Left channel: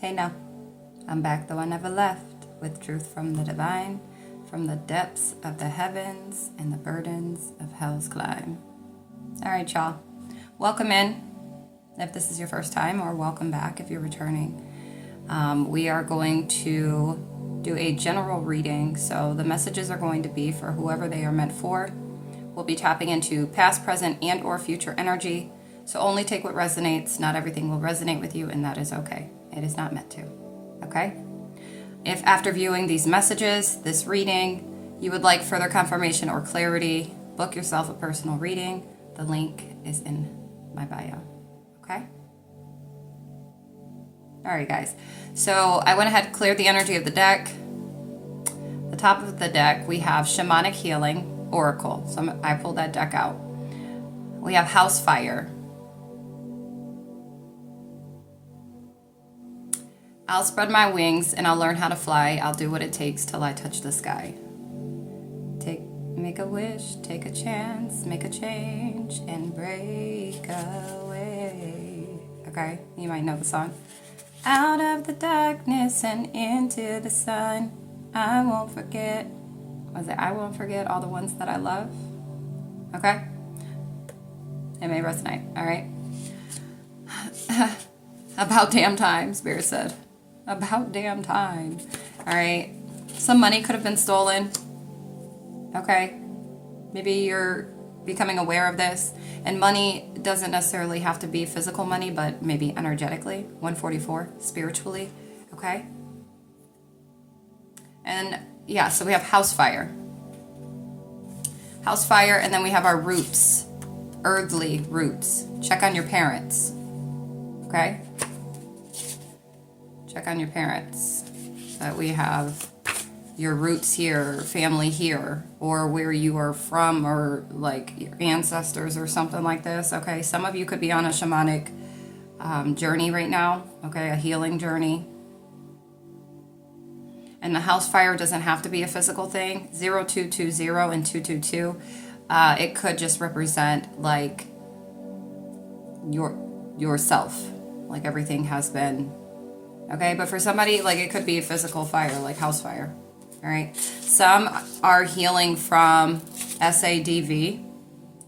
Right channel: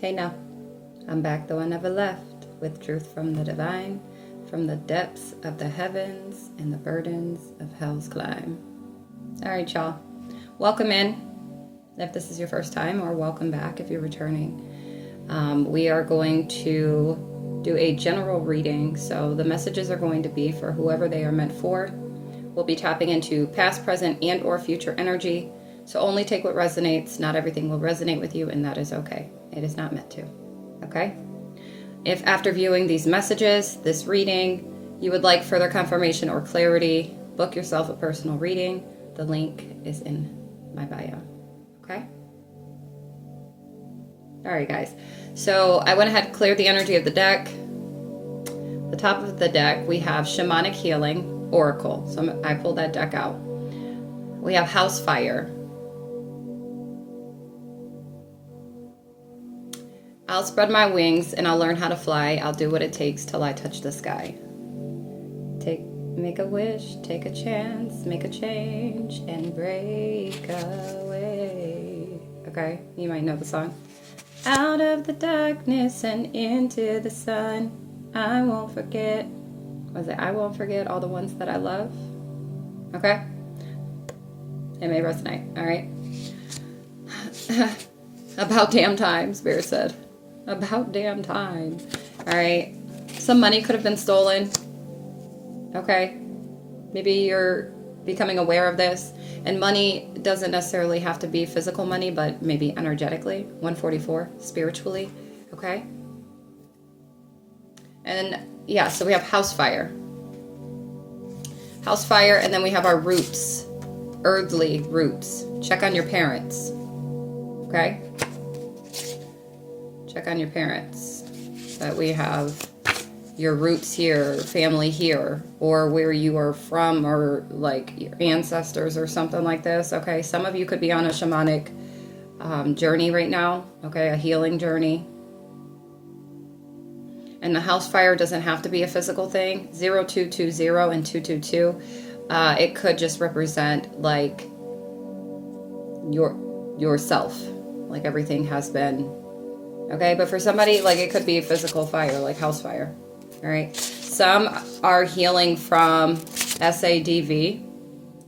Hey now, I'm back though I never left, with truth from the divine, from the depths of the heavens and the burdens of hell's climb. Alright y'all, welcome in if this is your first time, or welcome back if you're returning. We are going to do a general reading, so the messages are going to be for whoever they are meant for. We'll be tapping into past, present, and or future energy. So only take what resonates. Not everything will resonate with you, and that is okay. It is not meant to. Okay? If after viewing these messages, this reading, you would like further confirmation or clarity, book yourself a personal reading. The link is in my bio. Okay? Alright guys. So I went ahead and cleared the energy of the deck. The top of the deck, we have Shamanic Healing Oracle. So I pulled that deck out. We have House Fire. I'll spread my wings and I'll learn how to fly. I'll do what it takes till I touch the sky. Make a wish, take a chance, make a change, and break away. Okay, you might know the song. Out of the darkness and into the sun, I won't forget. Was it I won't forget all the ones that I love? Okay? It may resonate, alright? About damn time, Spirit said. About damn time. Alright. Some money could have been stolen. Okay. Maybe you're becoming aware of this. And money doesn't necessarily have to be physical money, but maybe energetically. 144. Spiritually. Okay. And yeah, so we have house fire. House fire, and then we have our roots. Earthly roots. Check on your parents. Okay? Check on your parents. That we have your roots here, family here, or where you are from, or like your ancestors or something like this. Okay, some of you could be on a shamanic journey right now. Okay, a healing journey. And the house fire doesn't have to be a physical thing. 0220 and 222. It could just represent like yourself. Like everything has been. Okay, but for somebody, like it could be a physical fire, like house fire. All right. Some are healing from SADV.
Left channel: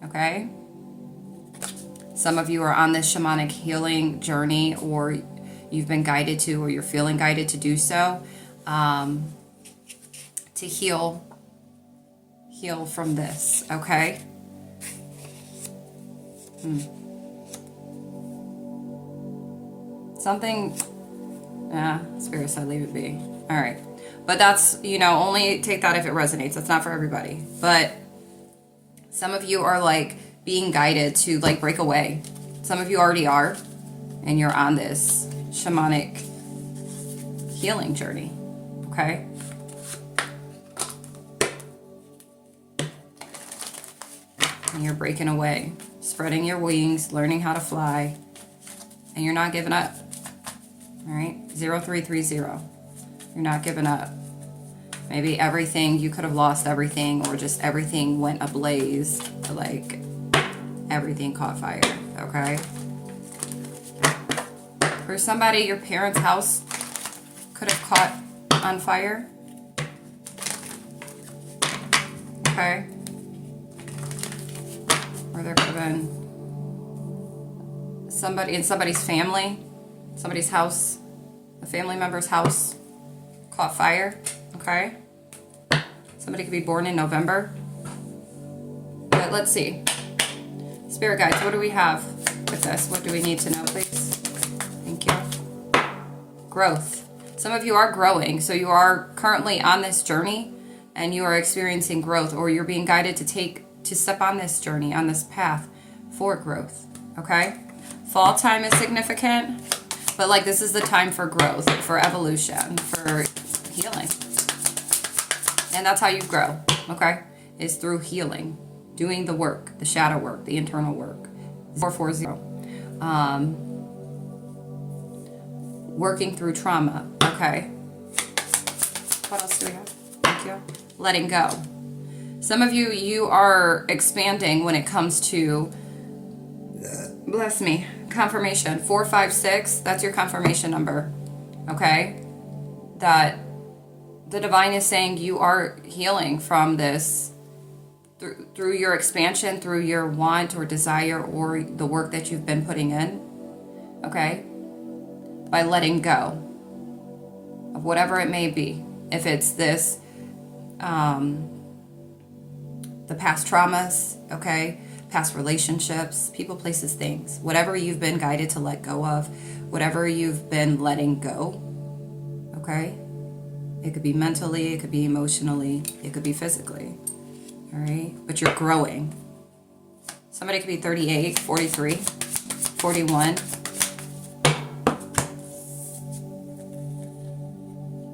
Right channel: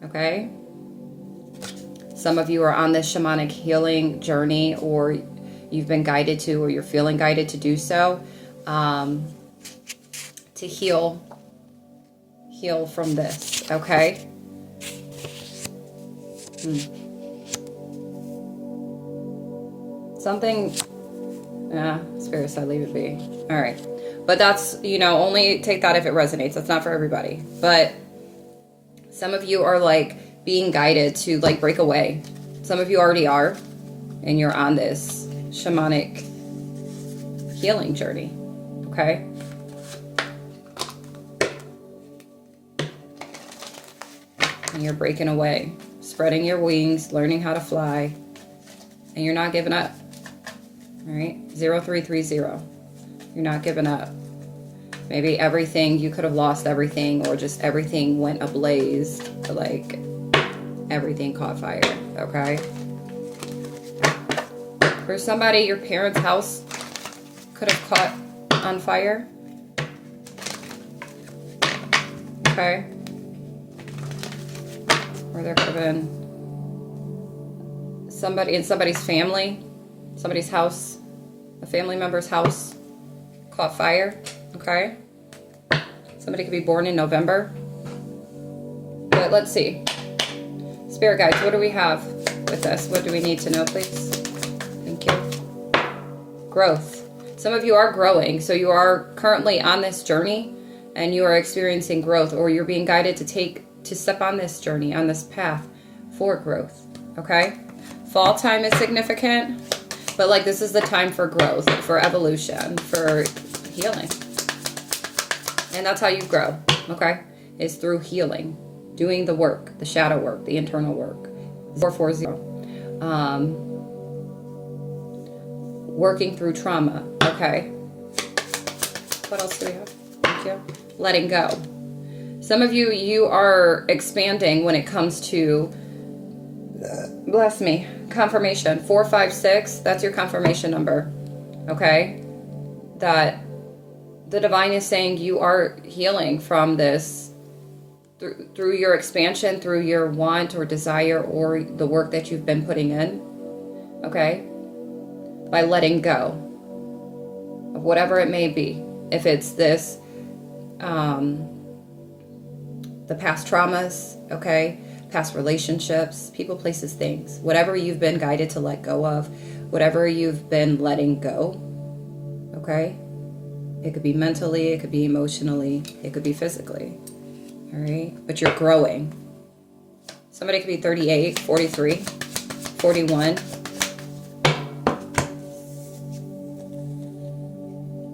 Okay. Some of you are on this shamanic healing journey, or you've been guided to, or you're feeling guided to do so, to heal from this. Okay. Something. Spirit said leave it be. All right. But that's, only take that if it resonates. That's not for everybody. But some of you are like being guided to like break away. Some of you already are. And you're on this shamanic healing journey. Okay? And you're breaking away. Spreading your wings. Learning how to fly. And you're not giving up. All right, 0330. You're not giving up. Maybe everything, you could have lost everything, or just everything went ablaze. Like everything caught fire. Okay. For somebody, your parents' house could have caught on fire. Okay. Or there could have been somebody in somebody's family. Somebody's house, a family member's house, caught fire. Okay. Somebody could be born in November. But let's see. Spirit guides, what do we have with this? What do we need to know, please? Thank you. Growth. Some of you are growing, so you are currently on this journey, and you are experiencing growth, or you're being guided to step on this journey, on this path for growth. Okay. Fall time is significant. But like this is the time for growth, for evolution, for healing. And that's how you grow, okay? Is through healing, doing the work, the shadow work, the internal work. 440. Working through trauma, okay? What else do we have? Thank you. Letting go. Some of you are expanding when it comes to, bless me, confirmation. 456, that's your confirmation number. okay? That the divine is saying you are healing from this through your expansion, through your want or desire or the work that you've been putting in, okay? By letting go of whatever it may be. If it's this, the past traumas, okay? Past relationships, people, places, things. Whatever you've been guided to let go of, whatever you've been letting go, okay? It could be mentally, it could be emotionally, it could be physically, all right? But you're growing. Somebody could be 38, 43, 41.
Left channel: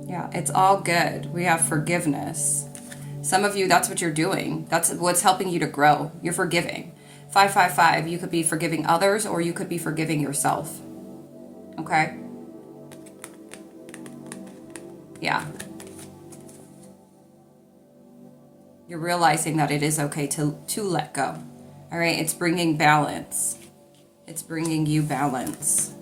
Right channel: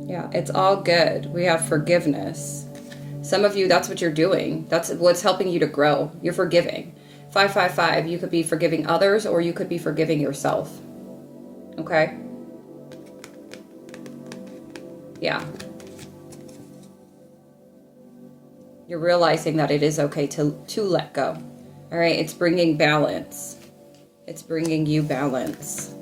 Yeah, it's all good. We have forgiveness. Some of you, that's what you're doing. That's what's helping you to grow. You're forgiving. 555, you could be forgiving others or you could be forgiving yourself. Okay? Yeah. You're realizing that it is okay to let go. All right? It's bringing balance. It's bringing you balance.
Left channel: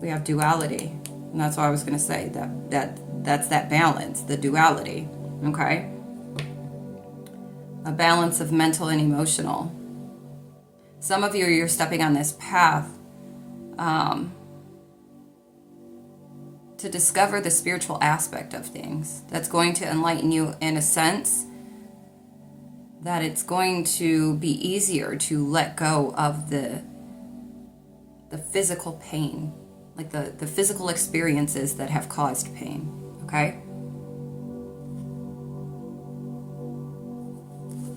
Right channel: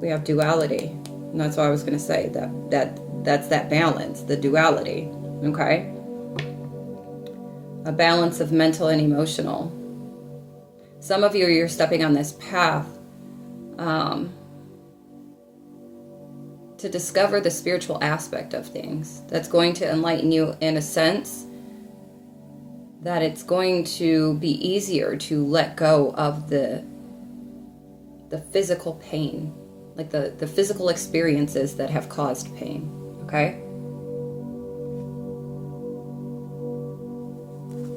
We have duality. And that's what I was going to say. That's that balance, the duality. Okay? A balance of mental and emotional. Some of you, you're stepping on this path to discover the spiritual aspect of things. That's going to enlighten you in a sense that it's going to be easier to let go of the physical pain, like the physical experiences that have caused pain. Okay?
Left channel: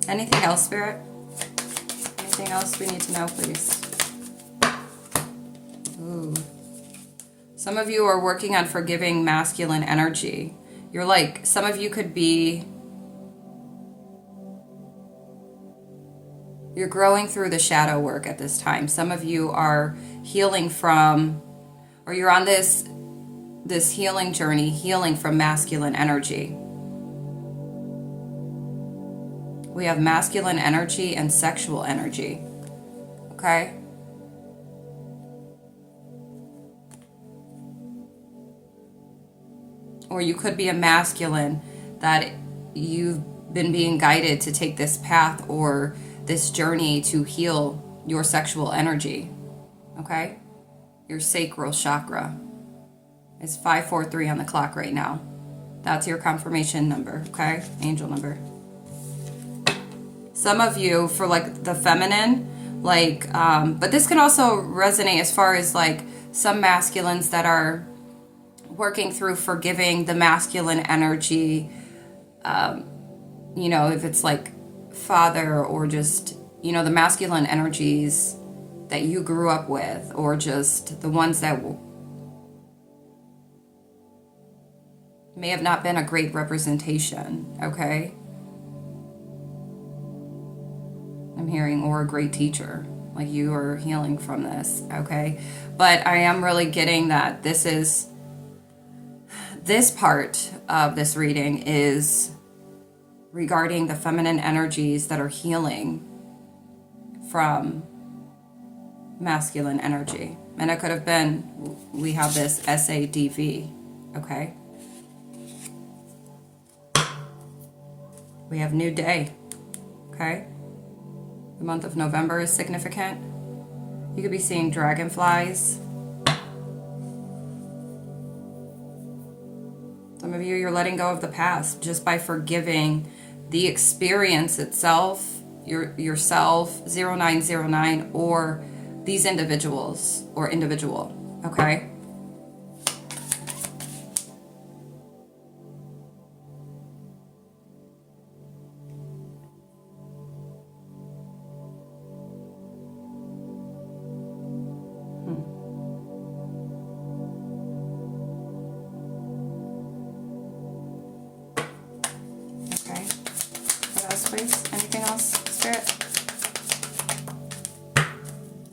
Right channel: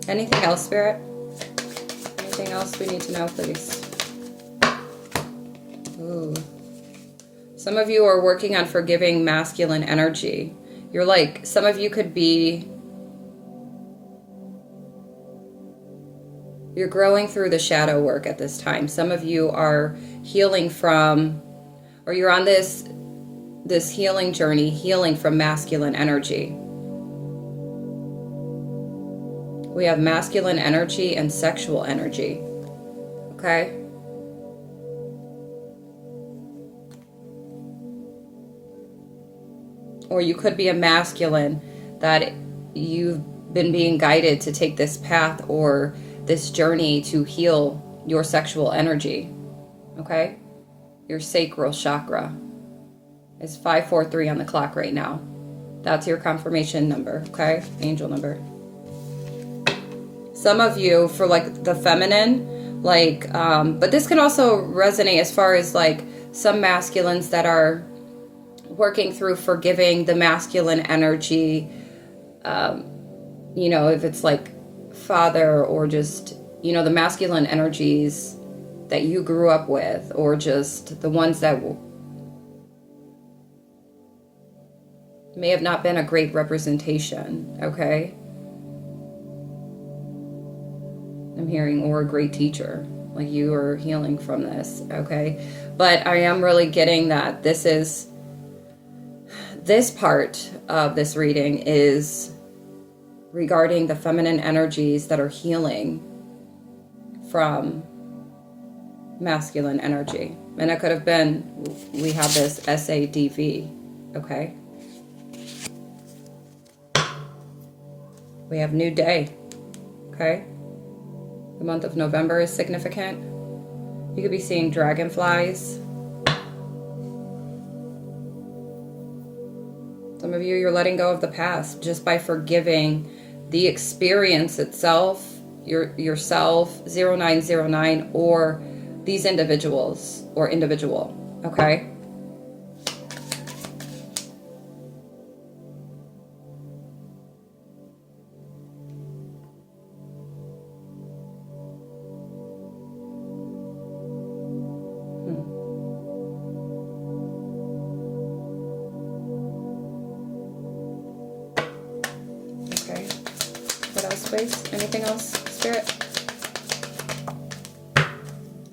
Anything else, Spirit? Anything else we need to know, please? Ooh. Some of you are working on forgiving masculine energy. You're like, some of you could be, you're growing through the shadow work at this time. Some of you are healing from, or you're on this healing journey, healing from masculine energy. We have masculine energy and sexual energy. Okay? Or you could be a masculine that you've been being guided to take this path or this journey to heal your sexual energy. Okay? Your sacral chakra is 543 on the clock right now. That's your confirmation number. Okay? Angel number. Some of you, for like the feminine, like, but this can also resonate as far as like some masculines that are working through forgiving the masculine energy, you know, if it's like father or just, you know, the masculine energies that you grew up with, or just the ones that may have not been a great representation, okay? I'm hearing, or a great teacher, like you are healing from this, okay? But I am really getting that this part of this reading is regarding the feminine energies that are healing from masculine energy. And it could have been, we have this SADV, okay? We have new day, okay? The month of November is significant. You could be seeing dragonflies. Some of you, you're letting go of the past just by forgiving the experience itself, yourself, 0909, or these individuals or individual, okay? Anything else, Spirit?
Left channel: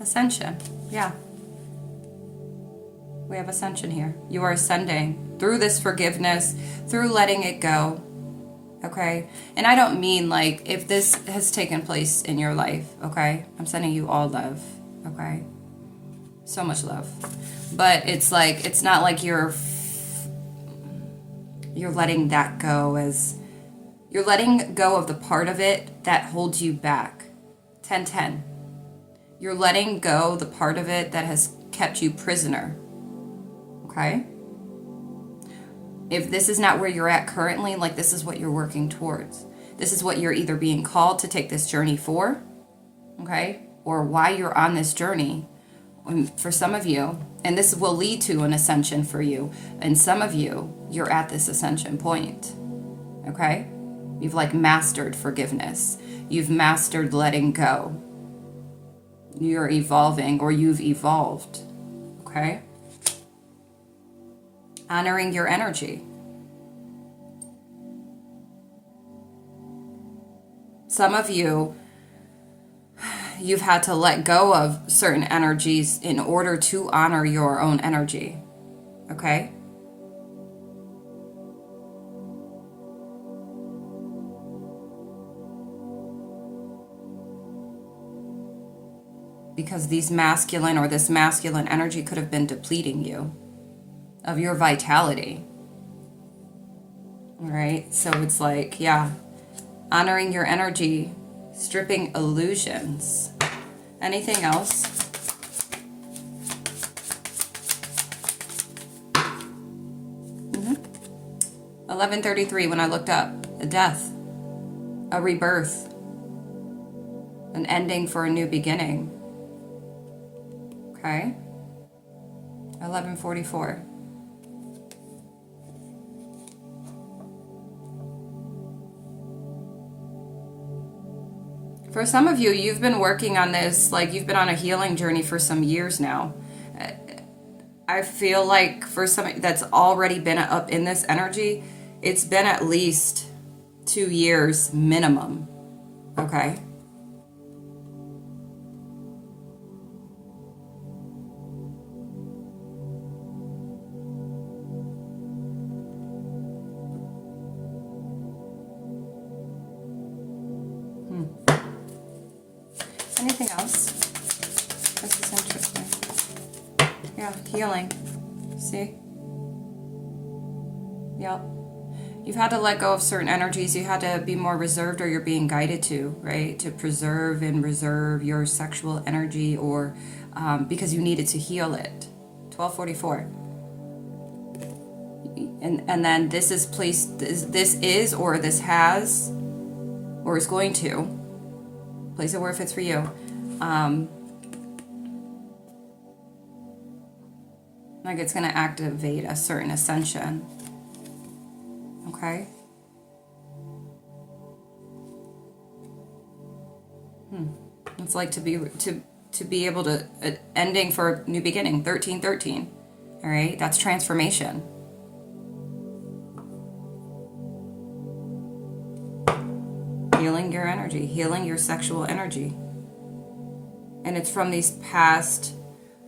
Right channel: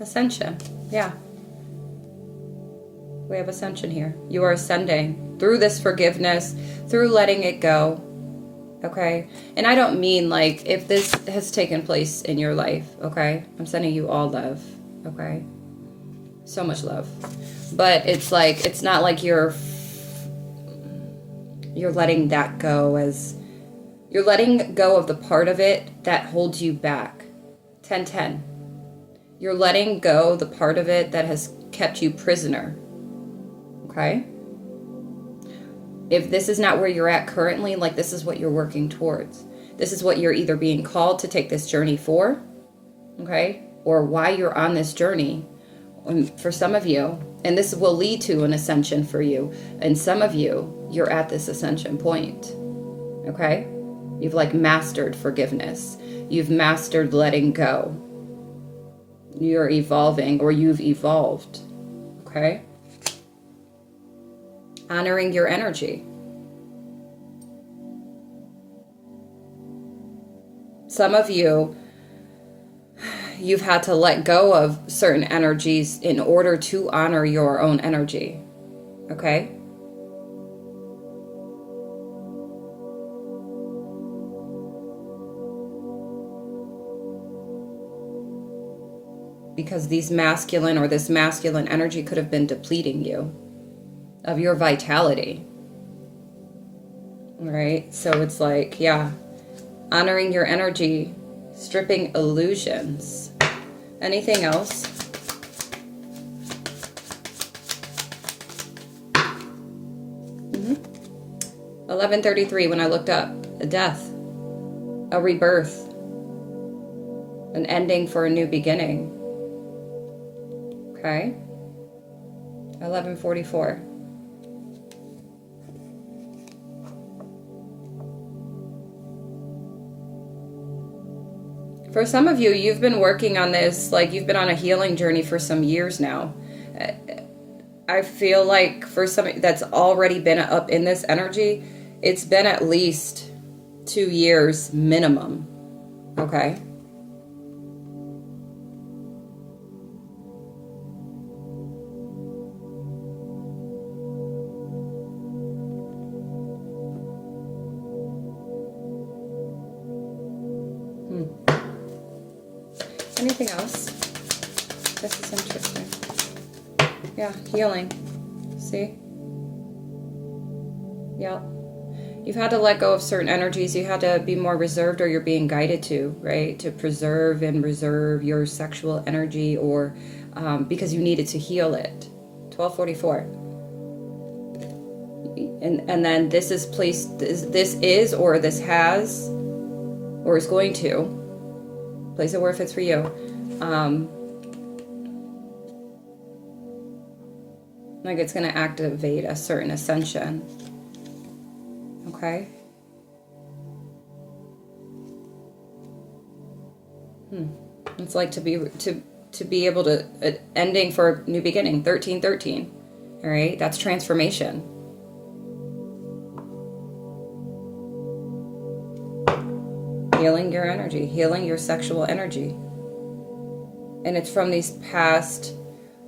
Ascension. Yeah. We have ascension here. You are ascending through this forgiveness, through letting it go. Okay? And I don't mean like if this has taken place in your life, okay? I'm sending you all love, okay? So much love. But it's like, it's not like you're letting that go, as you're letting go of the part of it that holds you back. 10-10. You're letting go the part of it that has kept you prisoner. Okay? If this is not where you're at currently, like, this is what you're working towards. This is what you're either being called to take this journey for, okay? Or why you're on this journey. And for some of you, and this will lead to an ascension for you, and some of you, you're at this ascension point, okay? You've like mastered forgiveness. You've mastered letting go. You're evolving, or you've evolved, okay? Honoring your energy. Some of you, you've had to let go of certain energies in order to honor your own energy. Okay? Because this masculine energy could have been depleting you of your vitality. All right? So it's like, yeah, honoring your energy, stripping illusions. Anything else? Mm-hmm. 11:33 when I looked up. A death. A rebirth. An ending for a new beginning. Okay. 11:44. For some of you, you've been working on this, like you've been on a healing journey for some years now. I feel like for some that's already been up in this energy, it's been at least 2 years minimum. Okay. Anything else? This is interesting. Yeah, healing. See? Yep. You've had to let go of certain energies. You had to be more reserved, or you're being guided to, right? To preserve and reserve your sexual energy, or because you needed to heal it. 12:44. And then this is placed, this is, or this has, or is going to, place it where it fits for you. Like it's going to activate a certain ascension. Okay? It's like to be able to, ending for new beginning. 13:13. All right? That's transformation. Healing your energy, healing your sexual energy. And it's from these past,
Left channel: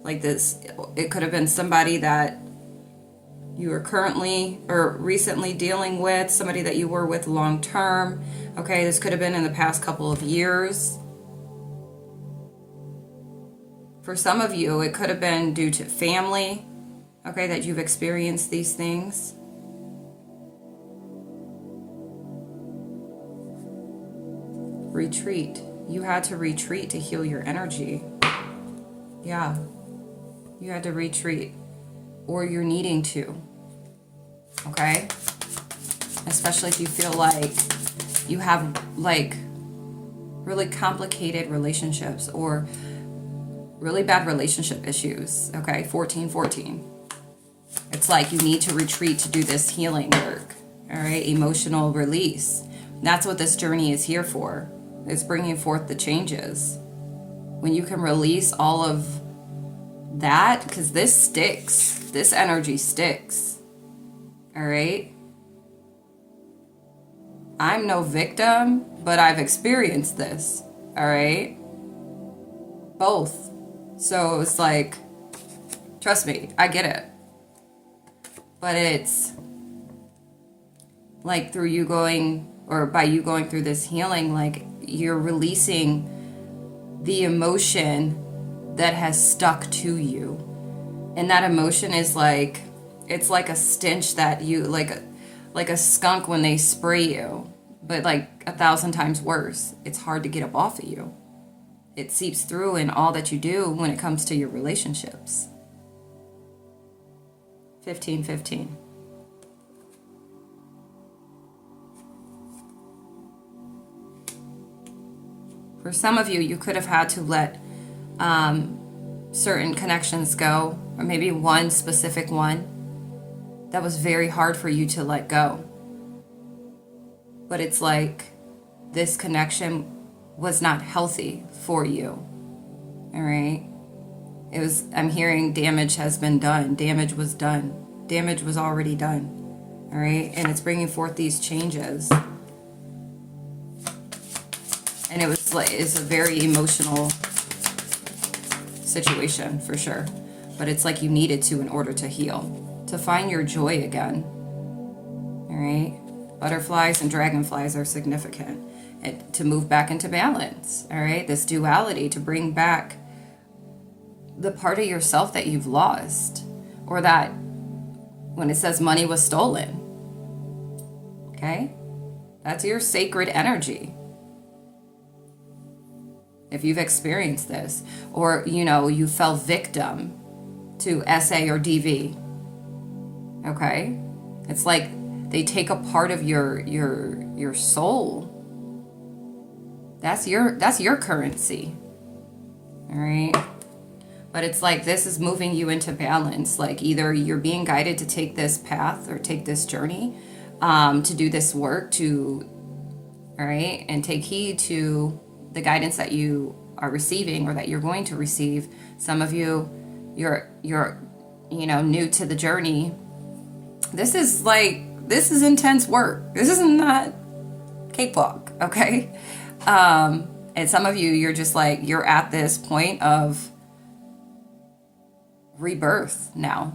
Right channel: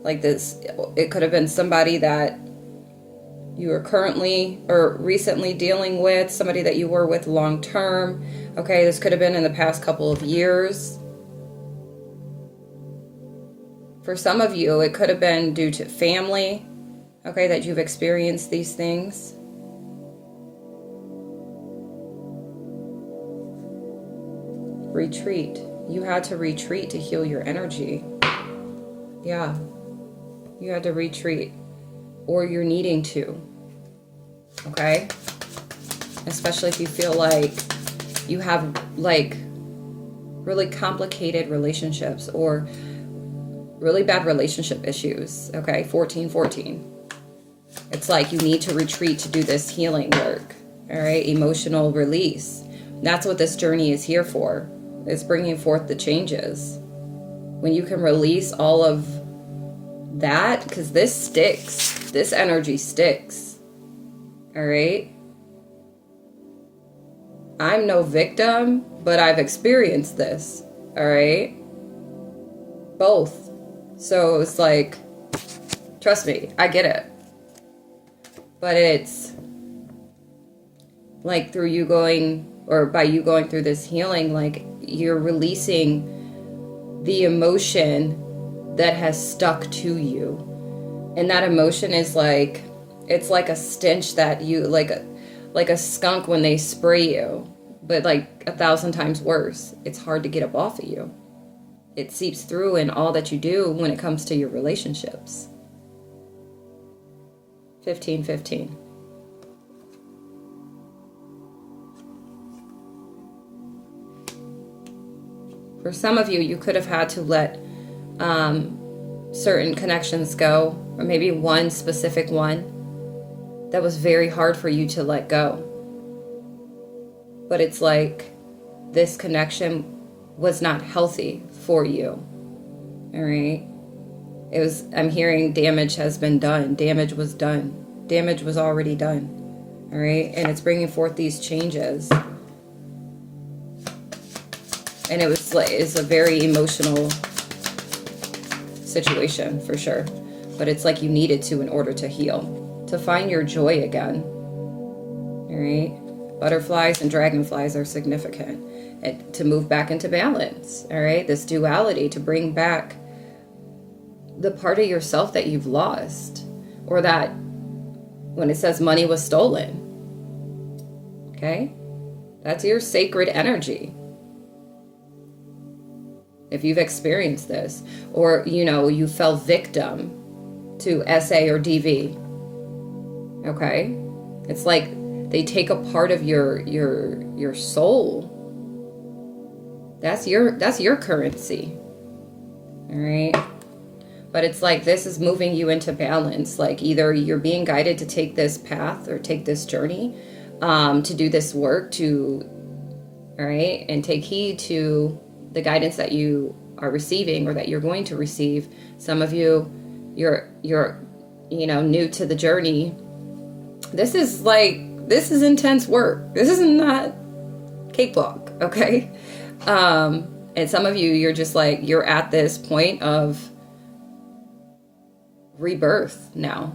like this, it could have been somebody that you are currently or recently dealing with, somebody that you were with long term. Okay, this could have been in the past couple of years. For some of you, it could have been due to family, okay, that you've experienced these things. Retreat. You had to retreat to heal your energy. Yeah. You had to retreat. Or you're needing to. Okay? Especially if you feel like you have like really complicated relationships or really bad relationship issues. Okay? 14:14. It's like you need to retreat to do this healing work. All right? Emotional release. That's what this journey is here for. It's bringing forth the changes. When you can release all of that, because this sticks. This energy sticks. All right? I'm no victim, but I've experienced this. All right? Both. So it's like, trust me, I get it. But it's like through you going, or by you going through this healing, like you're releasing the emotion that has stuck to you. And that emotion is like, it's like a stench that you, like a skunk when they spray you, but like 1,000 times worse. It's hard to get up off of you. It seeps through in all that you do when it comes to your relationships. 1515. For some of you, you could have had to let certain connections go, or maybe one specific one that was very hard for you to let go. But it's like this connection was not healthy for you. All right? I'm hearing damage has been done. Damage was done. Damage was already done. All right? And it's bringing forth these changes. And it's a very emotional situation for sure. But it's like you needed to in order to heal, to find your joy again. All right? Butterflies and dragonflies are significant. And to move back into balance. All right? This duality, to bring back the part of yourself that you've lost, or that when it says money was stolen. Okay? That's your sacred energy. If you've experienced this, or you fell victim to SA or DV. Okay? It's like they take a part of your soul. That's your currency. All right? But it's like this is moving you into balance. Like either you're being guided to take this path or take this journey, to do this work, all right, and take heed to the guidance that you are receiving or that you're going to receive. Some of you, you're new to the journey. This is intense work. This is not cakewalk, okay? And some of you, you're just like, you're at this point of rebirth now,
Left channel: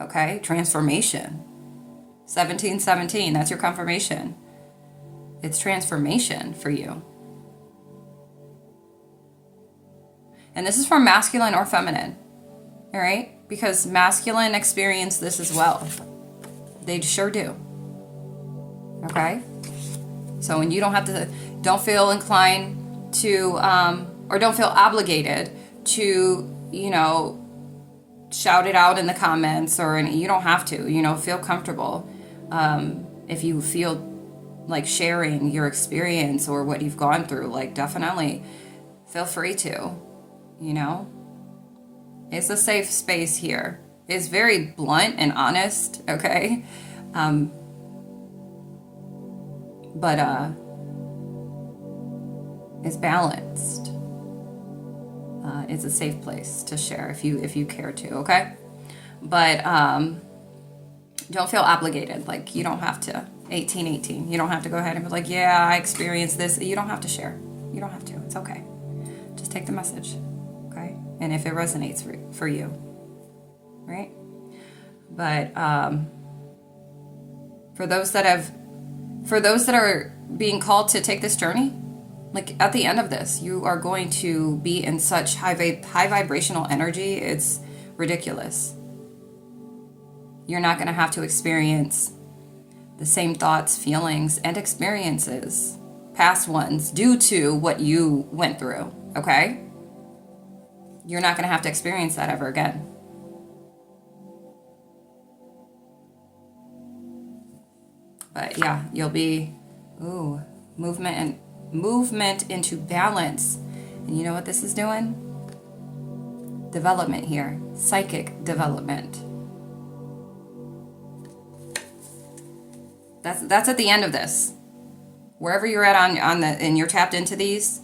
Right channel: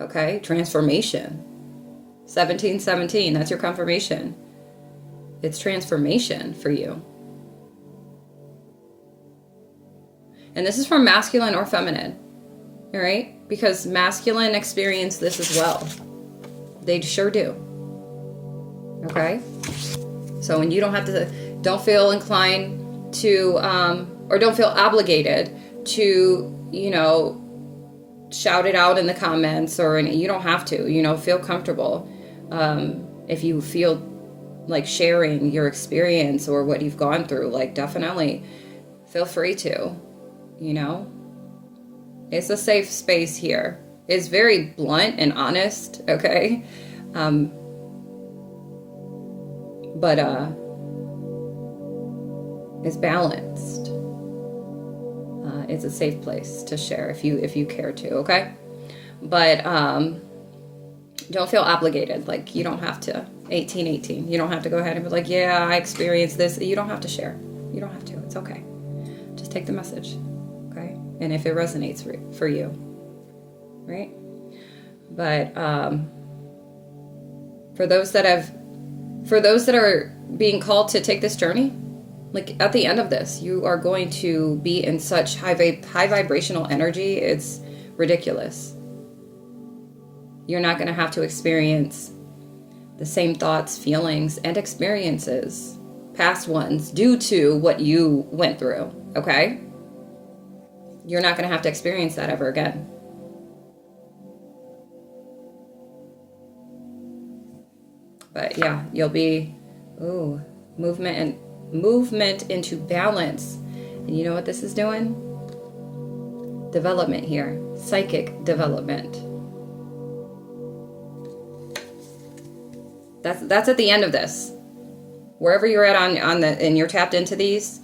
okay? Transformation. 1717, that's your confirmation. It's transformation for you. And this is for masculine or feminine, all right? Because masculine experience this as well. They sure do, okay? So when you don't feel inclined to, or don't feel obligated to, shout it out in the comments, or you don't have to, feel comfortable. If you feel like sharing your experience or what you've gone through, like definitely feel free to. It's a safe space here. It's very blunt and honest, okay? But it's balanced. It's a safe place to share if you care to, okay? But don't feel obligated. Like you don't have to. 1818. You don't have to go ahead and be like, yeah, I experienced this. You don't have to share. You don't have to. It's okay. Just take the message. And if it resonates for you, right? But for those that are being called to take this journey, like at the end of this, you are going to be in such high vibrational energy. It's ridiculous. You're not going to have to experience the same thoughts, feelings, and experiences, past ones, due to what you went through, okay? You're not going to have to experience that ever again. But yeah, you'll be, movement into balance. And you know what this is doing? Development here. Psychic development. That's at the end of this. Wherever you're at and you're tapped into these,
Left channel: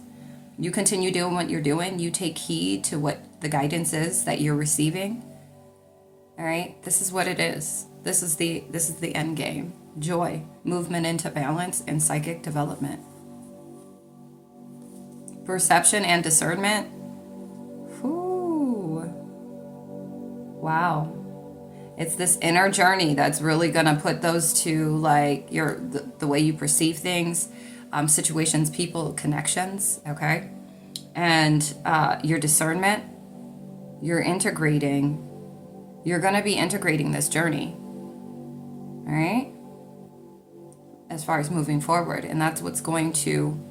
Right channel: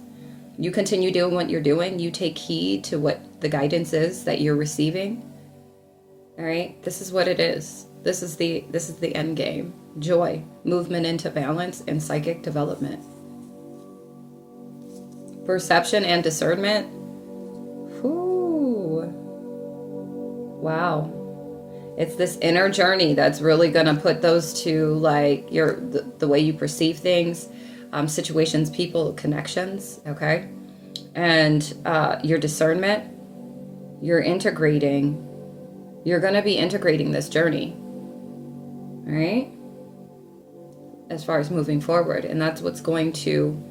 you continue doing what you're doing. You take heed to what the guidance is that you're receiving. All right? This is what it is. This is the end game. Joy, movement into balance, and psychic development. Perception and discernment. Ooh. Wow. It's this inner journey that's really going to put those to like the way you perceive things, situations, people, connections, okay? And your discernment, you're going to be integrating this journey. All right? As far as moving forward. And that's what's going to,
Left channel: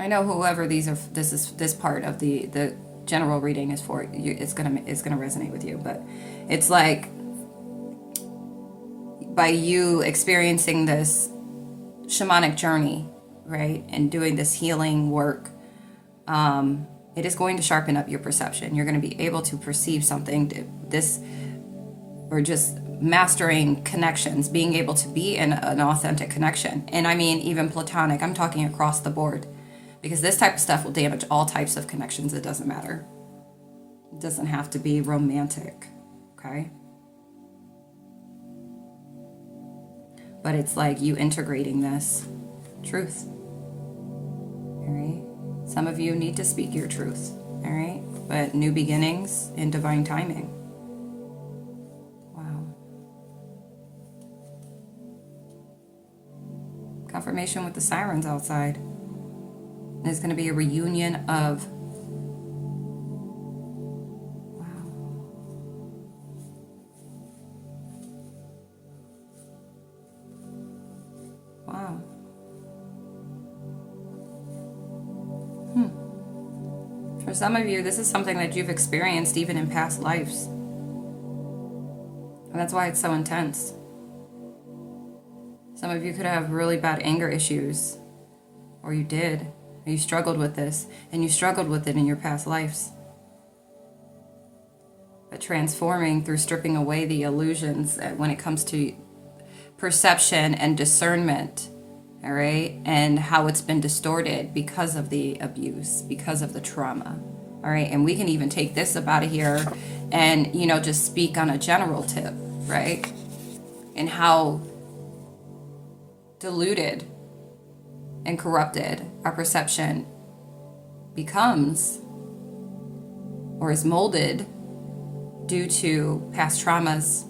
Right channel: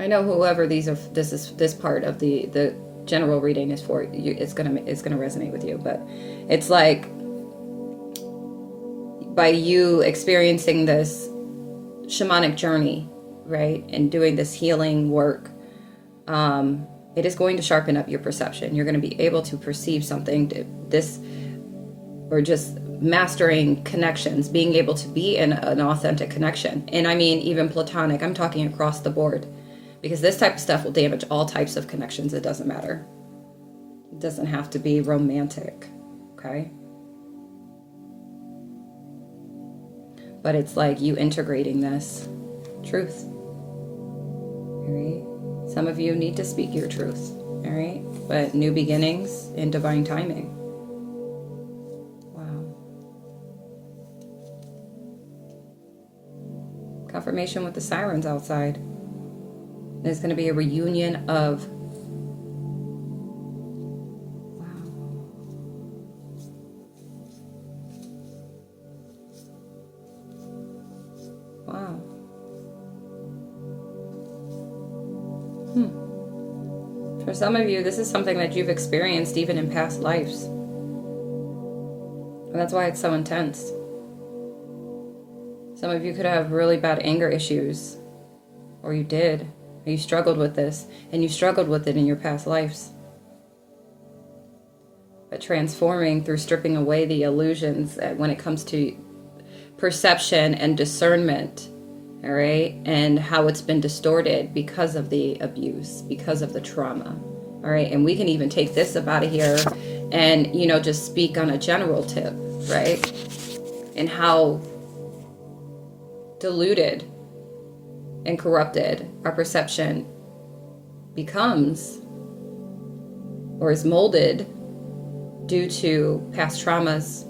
I know whoever this part of the general reading is for you, it's gonna resonate with you. But it's like, by you experiencing this shamanic journey, right, and doing this healing work, it is going to sharpen up your perception. You're going to be able to perceive something, or just mastering connections, being able to be in an authentic connection. And I mean, even platonic, I'm talking across the board, because this type of stuff will damage all types of connections. It doesn't matter. It doesn't have to be romantic, okay? But it's like you integrating this truth, all right? Some of you need to speak your truth, all right? But new beginnings and divine timing. Wow. Confirmation with the sirens outside. There's going to be a reunion of... Wow. For some of you, this is something that you've experienced even in past lives. And that's why it's so intense. Some of you could have really bad anger issues. Or you did. Or you struggled with this. And you struggled with it in your past lives. But transforming through stripping away the illusions when it comes to perception and discernment, all right, and how it's been distorted because of the abuse, because of the trauma, all right. And we can even take this up out of here and, you know, just speak on a general tip, right, and how diluted and corrupted our perception becomes or is molded due to past traumas,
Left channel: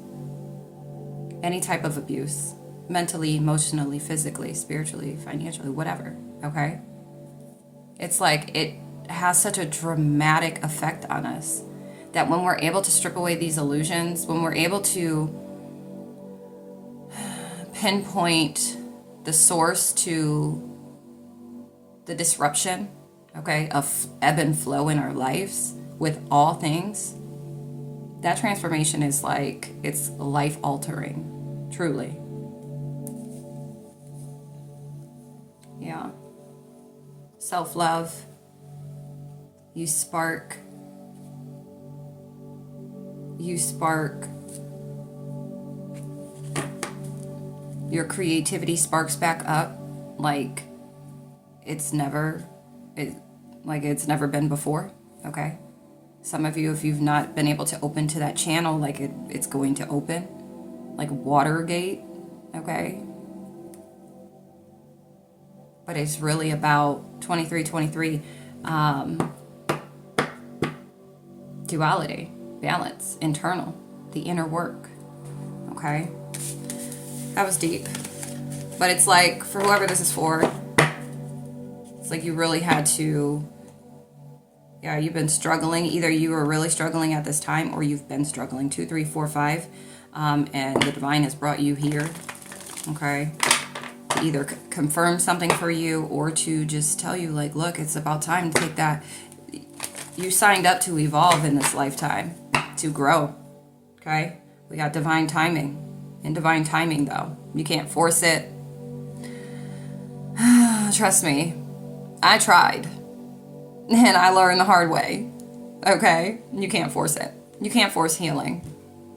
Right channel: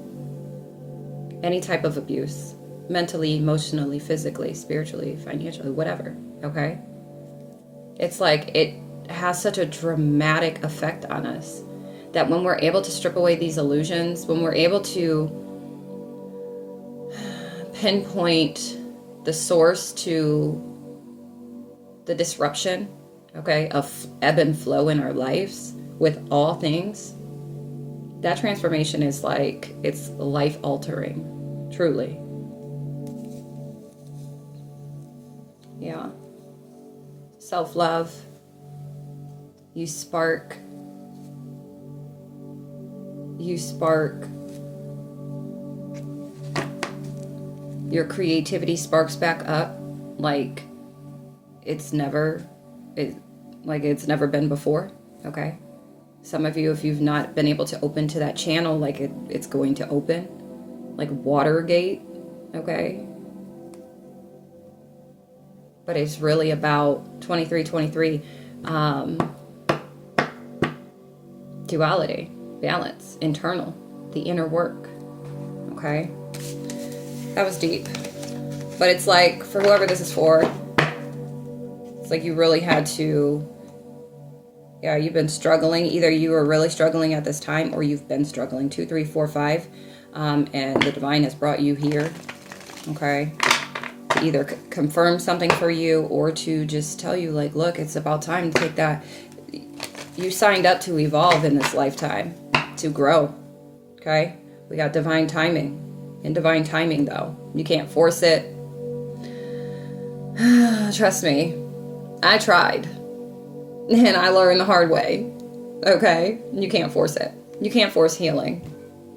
any type of abuse, mentally, emotionally, physically, spiritually, financially, whatever, okay? It's like it has such a dramatic effect on us that when we're able to strip away these illusions, when we're able to pinpoint the source to the disruption, okay, of ebb and flow in our lives with all things, that transformation is like, it's life altering, truly. Yeah. Self-love. You spark your creativity sparks back up like it's never been before, okay? Some of you, if you've not been able to open to that channel, like it's going to open, like Watergate, okay? But it's really about 2323, duality, balance, internal, the inner work, okay? That was deep. But it's like, for whoever this is for, it's like you really had to, yeah, you've been struggling. Either you are really struggling at this time or you've been struggling. 2, 3, 4, 5. And the divine has brought you here, okay? To either confirm something for you or to just tell you, like, look, it's about time to take that. You signed up to evolve in this lifetime, to grow, okay? We got divine timing. In divine timing, though, you can't force it. Trust me, I tried. And I learned the hard way, okay? You can't force it. You can't force healing.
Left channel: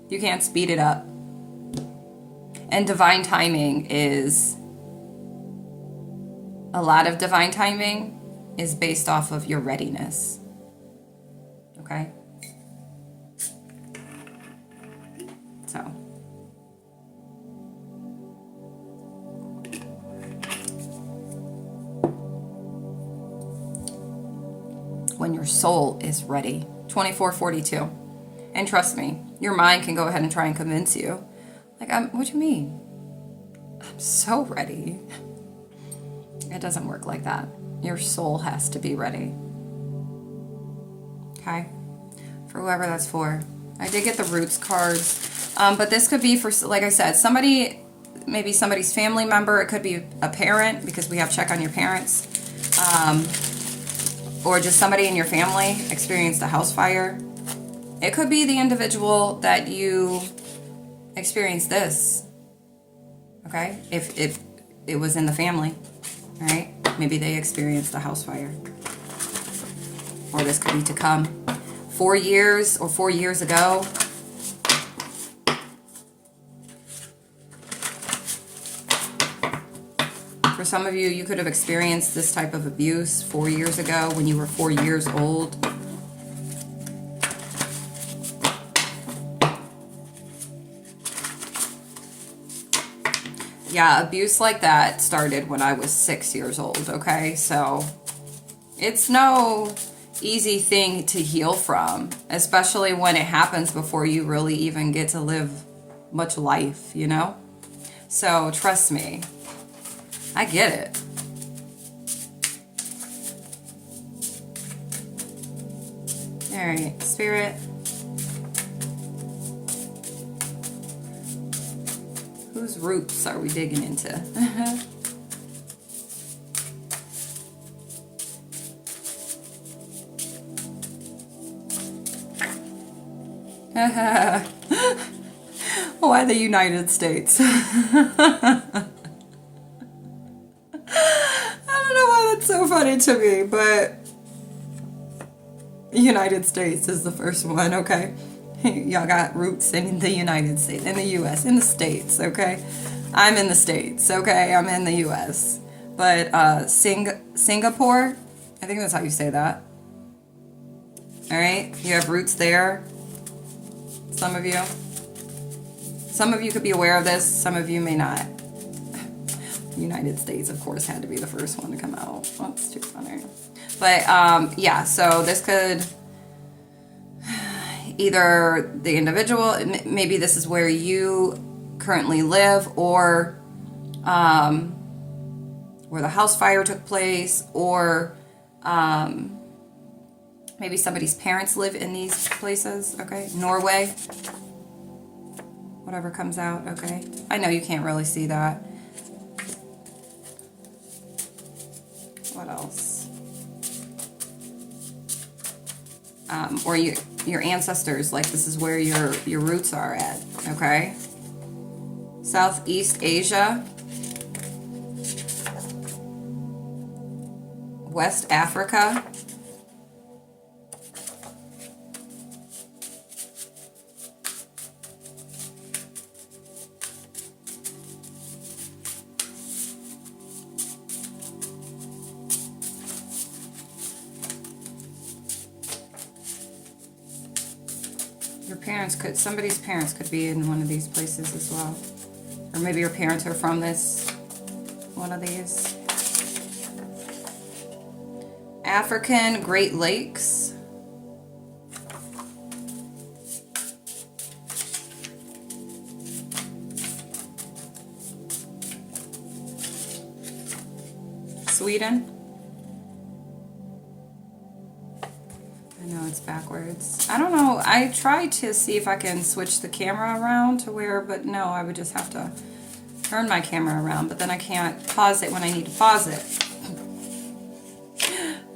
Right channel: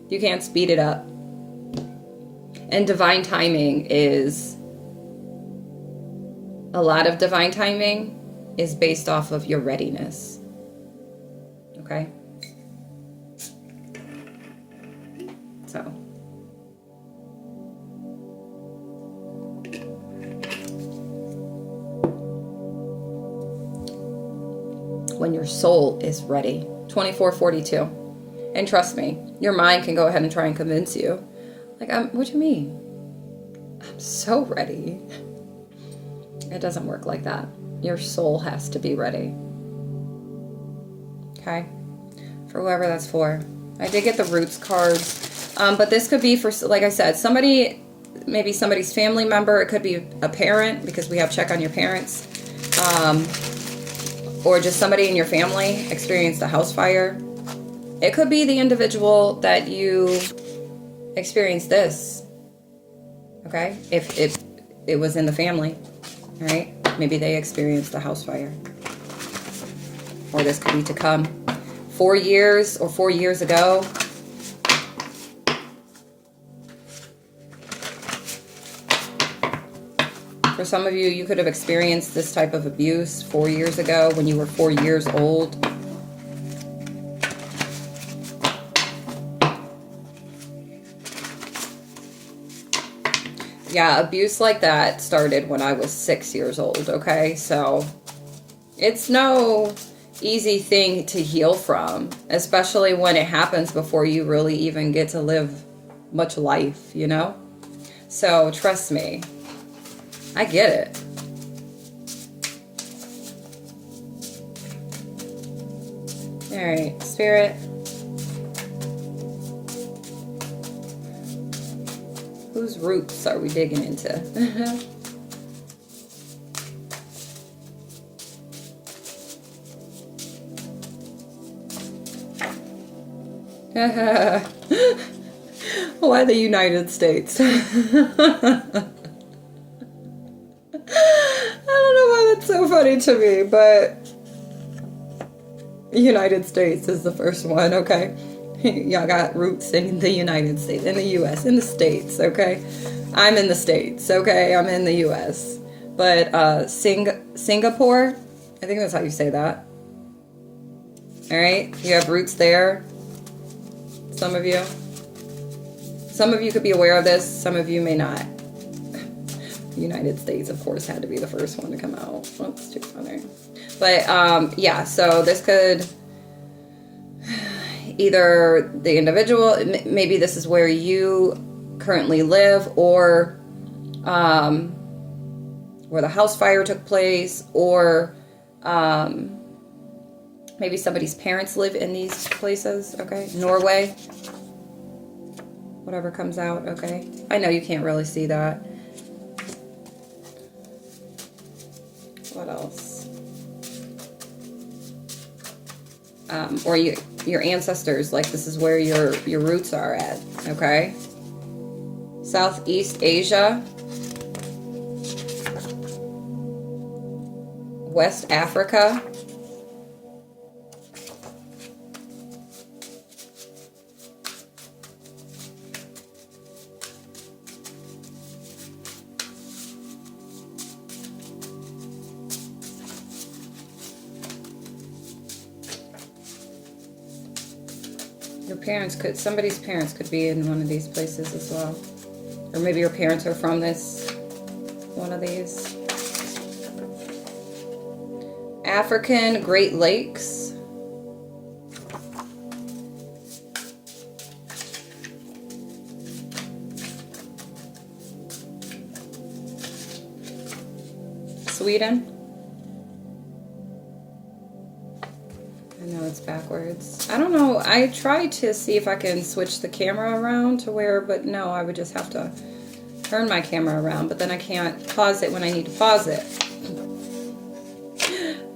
You can't speed it up. And divine timing is... a lot of divine timing is based off of your readiness, okay? So... when your soul is ready. 2442. And trust me, your mind can go ahead and try and convince you. Like, what do you mean? I'm so ready. It doesn't work like that. Your soul has to be ready. Okay? For whoever that's for. I did get the roots cards. But this could be for, like I said, somebody, maybe somebody's family member. It could be a parent, because we have check on your parents. Or just somebody in your family experienced a house fire. It could be the individual that you experienced this. Okay? If it was in the family, right? Maybe they experienced a house fire. Or this could be to come. 4 years or 4 years ago. For some of you, you could have experienced this type of abuse 4 years ago when you were 4 years old. Yeah, abuse like that started when I was 6 years old, okay? So it's no easy thing to heal from, especially when it happens before you really even get to live much life, you know? So trust me, I get it. All right, Spirit. Whose roots are we digging into? Why the United States? I don't know why that's so funny to me, but United States is the first one, okay? Y'all got roots in the United States, in the U.S., in the States, okay? I'm in the States, okay? I'm in the U.S. But Singapore, I think that's how you say that. All right? You have roots there. Some of you. Some of you could be aware of this. Some of you may not. The United States, of course, had to be the first one to come out. Oh, it's too funny. But, yeah, so this could... either the individual, maybe this is where you currently live, or where the house fire took place, or maybe somebody's parents live in these places, okay? Norway, whatever comes out, okay? I know you can't really see that. What else? Or your ancestors, like this is where your roots are at, okay? Southeast Asia, West Africa, somebody's parents could be in one of these places as well. Or maybe your parents are from one of these. African Great Lakes. Sweden. I know it's backwards. I don't know. I tried to see if I can switch the camera around to where, but no, I would just have to turn my camera around, but then I can't pause it when I need to pause it.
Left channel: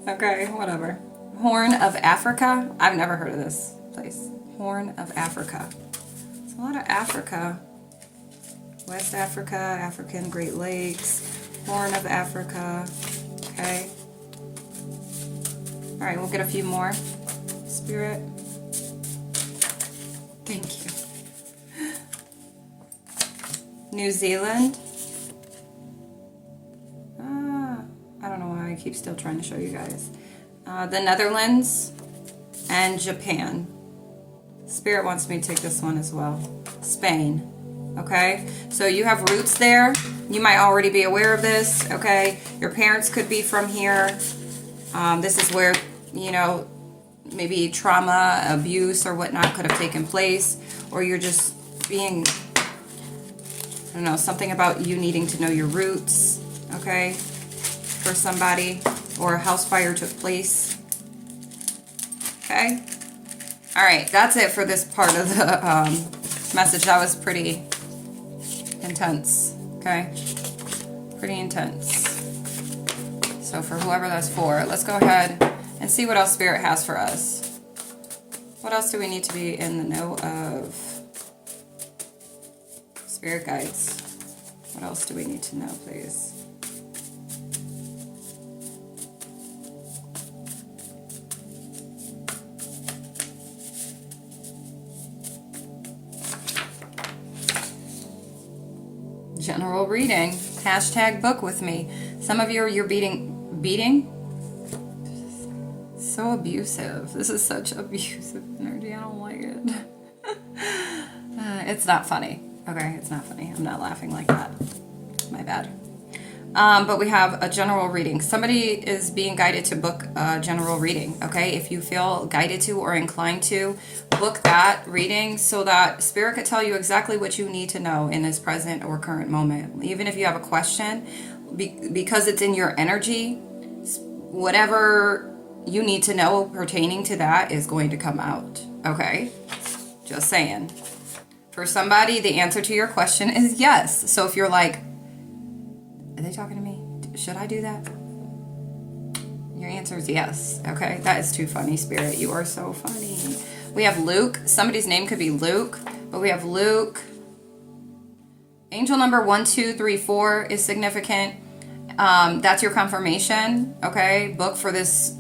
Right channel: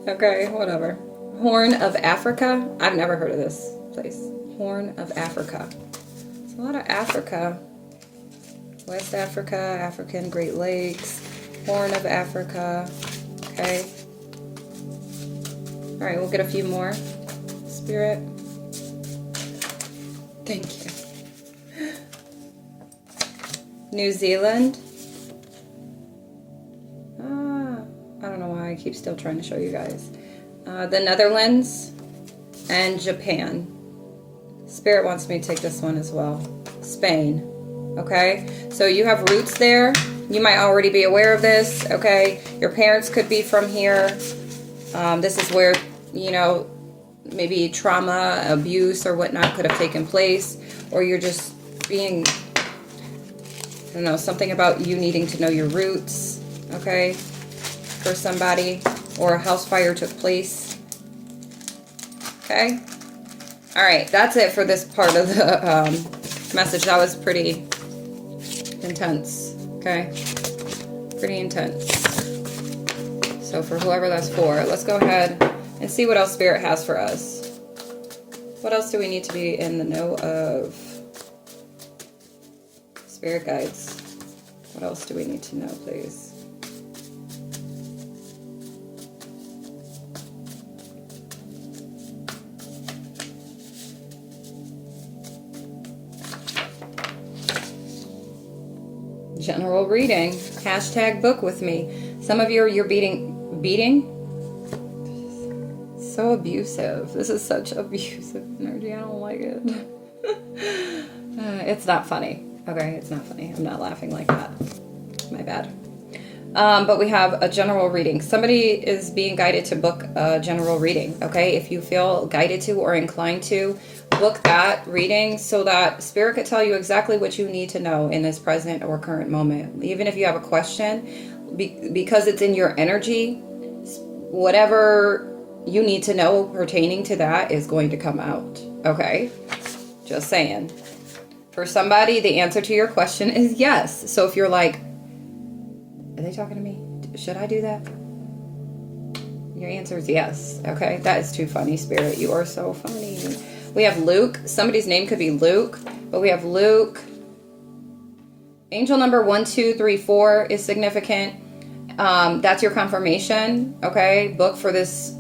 Okay, whatever. Horn of Africa. I've never heard of this place. Horn of Africa. It's a lot of Africa. West Africa, African Great Lakes, Horn of Africa. Okay. All right, we'll get a few more. Spirit. Thank you. New Zealand. I don't know why I keep still trying to show you guys. The Netherlands and Japan. Spirit wants me to take this one as well. Spain. Okay? So you have roots there. You might already be aware of this. Okay? Your parents could be from here. This is where, you know, maybe trauma, abuse, or whatnot could have taken place. Or you're just being, I don't know, something about you needing to know your roots. Okay? For somebody. Or a house fire took place. Okay? All right, that's it for this part of the message. That was pretty intense, okay? Pretty intense. So for whoever that's for, let's go ahead and see what else Spirit has for us. What else do we need to be in the know of? Spirit guides. What else do we need to know, please? General reading. Hashtag book with me. Some of you're beating? So abusive. This is such abusive energy. I don't like it. It's not funny. Okay, it's not funny. I'm not laughing like that. My bad. But we have a general reading. Somebody is being guided to book a general reading, okay? If you feel guided to or inclined to, book that reading so that Spirit could tell you exactly what you need to know in this present or current moment. Even if you have a question, because it's in your energy, whatever you need to know pertaining to that is going to come out, okay? Just saying. For somebody, the answer to your question is yes. So if you're like, are they talking to me? Should I do that? Your answer is yes. Okay, that is too funny, Spirit. You are so funny. We have Luke. Somebody's name could be Luke, but we have Luke. Angel number 1234 is significant. That's your confirmation. Okay, book for this.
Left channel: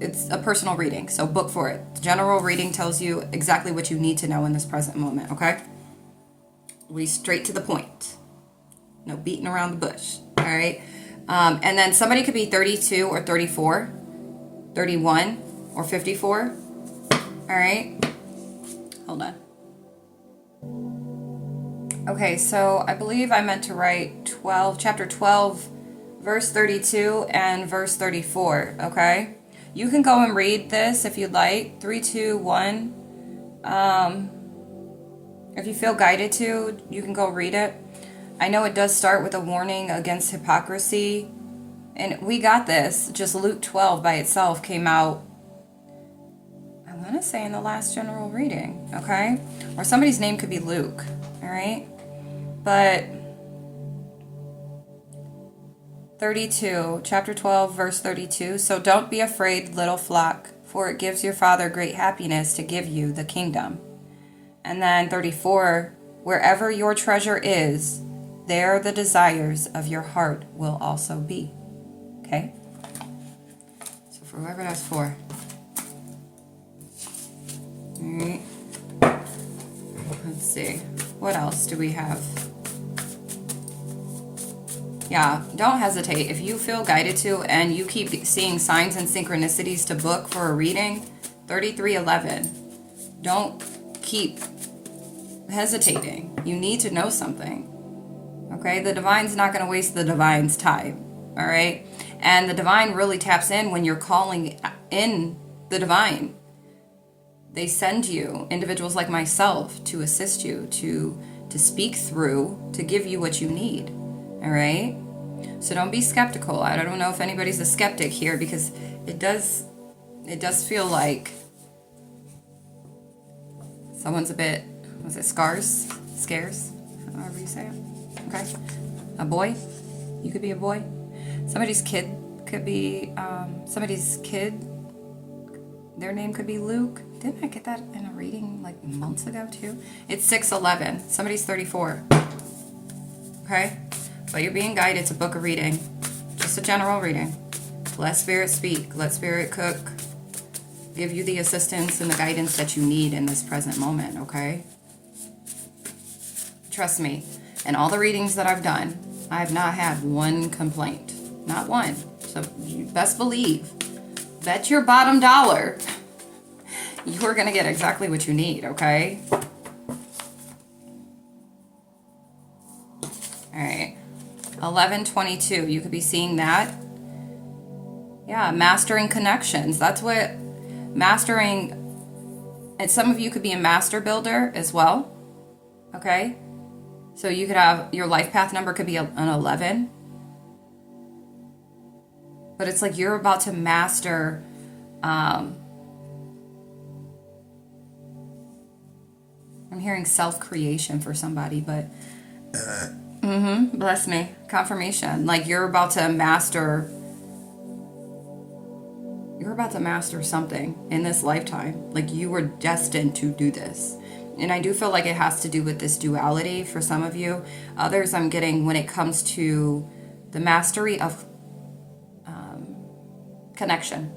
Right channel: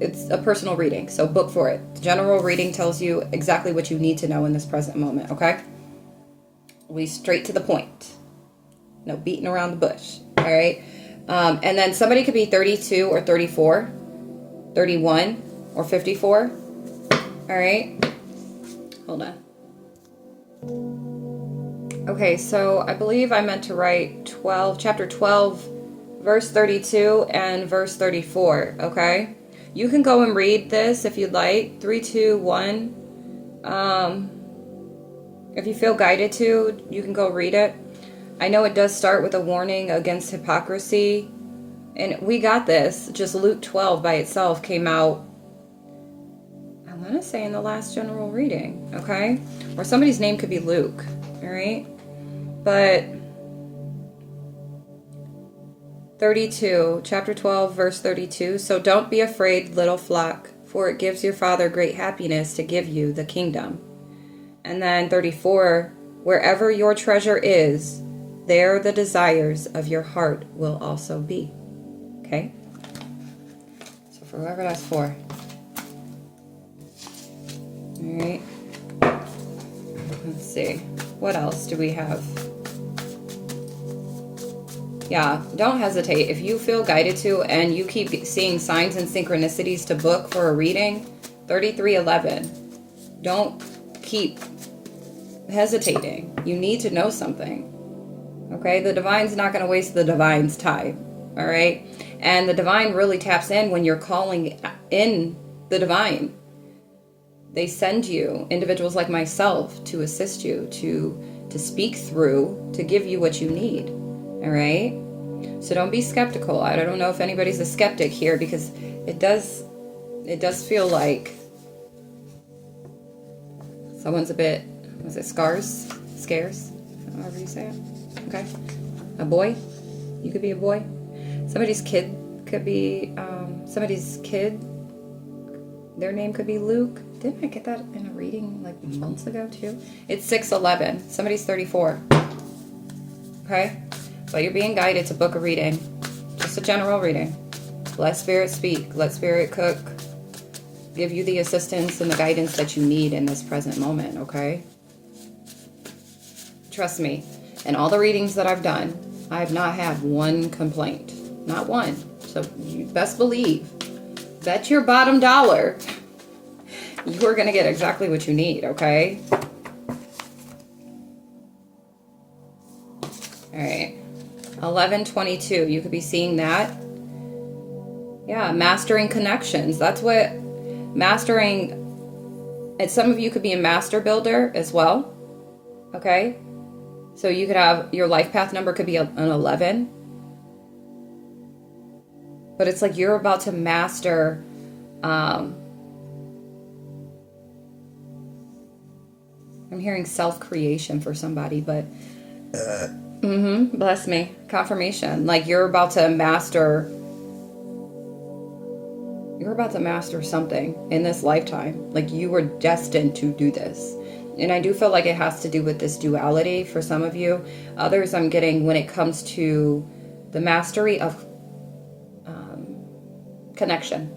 It's a personal reading, so book for it. General reading tells you exactly what you need to know in this present moment. Okay, we straight to the point. No beating around the bush. All right. And then somebody could be 32 or 34, 31 or 54. All right. Hold on. Okay, so I believe I meant to write chapter 12, verse 32 and verse 34. Okay. You can go and read this if you'd like. 3, 2, 1. If you feel guided to, you can go read it. I know it does start with a warning against hypocrisy, and we got this. Just Luke 12 by itself came out, I want to say, in the last general reading, okay? Or somebody's name could be Luke, all right? But 32, chapter 12, verse 32. So don't be afraid, little flock, for it gives your Father great happiness to give you the kingdom. And then 34, wherever your treasure is, there the desires of your heart will also be. Okay? So for whoever that's for. Alright. Let's see. What else do we have? Yeah, don't hesitate. If you feel guided to and you keep seeing signs and synchronicities to book for a reading, 3311. Don't keep hesitating. You need to know something. Okay, the divine's not going to waste the divine's time. All right, and the divine really taps in when you're calling in the divine. They send you individuals like myself to assist you, to speak through, to give you what you need. All right, so don't be skeptical. I don't know if anybody's a skeptic here, because it does feel like someone's a bit, was it scarce, however you say it. Okay, a boy. You could be a boy. Somebody's kid could be their name could be Luke. Didn't I get that in a reading like months ago too? It's 611. Somebody's 34. Okay, so you're being guided to book a reading, just a general reading. Let Spirit speak. Let Spirit cook. Give you the assistance and the guidance that you need in this present moment. Okay. Trust me. In all the readings that I've done, I have not had one complaint. Not one. So you best believe, bet your bottom dollar, you are going to get exactly what you need, okay? All right. 1122. You could be seeing that. Yeah, mastering connections. That's what mastering, and some of you could be a master builder as well, okay? So you could have, your life path number could be an 11. But it's like you're about to master I'm hearing self-creation for somebody, but bless me. Confirmation. Like you're about to master something in this lifetime. Like you were destined to do this. And I do feel like it has to do with this duality for some of you. Others I'm getting when it comes to the mastery of connection,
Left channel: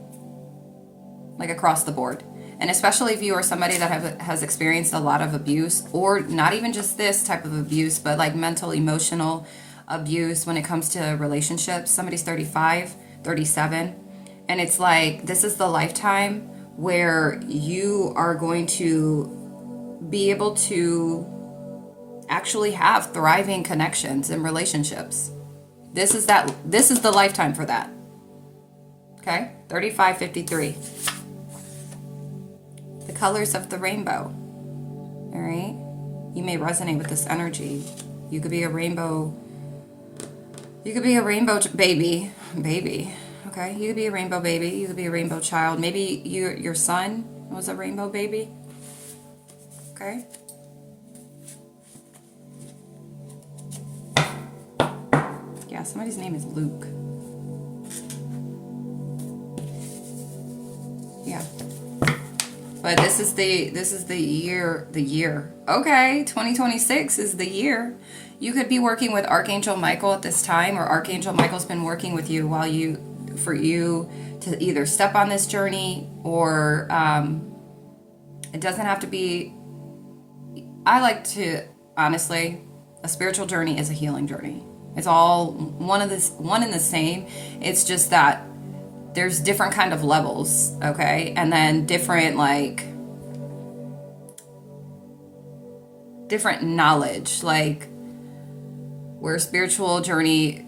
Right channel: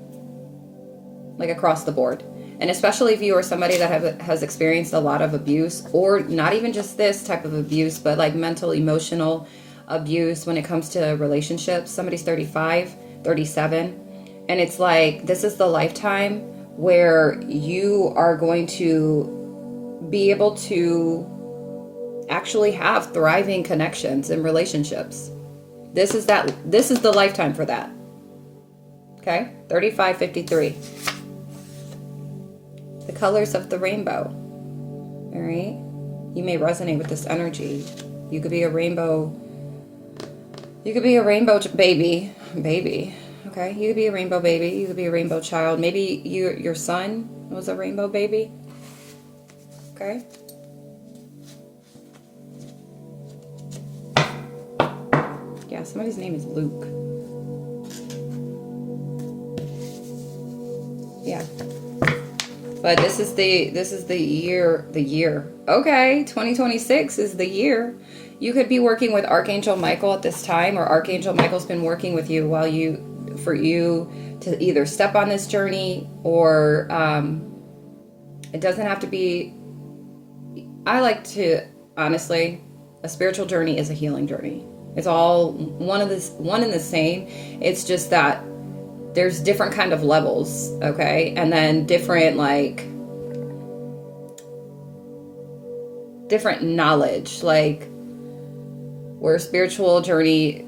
like across the board. And especially if you are somebody that has experienced a lot of abuse, or not even just this type of abuse, but like mental, emotional abuse when it comes to relationships. Somebody's 35, 37, and it's like this is the lifetime where you are going to be able to actually have thriving connections and relationships. This is the lifetime for that. Okay? 35, 53. The colors of the rainbow. All right? You may resonate with this energy. You could be a rainbow. You could be a rainbow baby. Okay? You could be a rainbow baby. You could be a rainbow child. Maybe your son was a rainbow baby. Okay? Yeah, somebody's name is Luke. Yeah. But this is the year. Okay, 2026 is the year. You could be working with Archangel Michael at this time, or Archangel Michael's been working with you for you to either step on this journey, or it doesn't have to be. I like to, honestly, a spiritual journey is a healing journey. It's all one and the same. It's just that there's different kind of levels, okay? And then different knowledge, like where spiritual journey,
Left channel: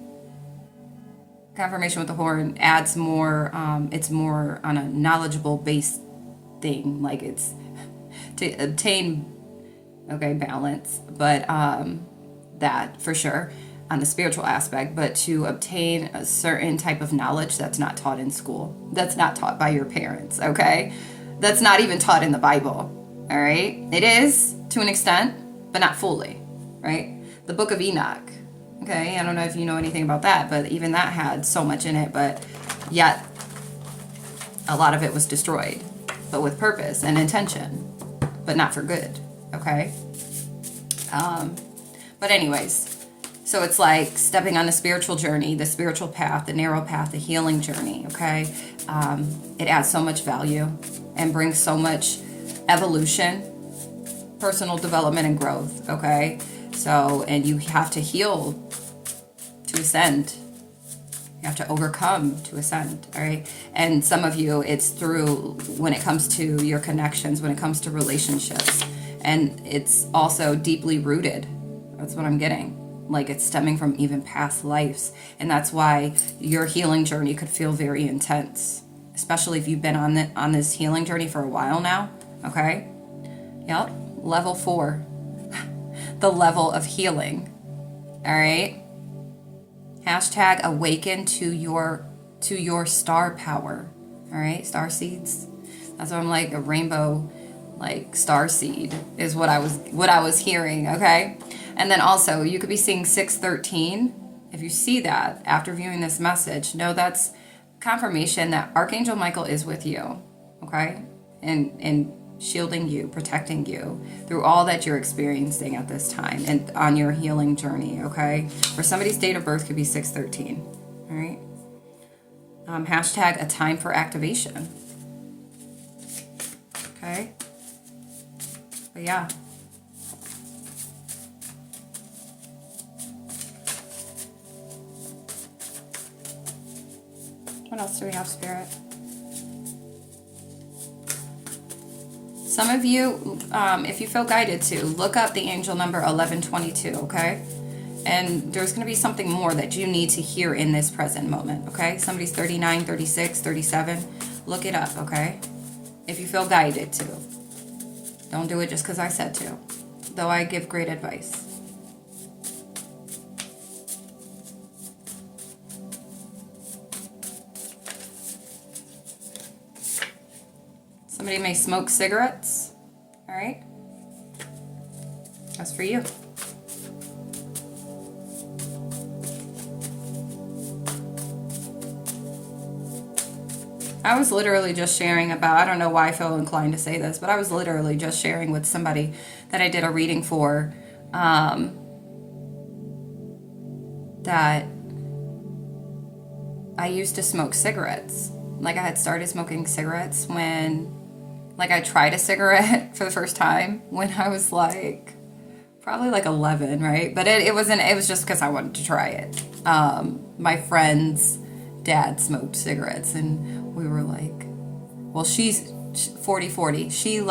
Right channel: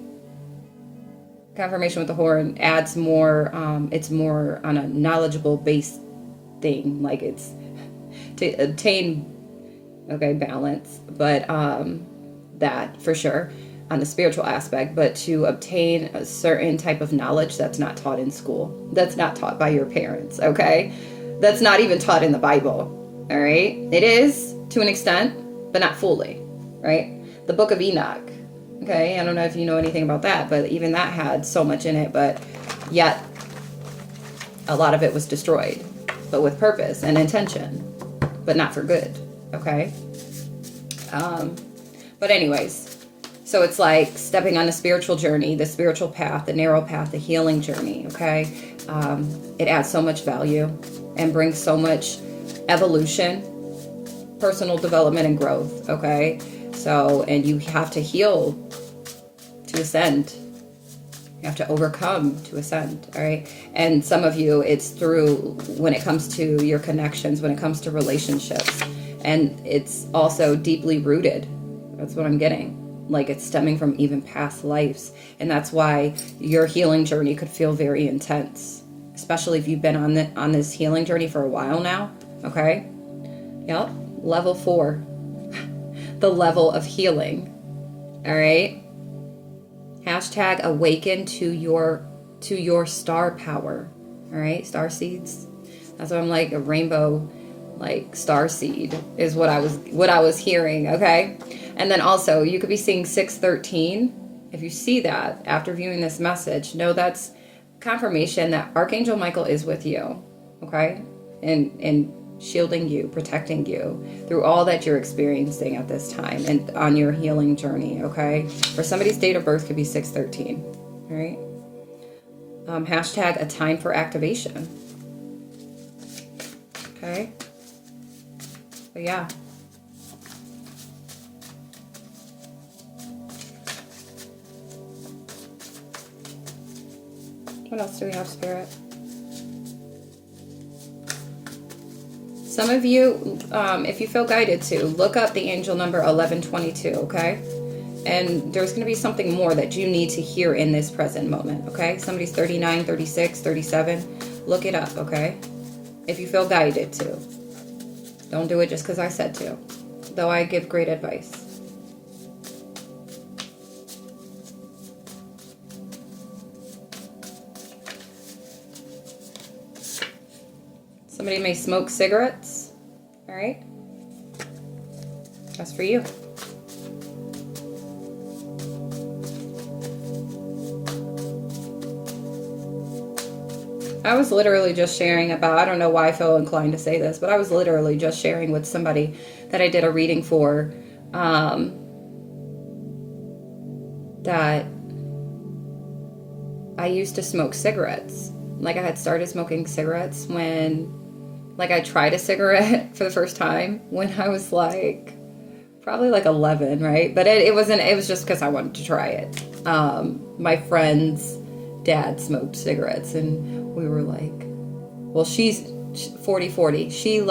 confirmation with the horn, adds more, it's more on a knowledgeable base thing, like it's to obtain, okay, balance, but that for sure on the spiritual aspect, but to obtain a certain type of knowledge that's not taught in school, that's not taught by your parents, okay? That's not even taught in the Bible, all right? It is to an extent, but not fully, right? The book of Enoch, okay? I don't know if you know anything about that, but even that had so much in it, but yet a lot of it was destroyed, but with purpose and intention, but not for good, okay? But anyways, so it's like stepping on the spiritual journey, the spiritual path, the narrow path, the healing journey, okay? It adds so much value and brings so much evolution, personal development, and growth, okay? So, and you have to heal to ascend. You have to overcome to ascend, all right? And some of you, it's through, when it comes to your connections, when it comes to relationships, and it's also deeply rooted. That's what I'm getting. Like it's stemming from even past lives. And that's why your healing journey could feel very intense, especially if you've been on this healing journey for a while now, okay? Yep, level 4, the level of healing, all right? Hashtag awaken to your star power, all right? Star seeds. That's what I'm like, a rainbow, like star seed is what I was hearing, okay? And then also, you could be seeing 613. If you see that after viewing this message, know that's confirmation that Archangel Michael is with you, okay? And shielding you, protecting you through all that you're experiencing at this time and on your healing journey, okay? For somebody's date of birth could be 613, all right? Hashtag a time for activation, okay? But yeah. What else do we have, Spirit? Some of you, if you feel guided to, look up the angel number 1122, okay? And there's going to be something more that you need to hear in this present moment, okay? Somebody's 39, 36, 37. Look it up, okay? If you feel guided to. Don't do it just because I said to, though I give great advice. Somebody may smoke cigarettes, all right? That's for you. I was literally just sharing about, I don't know why I feel inclined to say this, but I was literally just sharing with somebody that I did a reading for, that I used to smoke cigarettes. Like, I had started smoking cigarettes when, like, I tried a cigarette for the first time when I was like, probably like 11, right? But it was just because I wanted to try it. My friend's dad smoked cigarettes, and we were like, well, she's 40-40. She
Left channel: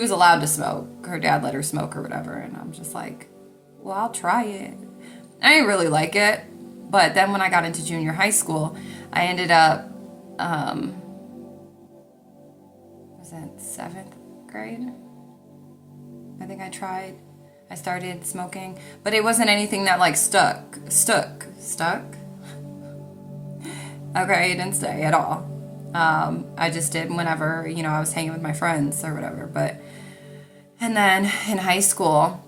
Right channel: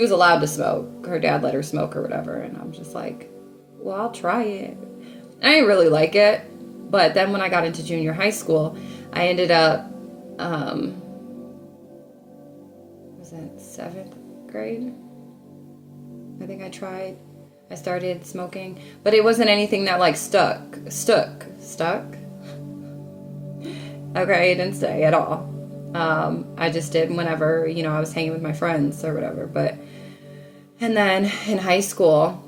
was allowed to smoke. Her dad let her smoke or whatever. And I'm just like, well, I'll try it. I didn't really like it. But then when I got into junior high school, I ended up, was it 7th grade? I think I started smoking, but it wasn't anything that like stuck. Okay, it didn't stay at all. I just did whenever, I was hanging with my friends or whatever. And then in high school,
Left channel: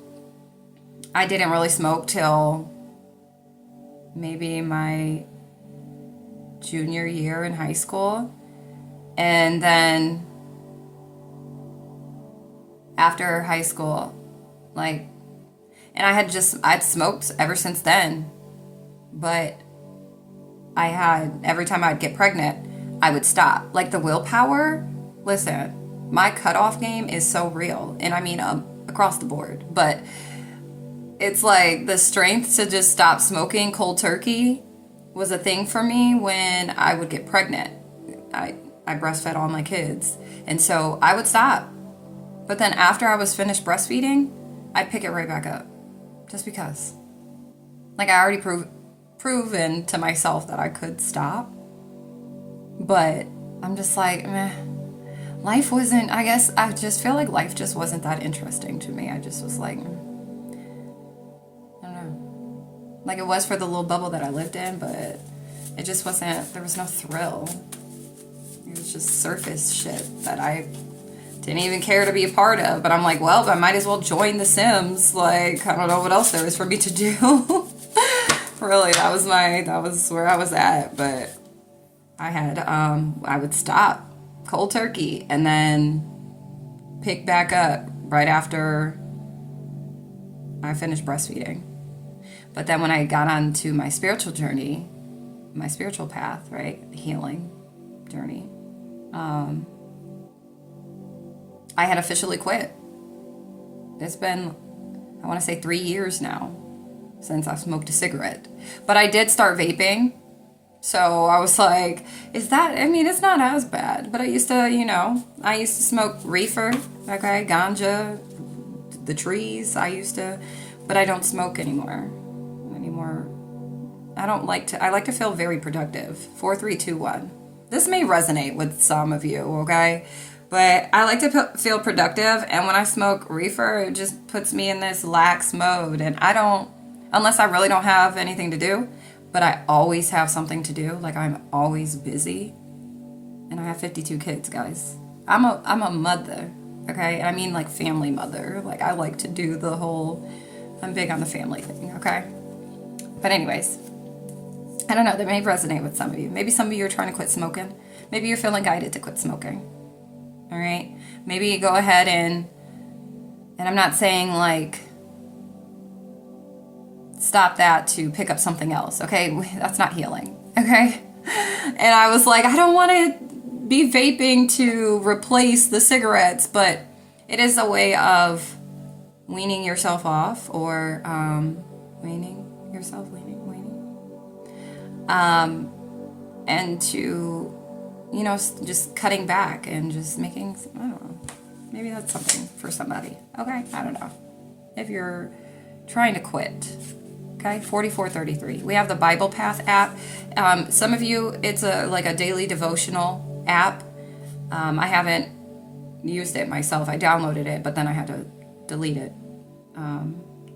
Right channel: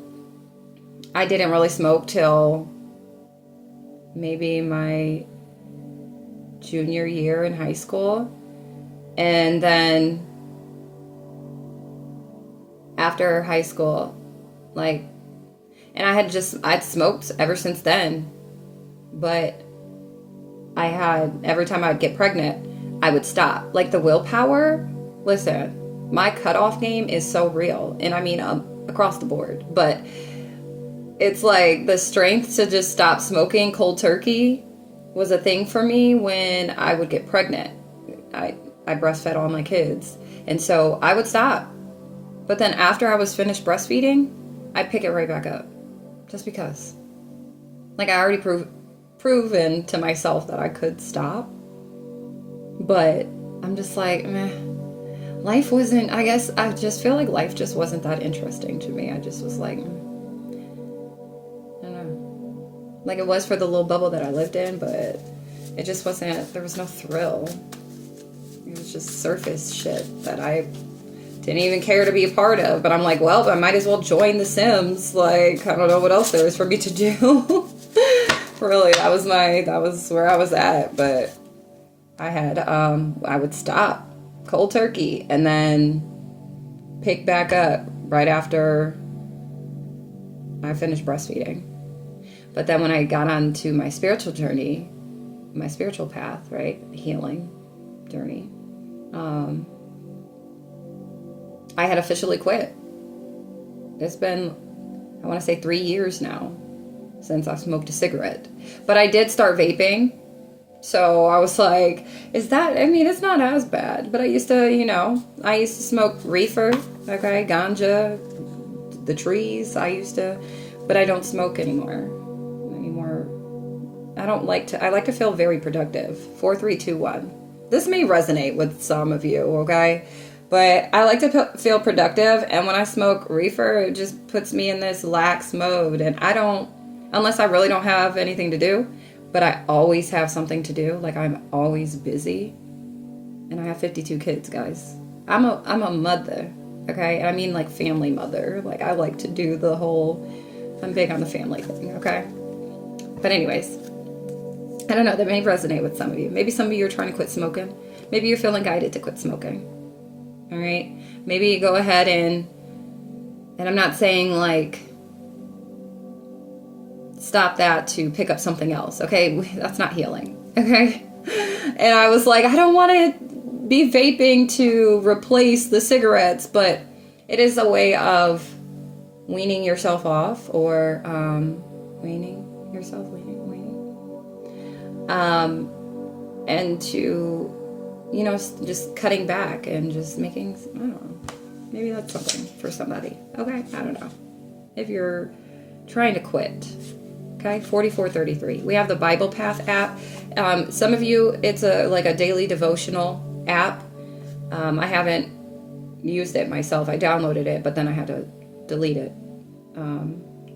I didn't really smoke till maybe my junior year in high school. And then after high school, and I'd smoked ever since then, but every time I'd get pregnant, I would stop. Like, the willpower, listen, my cutoff game is so real. And I mean, across the board. But it's like the strength to just stop smoking cold turkey was a thing for me when I would get pregnant. I breastfed all my kids. And so I would stop. But then after I was finished breastfeeding, I'd pick it right back up. Just because. Like, I already proven to myself that I could stop. But I'm just like, meh. Life wasn't, I guess, I just feel like life just wasn't that interesting to me. I just was like, I don't know. Like, it was for the little bubble that I lived in, but it just wasn't, there was no thrill. It was just surface shit that I didn't even care to be a part of. But I'm like, well, I might as well join The Sims. Like, I don't know what else there is for me to do. Really, that was where I was at. But I would stop cold turkey and then pick back up right after I finished breastfeeding. But then when I got onto my spiritual journey, my spiritual path, right, healing journey, I had officially quit. It's been, I want to say 3 years now since I've smoked a cigarette. But I did start vaping. So I was like, it's not as bad. But I used to smoke reefer, okay, ganja, the trees. But I don't smoke anymore. I like to feel very productive. 4, 3, 2, 1. This may resonate with some of you, okay? But I like to feel productive. And when I smoke reefer, it just puts me in this lax mode. And I don't, unless I really don't have anything to do. But I always have something to do. Like, I'm always busy. And I have 52 kids, guys. I'm a mother, okay? And I mean, like, family mother. Like, I like to do the whole, I'm big on the family thing, okay? But anyways, I don't know. That may resonate with some of you. Maybe some of you are trying to quit smoking. Maybe you're feeling guided to quit smoking. All right? Maybe you go ahead and I'm not saying, like, stop that to pick up something else, okay? That's not healing, okay? And I was like, I don't want to be vaping to replace the cigarettes, but it is a way of weaning yourself off, or and to, just cutting back and just making, I don't know, maybe that's something for somebody, okay? I don't know. If you're trying to quit, okay, 4433. We have the Bible Path app. Some of you, it's like a daily devotional app. I haven't used it myself. I downloaded it, but then I had to delete it.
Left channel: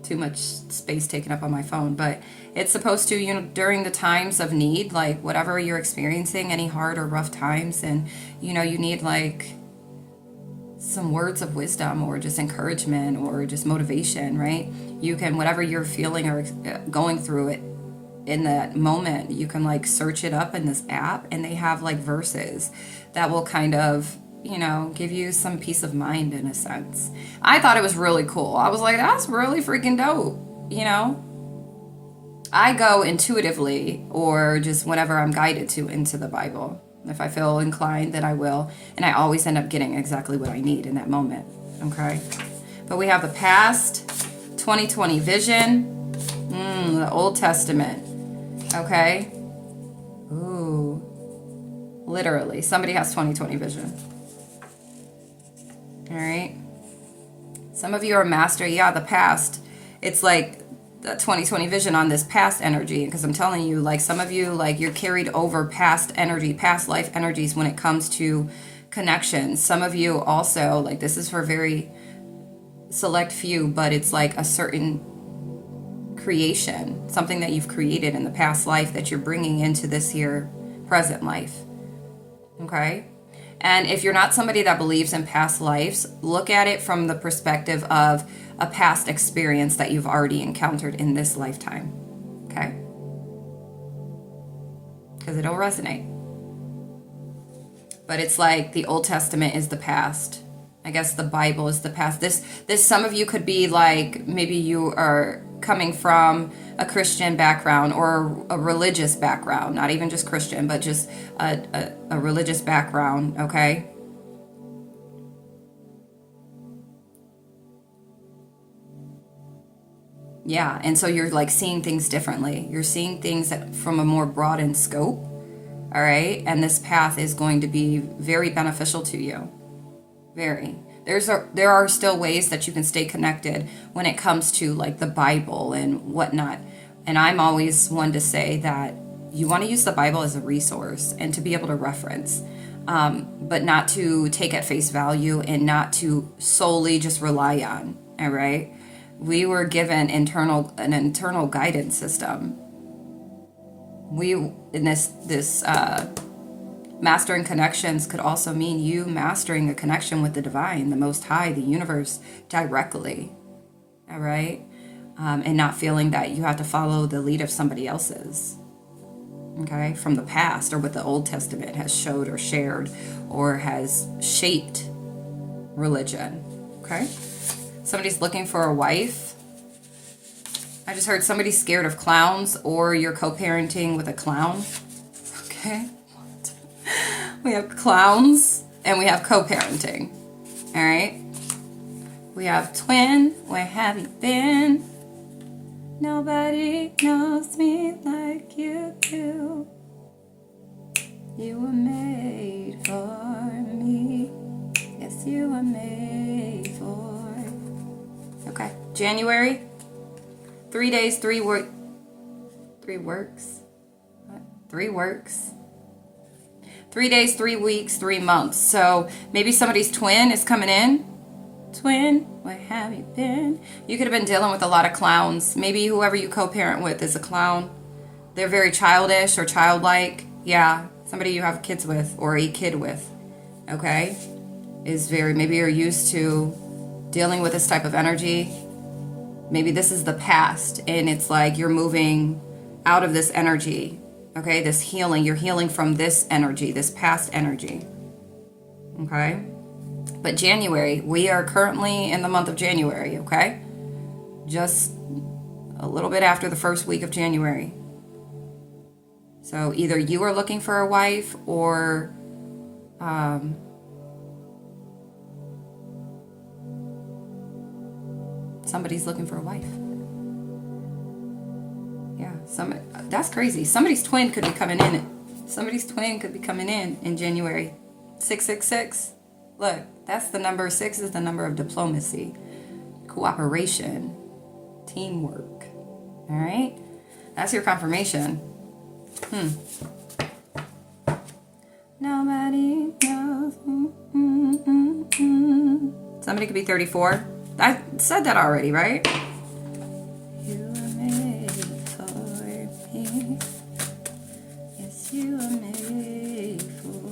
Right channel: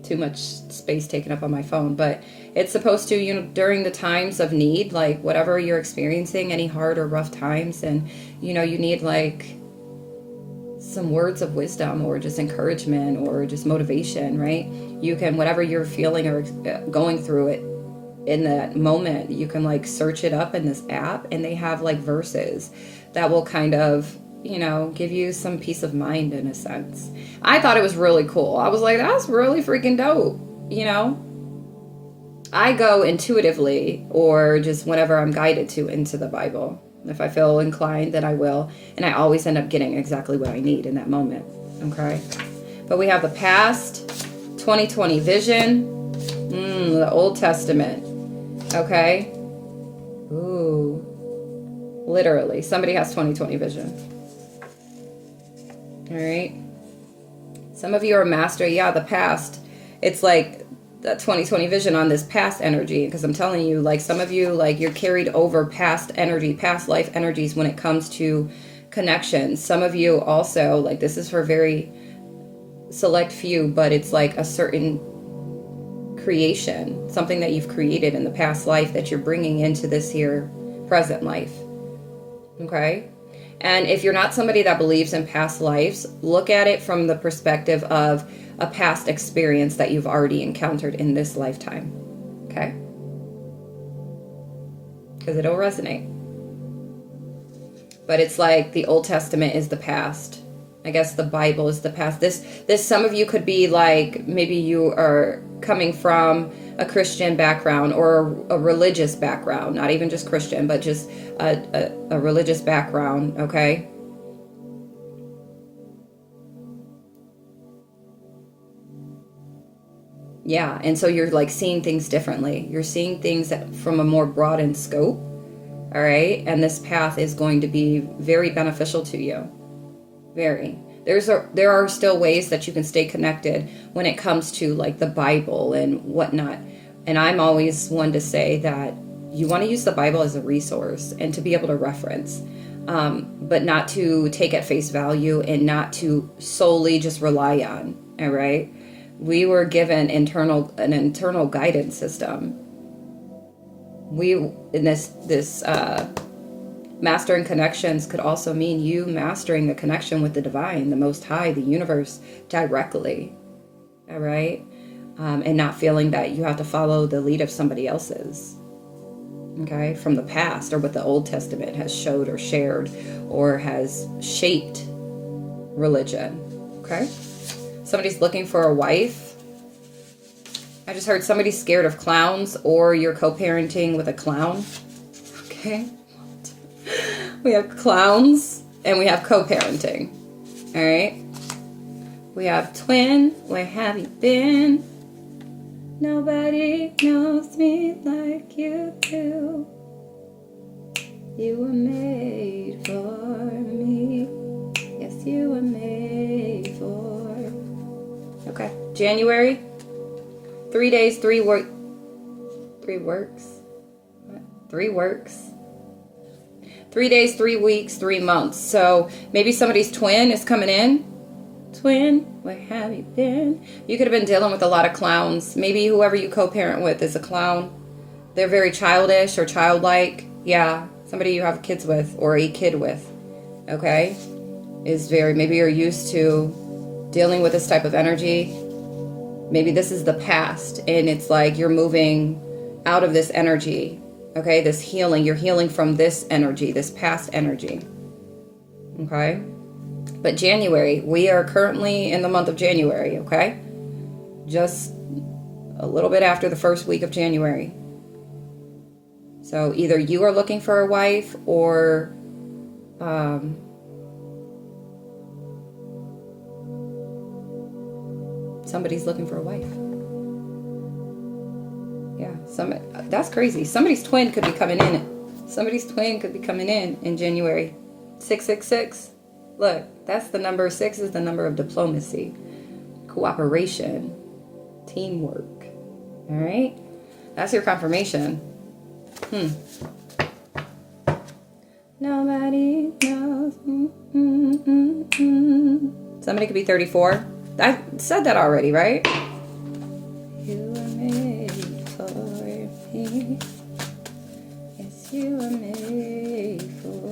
Too much space taken up on my phone. But it's supposed to, during the times of need, like whatever you're experiencing, any hard or rough times, and you need like some words of wisdom or just encouragement or just motivation, right? You can, whatever you're feeling or going through it in that moment, you can like search it up in this app, and they have like verses that will kind of, you know, give you some peace of mind in a sense. I thought it was really cool. I was like, that's really freaking dope, you know? I go intuitively or just whenever I'm guided to into the Bible. If I feel inclined, then I will. And I always end up getting exactly what I need in that moment. Okay? But we have the past, 2020 vision, the Old Testament. Okay? Ooh. Literally. Somebody has 2020 vision. All right? Some of you are master. Yeah, the past. It's like the 2020 vision on this past energy, because I'm telling you, like, some of you, like, you're carried over past energy, past life energies when it comes to connections. Some of you also, like, this is for very select few, but it's like a certain creation, something that you've created in the past life that you're bringing into this here present life. Okay? And if you're not somebody that believes in past lives, look at it from the perspective of a past experience that you've already encountered in this lifetime. Okay? Because it'll resonate. But it's like the Old Testament is the past. I guess the Bible is the past. This some of you could be like, maybe you are coming from a Christian background or a religious background, not even just Christian, but just a religious background, okay? Yeah, and so you're like seeing things differently. You're seeing things that from a more broadened scope, all right? And this path is going to be very beneficial to you. Very. There are still ways that you can stay connected when it comes to like the Bible and whatnot. And I'm always one to say that you want to use the Bible as a resource and to be able to reference, but not to take at face value and not to solely just rely on. All right. We were given an internal guidance system. Mastering connections could also mean you mastering a connection with the divine, the Most High, the universe directly. All right. And not feeling that you have to follow the lead of somebody else's. Okay. From the past or what the Old Testament has showed or shared or has shaped religion. Okay. Somebody's looking for a wife. I just heard somebody's scared of clowns or you're co-parenting with a clown. Okay. We have clowns and we have co-parenting. All right. We have twin. Where have you been? Nobody knows me like you do. You were made for me. Yes, you were made for. Okay. January. 3 days, 3 works. What? 3 works. 3 days, 3 weeks, 3 months. So maybe somebody's twin is coming in. Twin, where have you been? You could have been dealing with a lot of clowns. Maybe whoever you co-parent with is a clown. They're very childish or childlike. Yeah, somebody you have kids with or a kid with. Okay? Maybe you're used to dealing with this type of energy. Maybe this is the past and it's like you're moving out of this energy. Okay, this healing. You're healing from this energy, this past energy. Okay? But January, we are currently in the month of January, okay? Just a little bit after the first week of January. So either you are looking for a wife or somebody's looking for a wife. Yeah, that's crazy. Somebody's twin could be coming in. Somebody's twin could be coming in January. 666. Look, that's the number. 6 is the number of diplomacy, cooperation, teamwork. All right? That's your confirmation. Nobody knows. Somebody could be 34. I said that already, right? You were made for me. Yes, you were made for.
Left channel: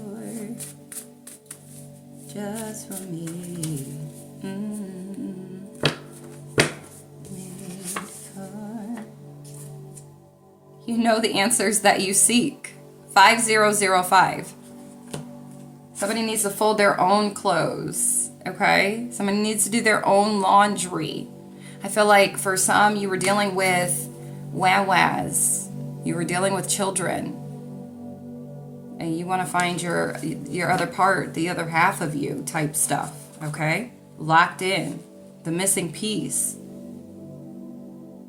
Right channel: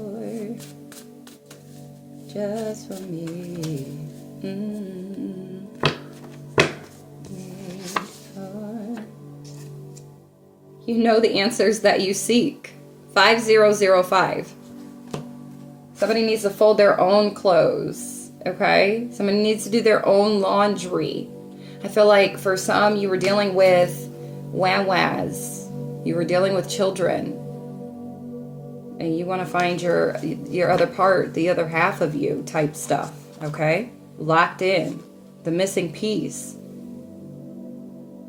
just for me. You know the answers that you seek. 5005. Somebody needs to fold their own clothes, okay? Somebody needs to do their own laundry. I feel like for some, you were dealing with wah-wahs. You were dealing with children. And you want to find your other part, the other half of you type stuff, okay? Locked in. The missing piece.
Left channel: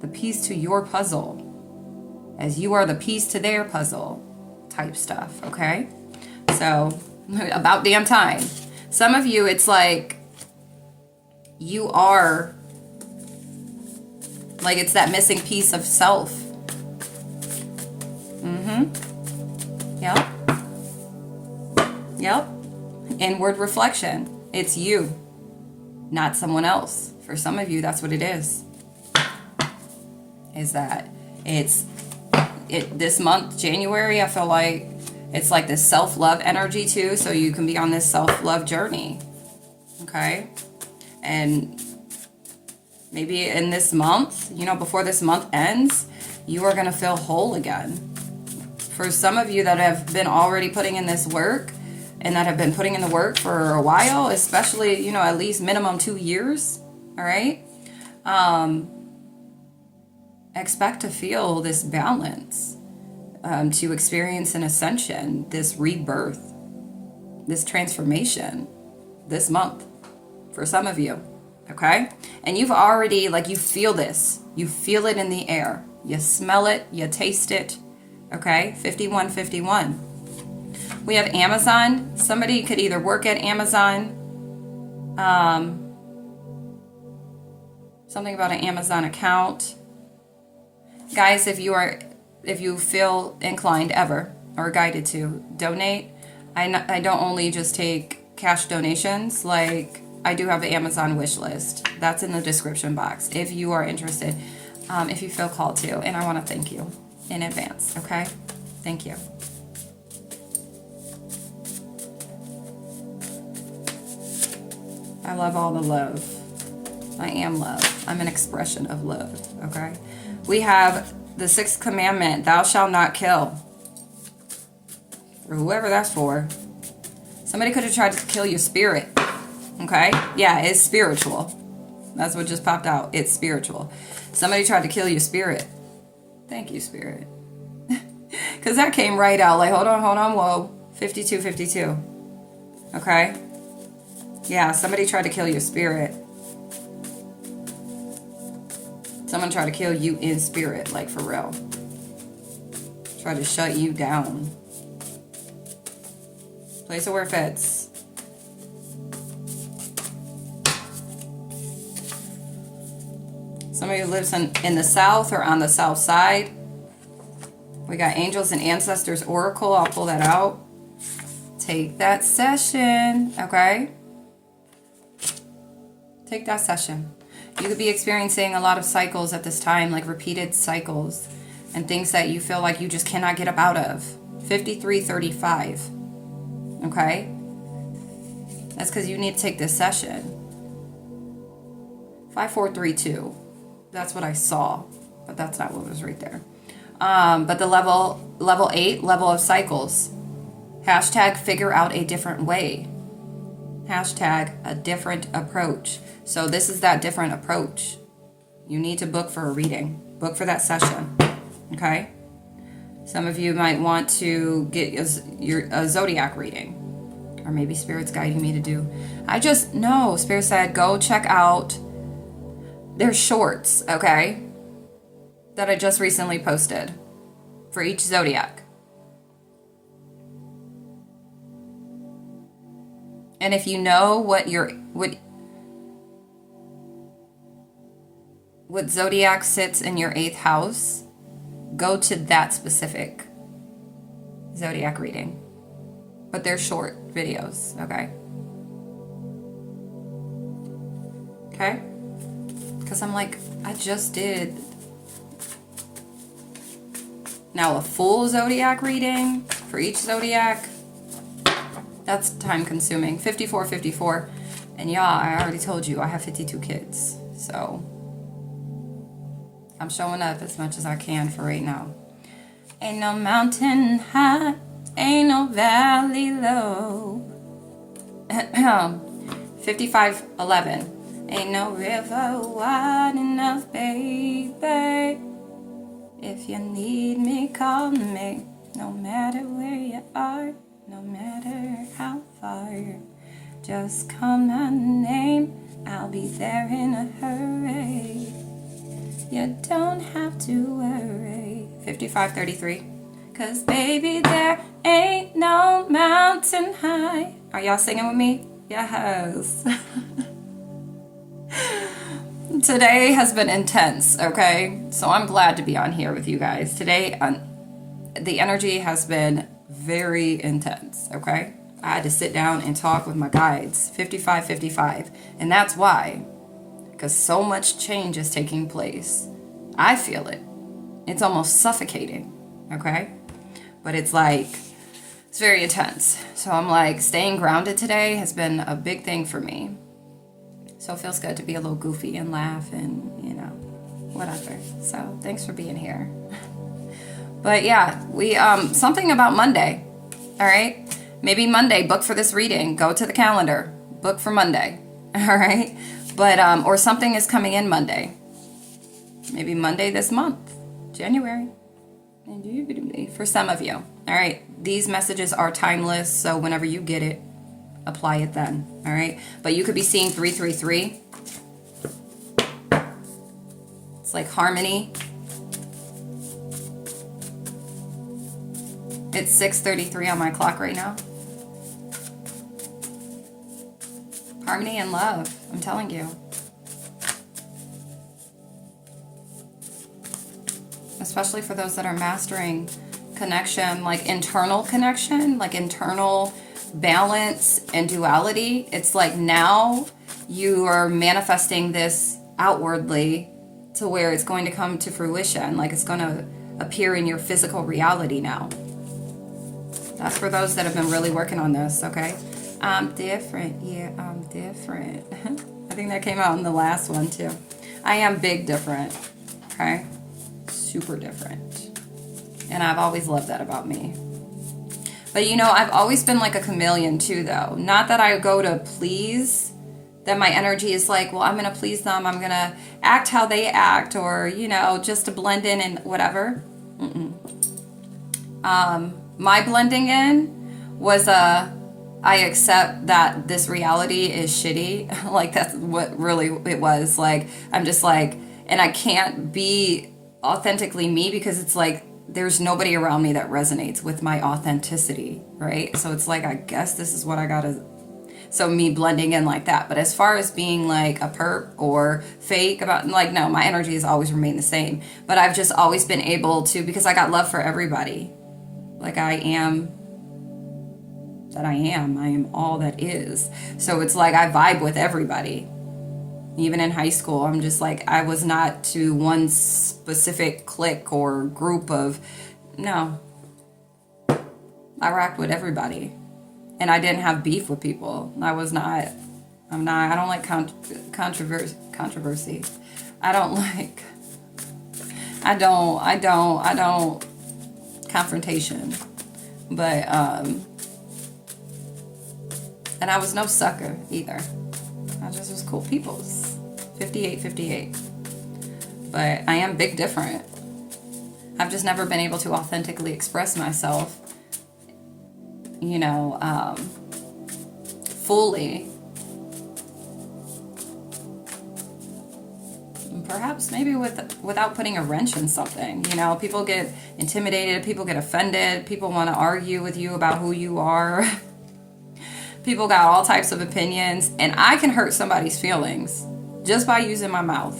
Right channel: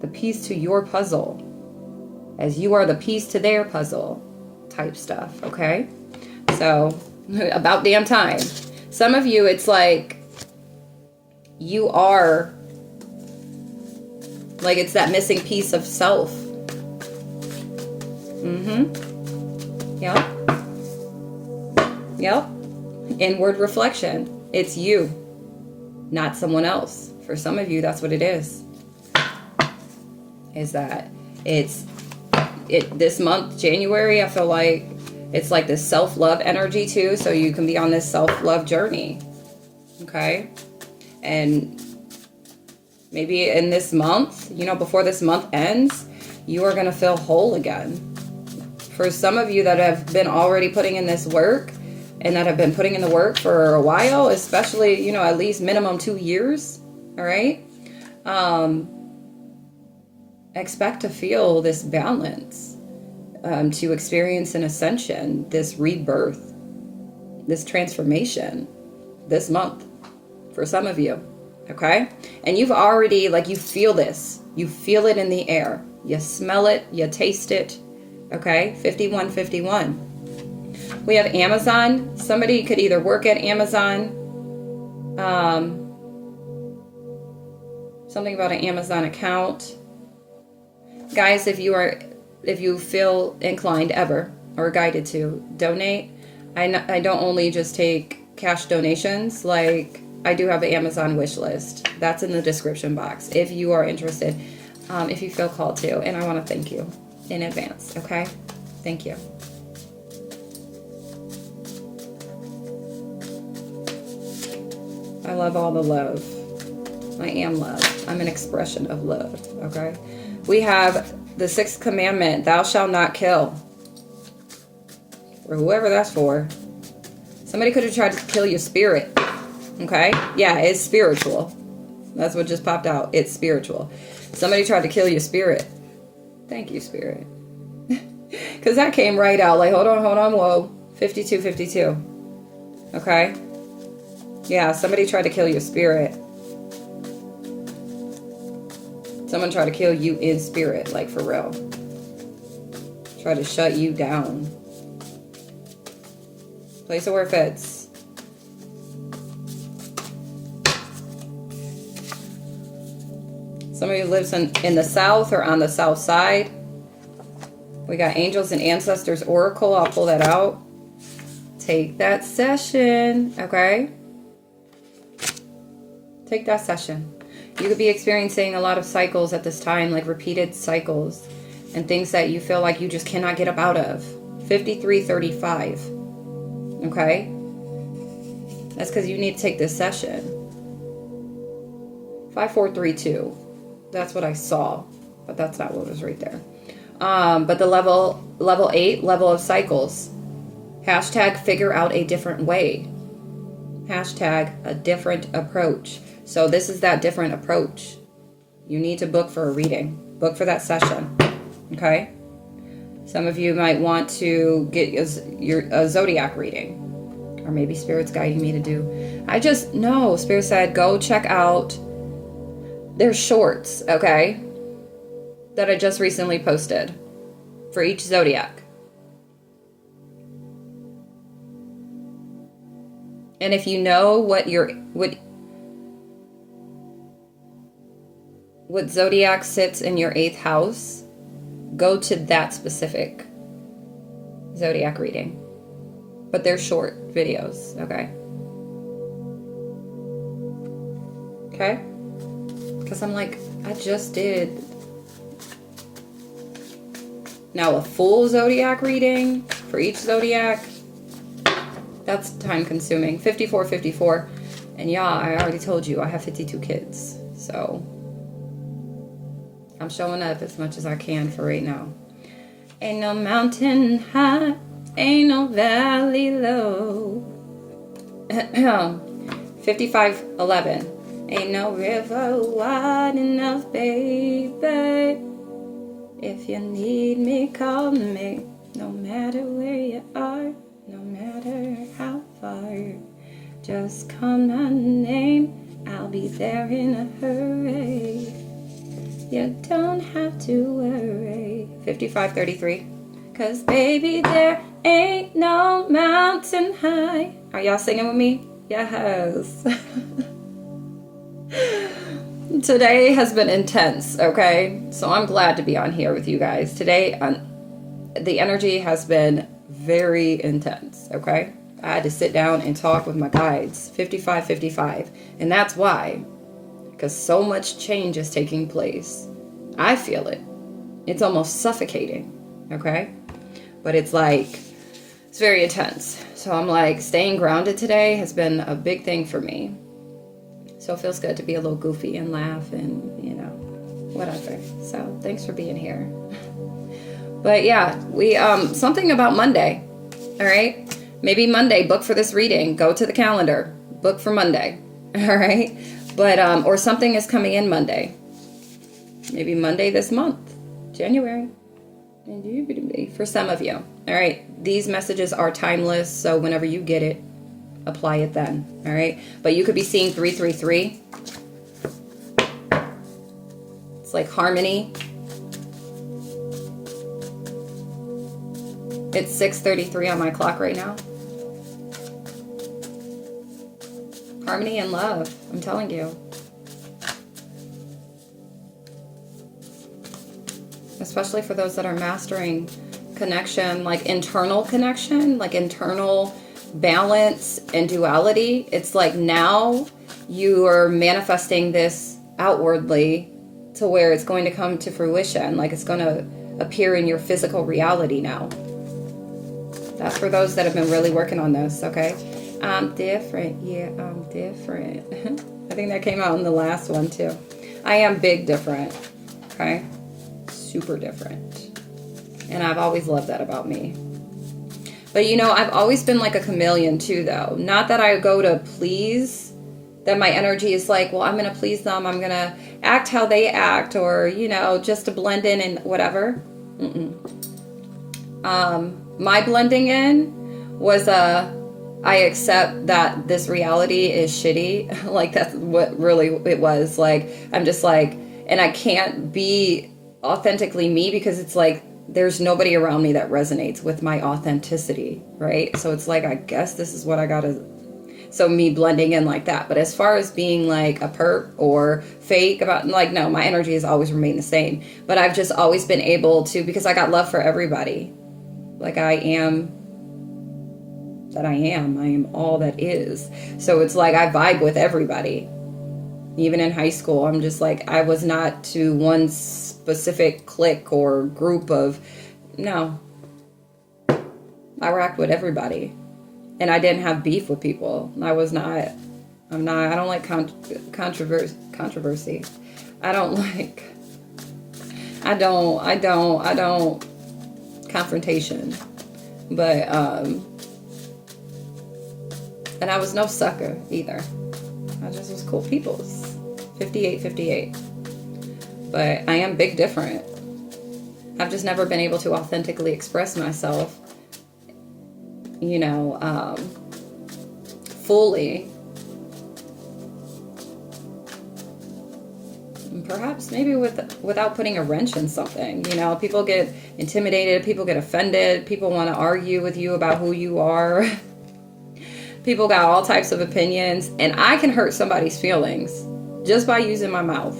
The piece to your puzzle. As you are the piece to their puzzle type stuff, okay? So, about damn time. Some of you, it's like you are, like it's that missing piece of self. Yep. Yep. Inward reflection. It's you, not someone else. For some of you, that's what it is. Is that it's this month, January, I feel like it's like this self-love energy too, so you can be on this self-love journey, okay? And maybe in this month, you know, before this month ends, you are going to feel whole again. For some of you that have been already putting in this work and that have been putting in the work for a while, especially, you know, at least minimum 2 years, all right? Expect to feel this balance, to experience an ascension, this rebirth, this transformation this month for some of you, okay? And you've already, like, you feel this. You feel it in the air. You smell it. You taste it, okay? 5151. We have Amazon. Somebody could either work at Amazon, something about an Amazon account. Guys, if you feel inclined ever or guided to donate, I don't only just take cash donations, like I do have the Amazon wish list. That's in the description box if you are interested, if you feel called to. And I want to thank you in advance, okay? Thank you. I love all the love. I am love. I'm an expression of love, okay? We have the 6th commandment, thou shalt not kill. Or whoever that's for. Somebody could have tried to kill your spirit, okay? Yeah, it's spiritual. That's what just popped out. It's spiritual. Somebody tried to kill your spirit. Thank you, spirit. Because that came right out. Like, hold on, whoa. 5252. Okay? Yeah, somebody tried to kill your spirit. Someone tried to kill you in spirit, like for real. Try to shut you down. Place it where it fits. Somebody lives in the south or on the south side. We got Angels and Ancestors Oracle. I'll pull that out. Take that session, okay? Take that session. You could be experiencing a lot of cycles at this time, like repeated cycles and things that you feel like you just cannot get up out of. 5335. Okay? That's because you need to take this session. 5432. That's what I saw, but that's not what was right there. But the level 8, level of cycles. Hashtag figure out a different way. Hashtag a different approach. So this is that different approach. You need to book for a reading. Book for that session. Okay? Some of you might want to get a zodiac reading. Or maybe Spirit's guiding me to do. Spirit said go check out their shorts, okay? That I just recently posted for each zodiac. And if you know what zodiac sits in your 8th house, go to that specific zodiac reading. But they're short videos, okay? Okay? Because I'm like, I just did now a full zodiac reading for each zodiac. That's time consuming. 54, 54. And yeah, I already told you I have 52 kids. So I'm showing up as much as I can for right now. Ain't no mountain high, ain't no valley low. 55:11. Ain't no river wide enough, baby. If you need me, call me. No matter where you are, no matter how far. Just call my name, I'll be there in a hurry. You don't have to worry. 55:33. 'Cause baby, there ain't no mountain high. Are y'all singing with me? Yes. Today has been intense, okay? So I'm glad to be on here with you guys. Today, the energy has been very intense, okay? I had to sit down and talk with my guides. 55:55. And that's why. Because so much change is taking place. I feel it. It's almost suffocating, okay? But it's like, it's very intense. So I'm like, staying grounded today has been a big thing for me. So it feels good to be a little goofy and laugh and, you know, whatever. So thanks for being here. But yeah, we, something about Monday, all right? Maybe Monday, book for this reading. Go to the calendar, book for Monday, all right? But, or something is coming in Monday. Maybe Monday this month, January. For some of you, all right? These messages are timeless, so whenever you get it, apply it then, all right? But you could be seeing 333. It's like harmony. It's 6:33 on my clock right now. Harmony and love, I'm telling you. Especially for those that are mastering connection, like internal connection, like internal balance and duality. It's like now you are manifesting this outwardly to where it's going to come to fruition, like it's going to appear in your physical reality now. That's for those that have been really working on this, okay? I'm different. Yeah, I'm different. I think that came out in the last one too. I am big different, okay? Super different. And I've always loved that about me. But you know, I've always been like a chameleon too, though. Not that I go to please, that my energy is like, well, I'm going to please them. I'm going to act how they act, or, you know, just to blend in and whatever. My blending in was I accept that this reality is shitty. Like, that's what really it was. Like, I'm just like, and I can't be authentically me because it's like, there's nobody around me that resonates with my authenticity, right? So it's like, I guess this is what I gotta, so me blending in like that. But as far as being like a perp or fake about, like, no, my energy has always remained the same. But I've just always been able to, because I got love for everybody. Like, I am all that is. So it's like, I vibe with everybody. Even in high school, I'm just like, I was not to one specific clique or group of, no. I rocked with everybody. And I didn't have beef with people. I don't like controversy. I don't confrontation. But, and I was no sucker either. I just was cool peoples. 58. But I am big different. I've just never been able to authentically express myself, you know, fully. And perhaps maybe without putting a wrench in something. You know, people get intimidated, people get offended, people want to argue with you about who you are. People got all types of opinions, and I can hurt somebody's feelings just by using my mouth.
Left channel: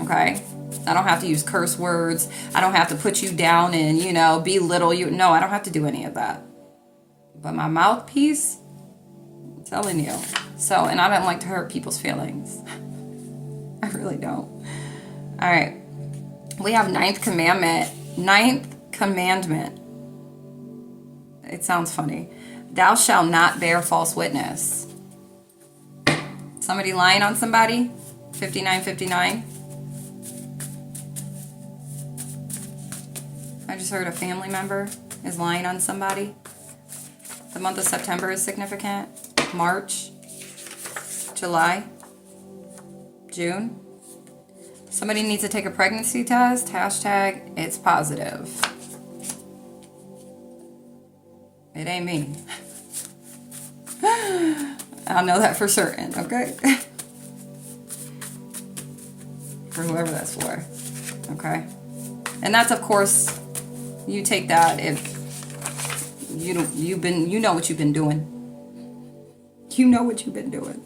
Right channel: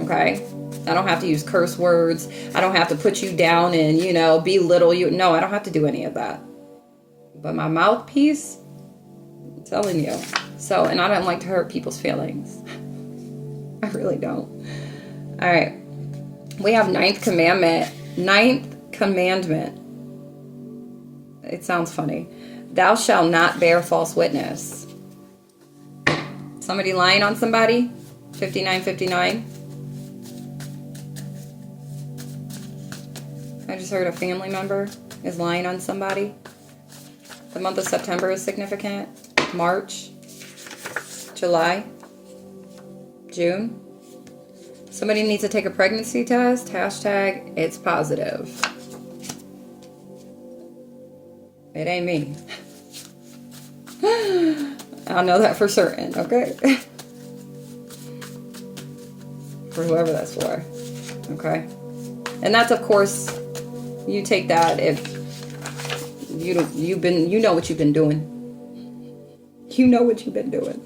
Okay? I don't have to use curse words. I don't have to put you down and, you know, belittle you. No, I don't have to do any of that. But my mouthpiece, I'm telling you. So, and I don't like to hurt people's feelings. I really don't. All right. We have ninth commandment. It sounds funny. Thou shalt not bear false witness. Somebody lying on somebody? 5959. I just heard a family member is lying on somebody. The month of September is significant. March, July, June. Somebody needs to take a pregnancy test. Hashtag it's positive. It ain't me. I'll know that for certain, okay? For whoever that's for. Okay? And that's, of course, you take that if you know what you've been doing. You know what you've been doing.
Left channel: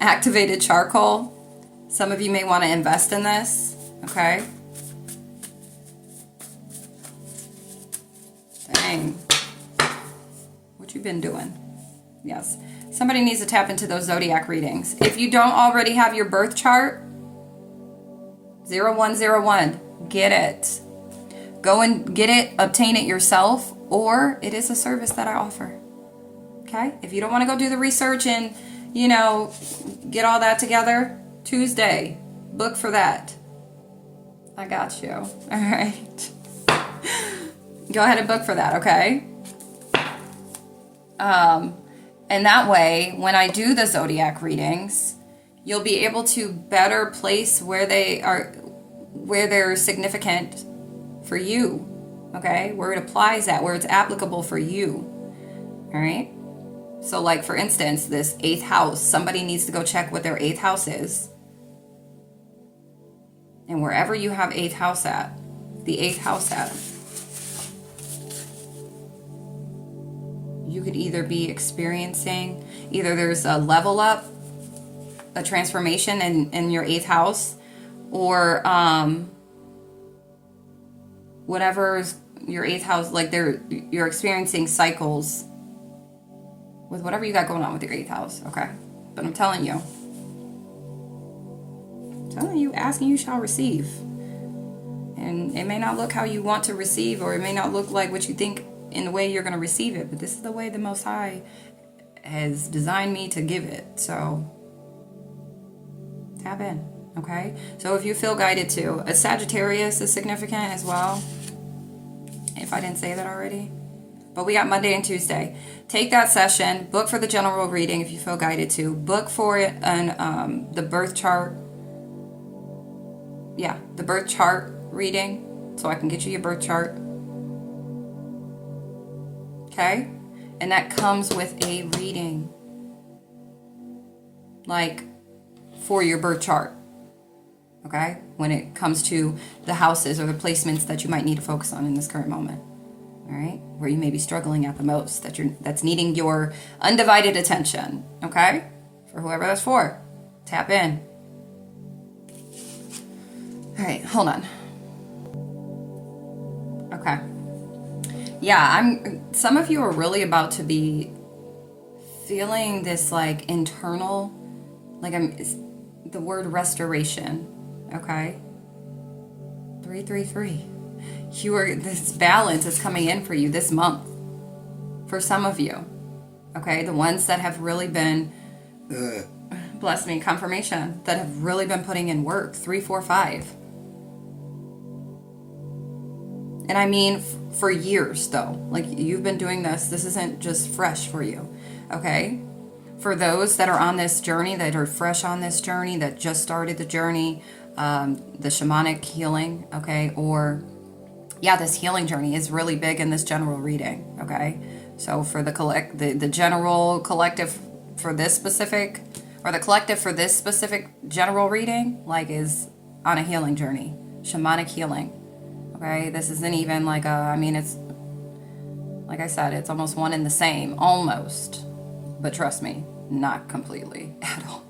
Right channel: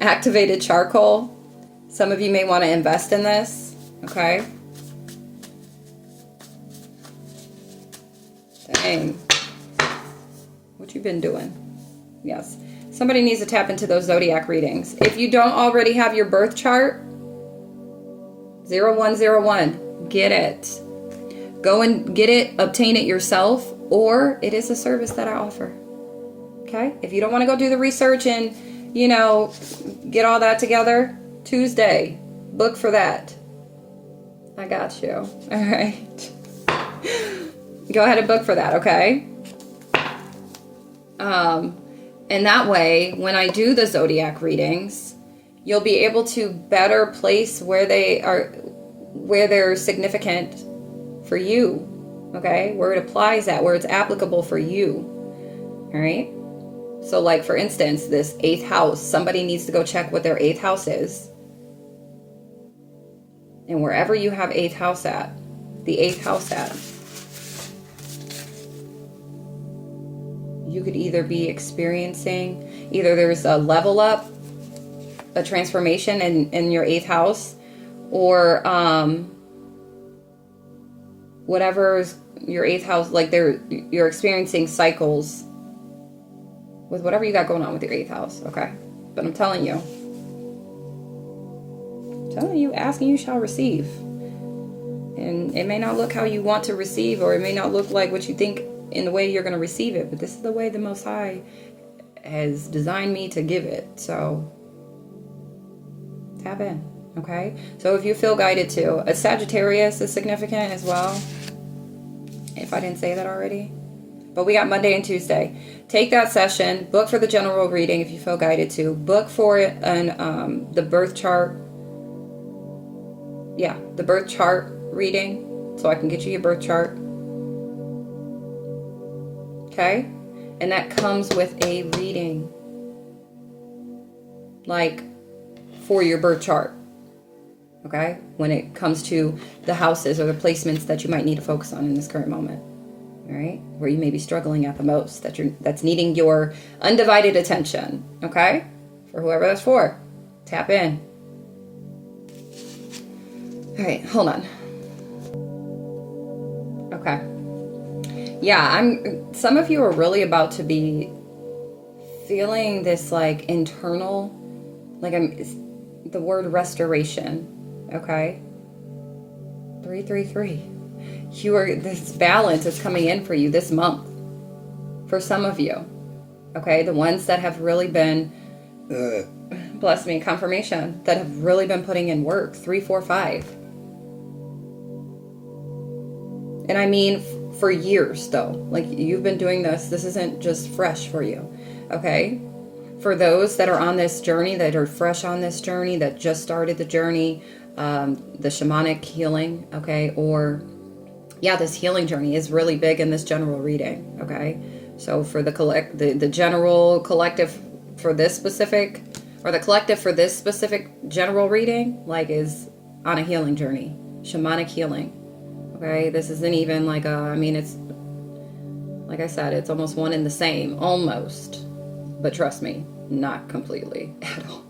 Activated charcoal. Some of you may want to invest in this, okay? Dang. What you been doing? Yes. Somebody needs to tap into those zodiac readings. If you don't already have your birth chart, 0101, get it. Go and get it, obtain it yourself, or it is a service that I offer. Okay? If you don't want to go do the research and, get all that together, Tuesday, book for that. I got you. All right. Go ahead and book for that, okay? And that way, when I do the zodiac readings, you'll be able to better place where they're significant for you, okay? Where it applies at, where it's applicable for you, all right? So like, for instance, this 8th house, somebody needs to go check what their 8th house is. And wherever you have 8th house at, the 8th house at, you could either be experiencing, either there's a level up, a transformation in your 8th house, or whatever's your 8th house, like you're experiencing cycles with whatever you got going on with your 8th house, okay? But I'm telling you, asking you shall receive. And it may not look how you want to receive, or it may not look like what you think in the way you're going to receive it, but this is the way the Most High has designed me to give it. So tap in, okay? So if you feel guided to, a Sagittarius is significant as well, if I didn't say that already. But we got Monday and Tuesday. Take that session, book for the general reading if you feel guided to, book for it and the birth chart. Yeah, the birth chart reading, so I can get you your birth chart. Okay? And that comes with a reading, like, for your birth chart. Okay? When it comes to the houses or the placements that you might need to focus on in this current moment. All right? Where you may be struggling at the most, that's needing your undivided attention. Okay? For whoever that's for. Tap in. All right, hold on. Okay. Yeah, some of you are really about to be feeling this like internal, it's the word restoration. Okay? 333. This balance is coming in for you this month. For some of you. Okay? The ones that have really been, bless me, confirmation, that have really been putting in work. 3, 4, 5. And I mean for years, though. Like, you've been doing this. This isn't just fresh for you. Okay? For those that are on this journey, that are fresh on this journey, that just started the journey, the shamanic healing, okay? Or, yeah, this healing journey is really big in this general reading, okay? So for the general collective for this specific, or the collective for this specific general reading, like, is on a healing journey. Shamanic healing. Okay, this isn't even like it's, like I said, it's almost one and the same, almost, but trust me, not completely at all.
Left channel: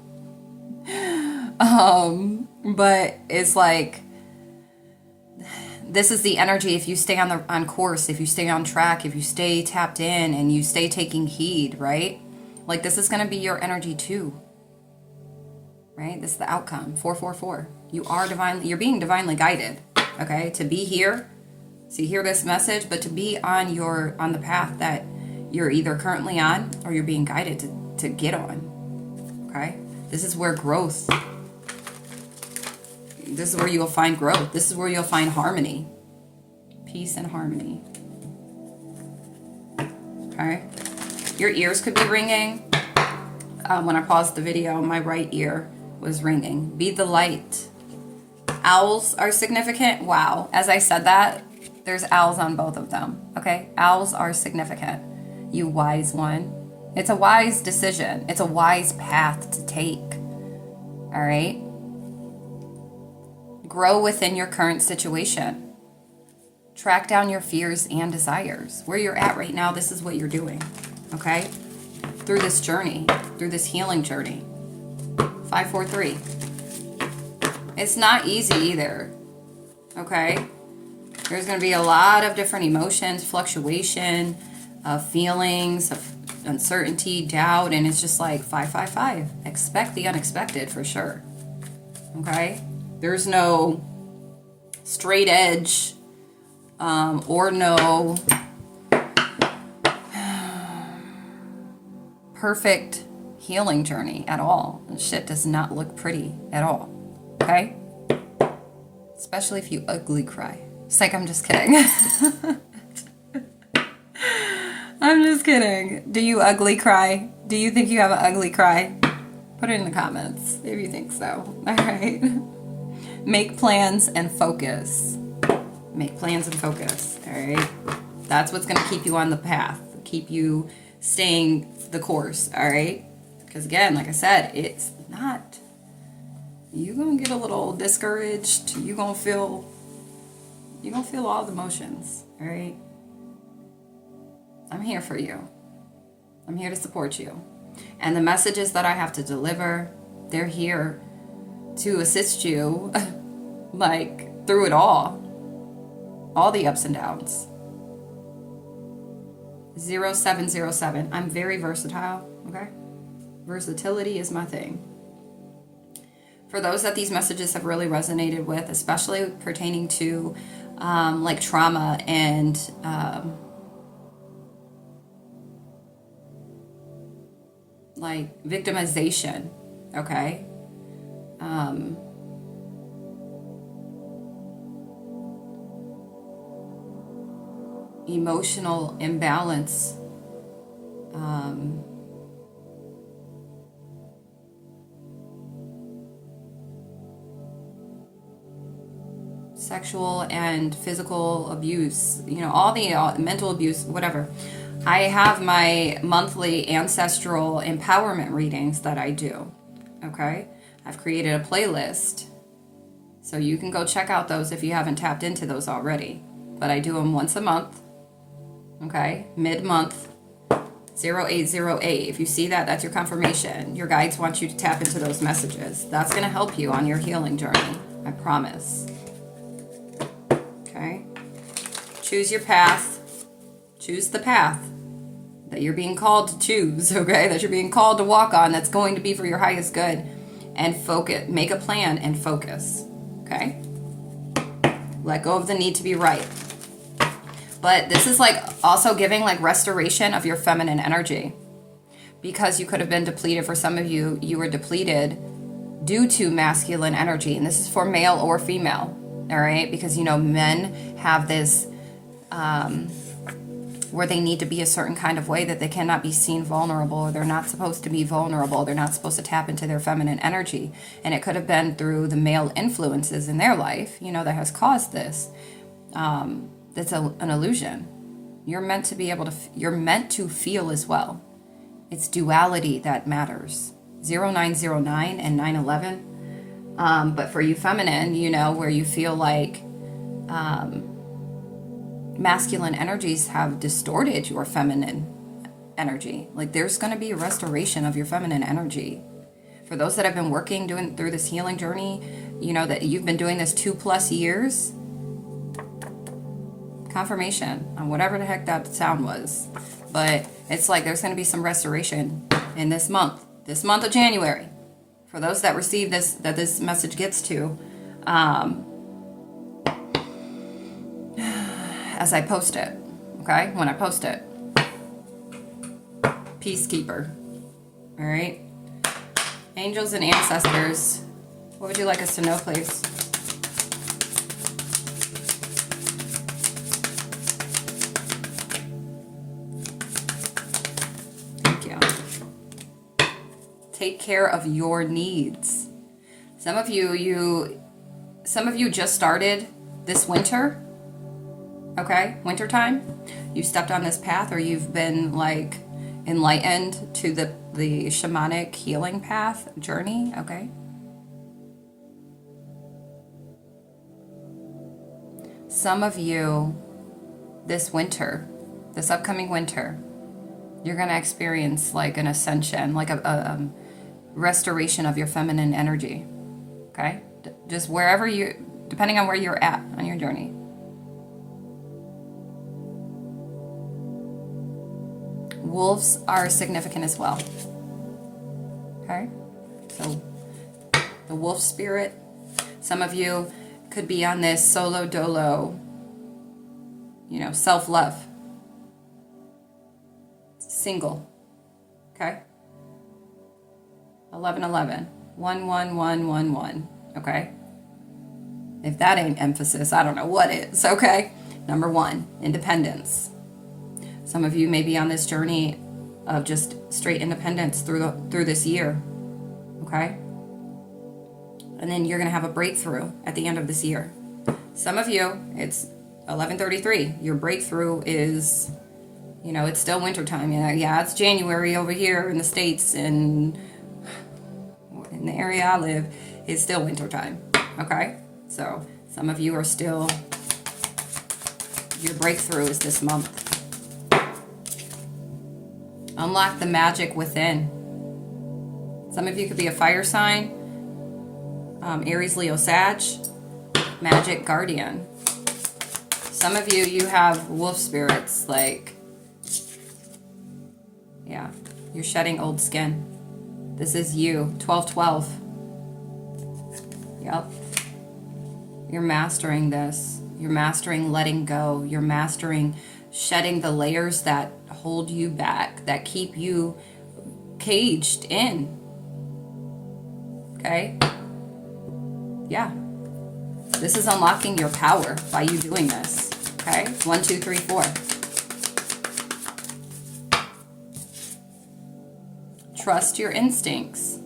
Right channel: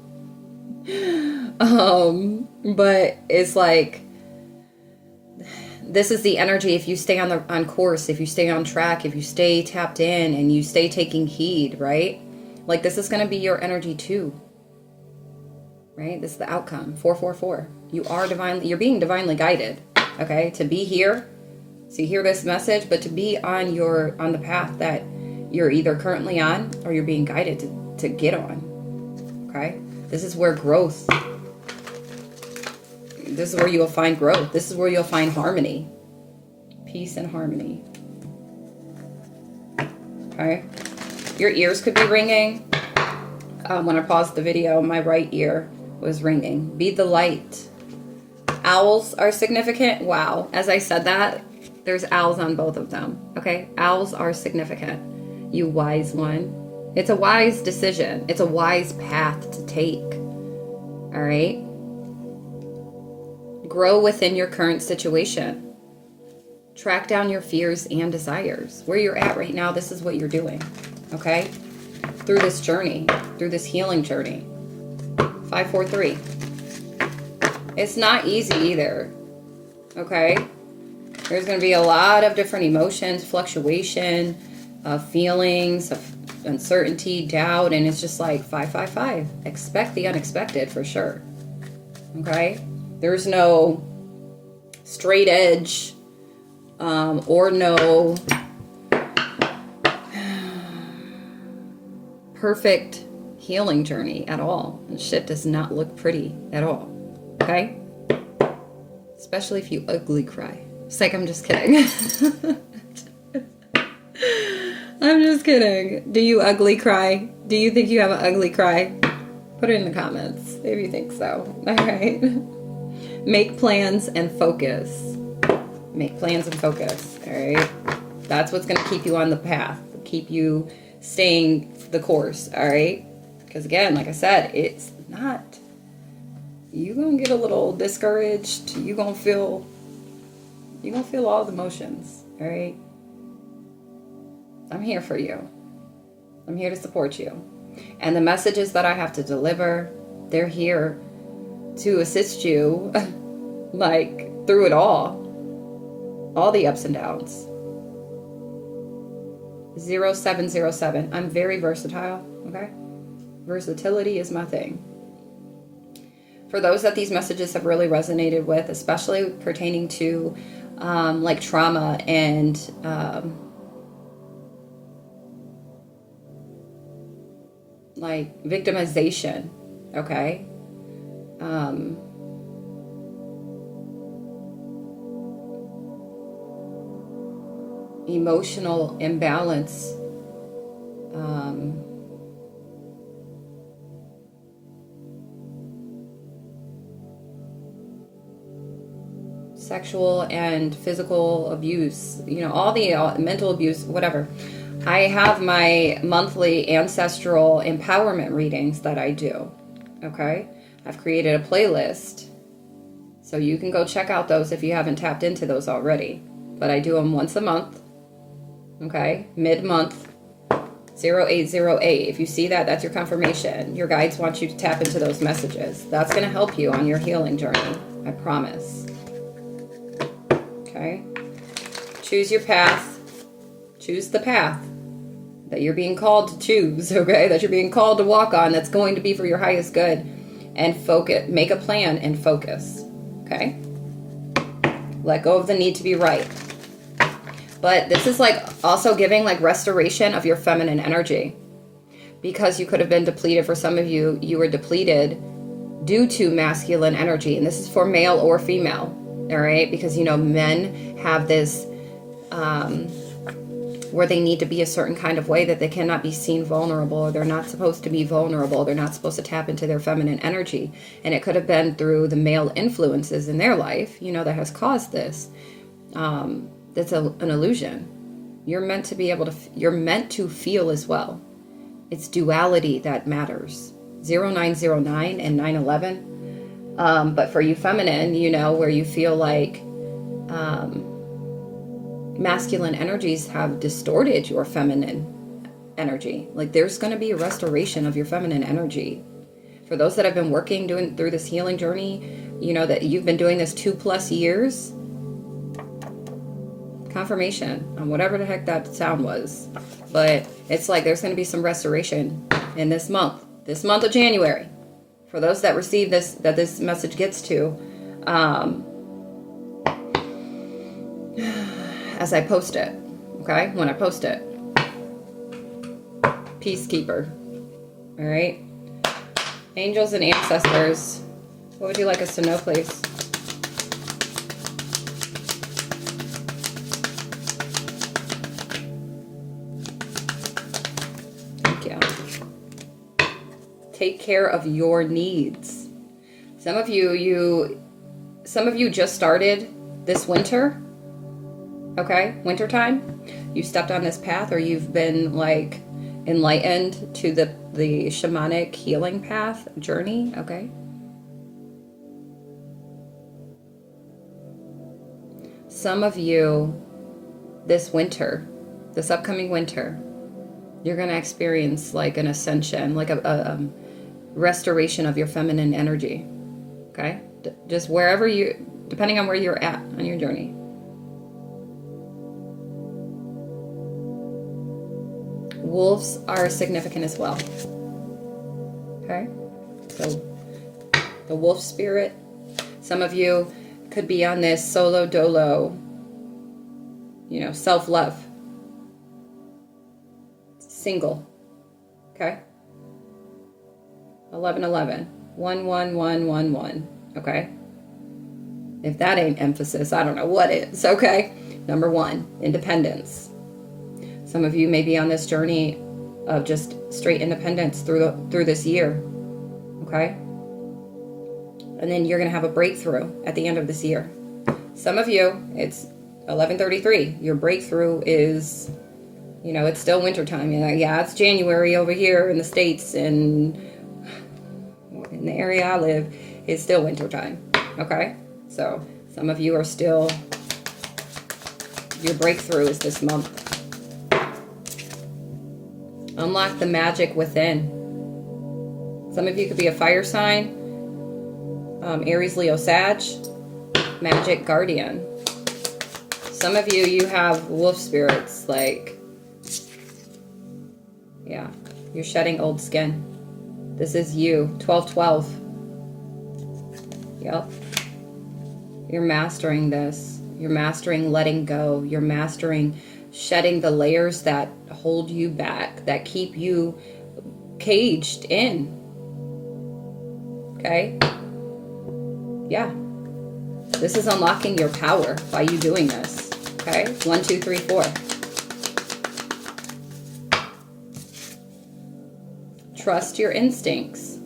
But it's like, this is the energy. If you stay on course, if you stay on track, if you stay tapped in and you stay taking heed, right? Like, this is going to be your energy too, right? This is the outcome. 444. You're being divinely guided. Okay, to be here, to hear this message, but to be on the path that you're either currently on or you're being guided to get on. Okay? This is where growth, this is where you'll find growth. This is where you'll find harmony. Peace and harmony. Okay? Your ears could be ringing. When I paused the video, my right ear was ringing. Be the light. Owls are significant. Wow. As I said that, there's owls on both of them. Okay? Owls are significant. You wise one. It's a wise decision. It's a wise path to take. All right? Grow within your current situation. Track down your fears and desires. Where you're at right now, this is what you're doing. Okay? Through this journey, through this healing journey. 543. It's not easy either. Okay? There's going to be a lot of different emotions, fluctuation, feelings of uncertainty, doubt, and it's just like 555. Expect the unexpected for sure. Okay? There's no straight edge or no perfect healing journey at all. And shit does not look pretty at all. Okay? Especially if you ugly cry. It's like, I'm just kidding. I'm just kidding. Do you ugly cry? Do you think you have an ugly cry? Put it in the comments if you think so. All right. Make plans and focus. Make plans and focus. All right. That's what's going to keep you on the path. Keep you staying the course. All right. Because again, like I said, it's not. You're going to get a little discouraged. You're going to feel all the emotions. All right. I'm here for you. I'm here to support you. And the messages that I have to deliver, they're here to assist you, like, through it all the ups and downs. 0707. I'm very versatile, okay? Versatility is my thing. For those that these messages have really resonated with, especially pertaining to, like, trauma and, like, victimization, okay? Emotional imbalance, sexual and physical abuse, all the mental abuse, whatever. I have my monthly ancestral empowerment readings that I do, okay? I've created a playlist, so you can go check out those if you haven't tapped into those already. But I do them once a month, okay? Mid-month, 0808. If you see that, that's your confirmation. Your guides want you to tap into those messages. That's going to help you on your healing journey, I promise. Okay? Choose your path. Choose the path that you're being called to choose, okay? That you're being called to walk on, that's going to be for your highest good. And focus. Make a plan and focus, okay? Let go of the need to be right. But this is like also giving like restoration of your feminine energy, because you could have been depleted. For some of you, you were depleted due to masculine energy. And this is for male or female, all right? Because, men have this where they need to be a certain kind of way, that they cannot be seen vulnerable. They're not supposed to be vulnerable. They're not supposed to tap into their feminine energy. And it could have been through the male influences in their life, that has caused this. That's an illusion. You're meant to be able to, you're meant to feel as well. It's duality that matters. 0909 and 911. But for you feminine, where you feel like masculine energies have distorted your feminine energy. Like, there's going to be a restoration of your feminine energy. For those that have been working, doing through this healing journey, that you've been doing this 2+ years, confirmation on whatever the heck that sound was. But it's like there's going to be some restoration in this month of January. For those that receive this, that this message gets to, as I post it, okay? When I post it. peacekeeper. All right. Angels and ancestors, what would you like us to know, please? Thank you. Take care of your needs. Some of you just started this winter. Okay, wintertime. You've stepped on this path, or you've been like enlightened to the shamanic healing path journey. Okay. Some of you this winter, this upcoming winter, you're going to experience like an ascension, like a restoration of your feminine energy. Okay? Just wherever you, depending on where you're at on your journey. Wolves are significant as well. Okay? So the wolf spirit, some of you could be on this solo dolo, self-love. Single. Okay? 1111. 11111. Okay? If that ain't emphasis, I don't know what is. Okay? Number 1, independence. Some of you may be on this journey of just straight independence through this year. Okay? And then you're going to have a breakthrough at the end of this year. Some of you, it's 11:33. Your breakthrough is, it's still wintertime. Yeah, it's January over here in the States, and in the area I live, it's still wintertime. Okay? So some of you are still, your breakthrough is this month. Unlock the magic within. Some of you could be a fire sign, Aries, Leo, Sag, magic guardian. Some of you have wolf spirits, like, yeah, you're shedding old skin. This is you, 1212. Yep. You're mastering this. You're mastering letting go. You're mastering shedding the layers that hold you back, that keep you caged in. Okay? Yeah. This is unlocking your power by you doing this. Okay? 1, 2, 3, 4. Trust your instincts.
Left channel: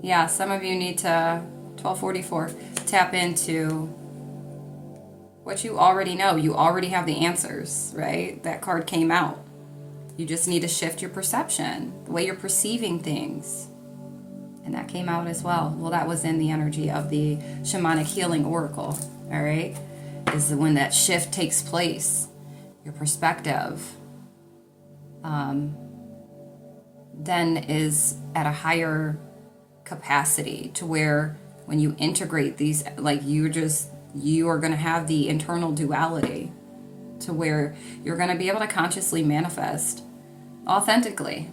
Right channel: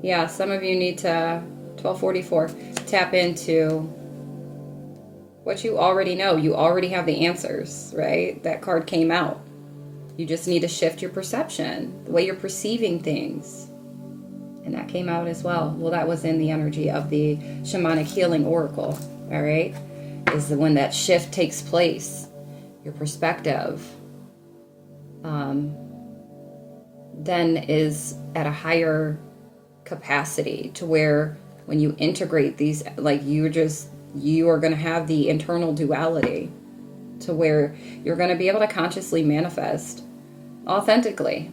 Yeah, some of you need to, 1244, tap into what you already know. You already have the answers, right? That card came out. You just need to shift your perception, the way you're perceiving things. And that came out as well. Well, that was in the energy of the shamanic healing oracle, all right? Is when that shift takes place, your perspective then is at a higher capacity, to where when you integrate these, like you are going to have the internal duality, to where you're going to be able to consciously manifest authentically.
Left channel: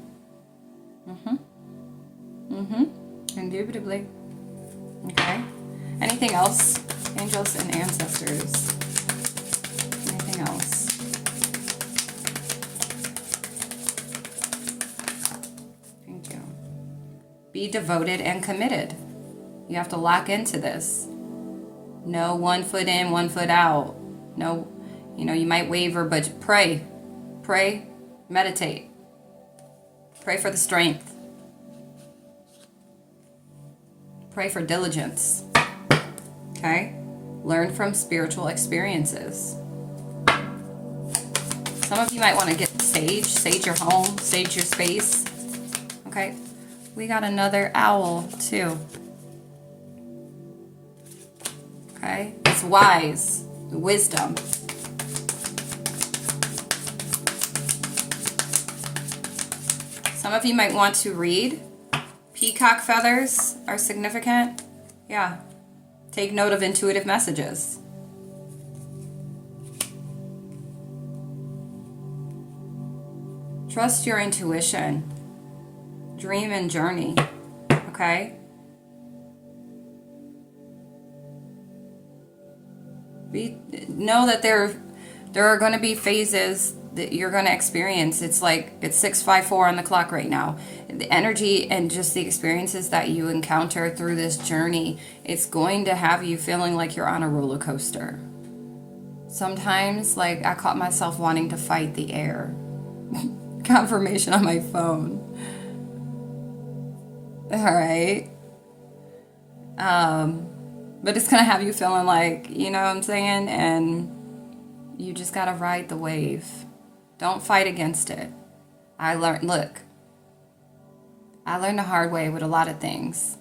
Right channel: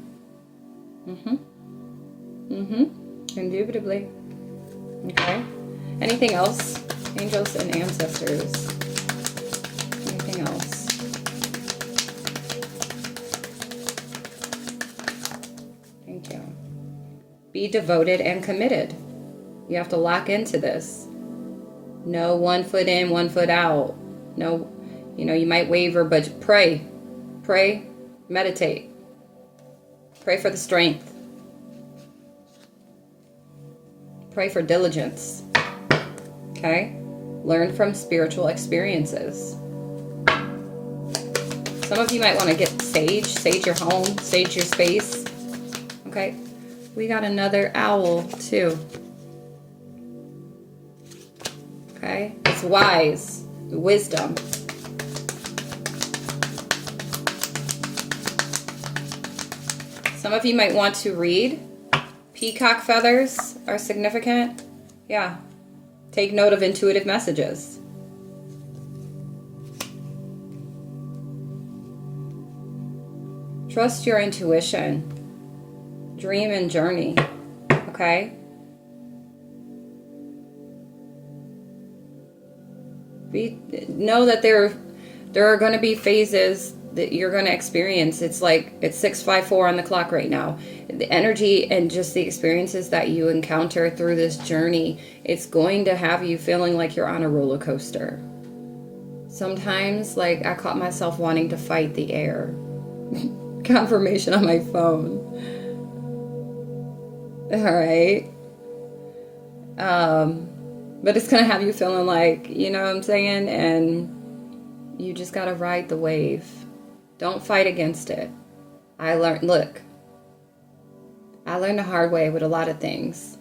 Indubitably. Okay. Anything else? Angels and ancestors. Anything else? Thank you. Be devoted and committed. You have to lock into this. No 1 foot in, 1 foot out. No, you might waver, but pray. Pray, meditate. Pray for the strength. Pray for diligence. Okay? Learn from spiritual experiences. Some of you might want to get sage your home, sage your space. Okay? We got another owl too. Okay? It's wise, wisdom. Some of you might want to read. Peacock feathers are significant. Yeah. Take note of intuitive messages. Trust your intuition. Dream and journey. Okay? Know that there are going to be phases that you're going to experience. It's like it's 6:54 on the clock right now. The energy and just the experiences that you encounter through this journey, it's going to have you feeling like you're on a roller coaster. Sometimes, like, I caught myself wanting to fight the air. Confirmation on my phone. All right. But it's going to have you feeling like, you know what I'm saying? And you just got to ride the wave. Don't fight against it. I learned the hard way with a lot of things.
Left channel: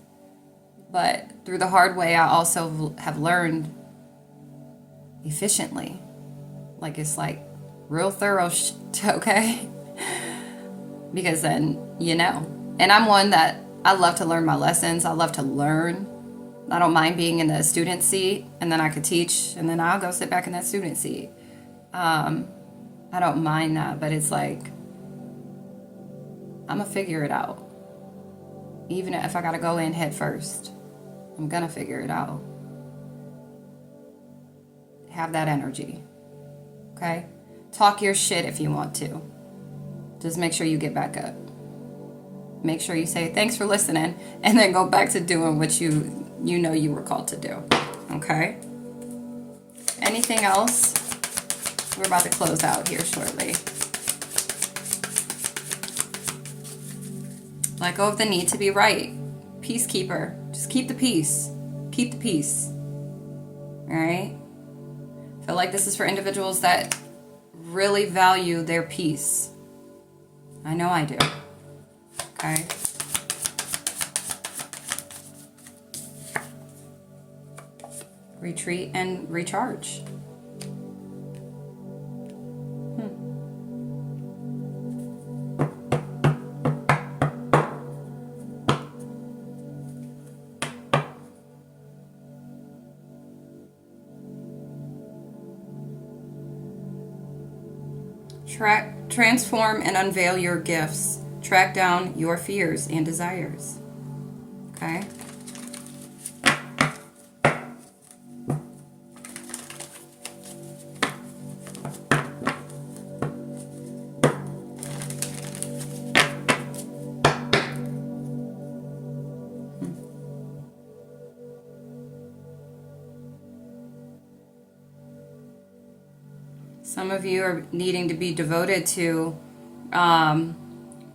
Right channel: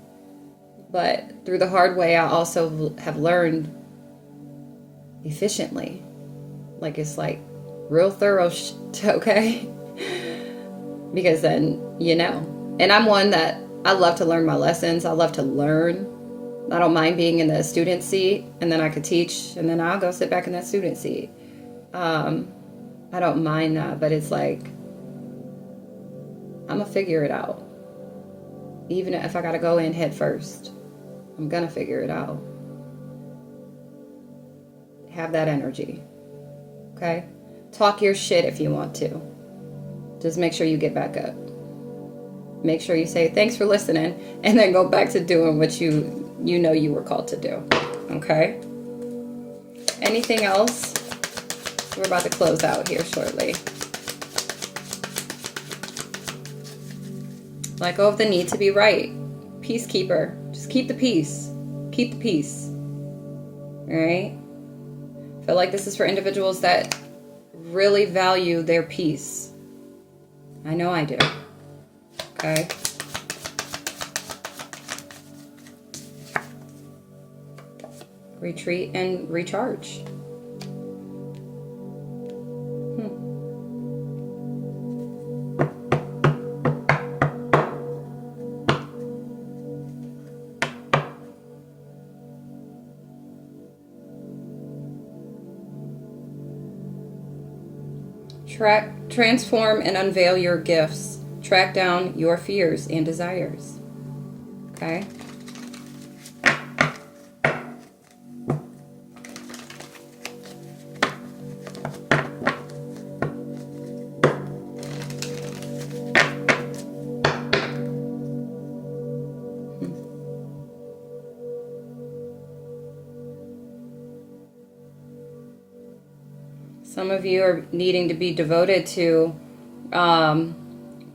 But through the hard way, I also have learned efficiently. Like, it's like real thorough okay? Because then, you know. And I'm one that I love to learn my lessons. I love to learn. I don't mind being in the student seat, and then I could teach, and then I'll go sit back in that student seat. I don't mind that, but it's like, I'm going to figure it out. Even if I got to go in head first, I'm going to figure it out. Have that energy. Okay? Talk your shit if you want to. Just make sure you get back up. Make sure you say, thanks for listening, and then go back to doing what you know you were called to do. Okay? Anything else? We're about to close out here shortly. Let go of the need to be right. Peacekeeper. Just keep the peace. Keep the peace. Alright? I feel like this is for individuals that really value their peace. I know I do. Okay? Retreat and recharge. Transform and unveil your gifts. Track down your fears and desires. Okay? Some of you are needing to be devoted to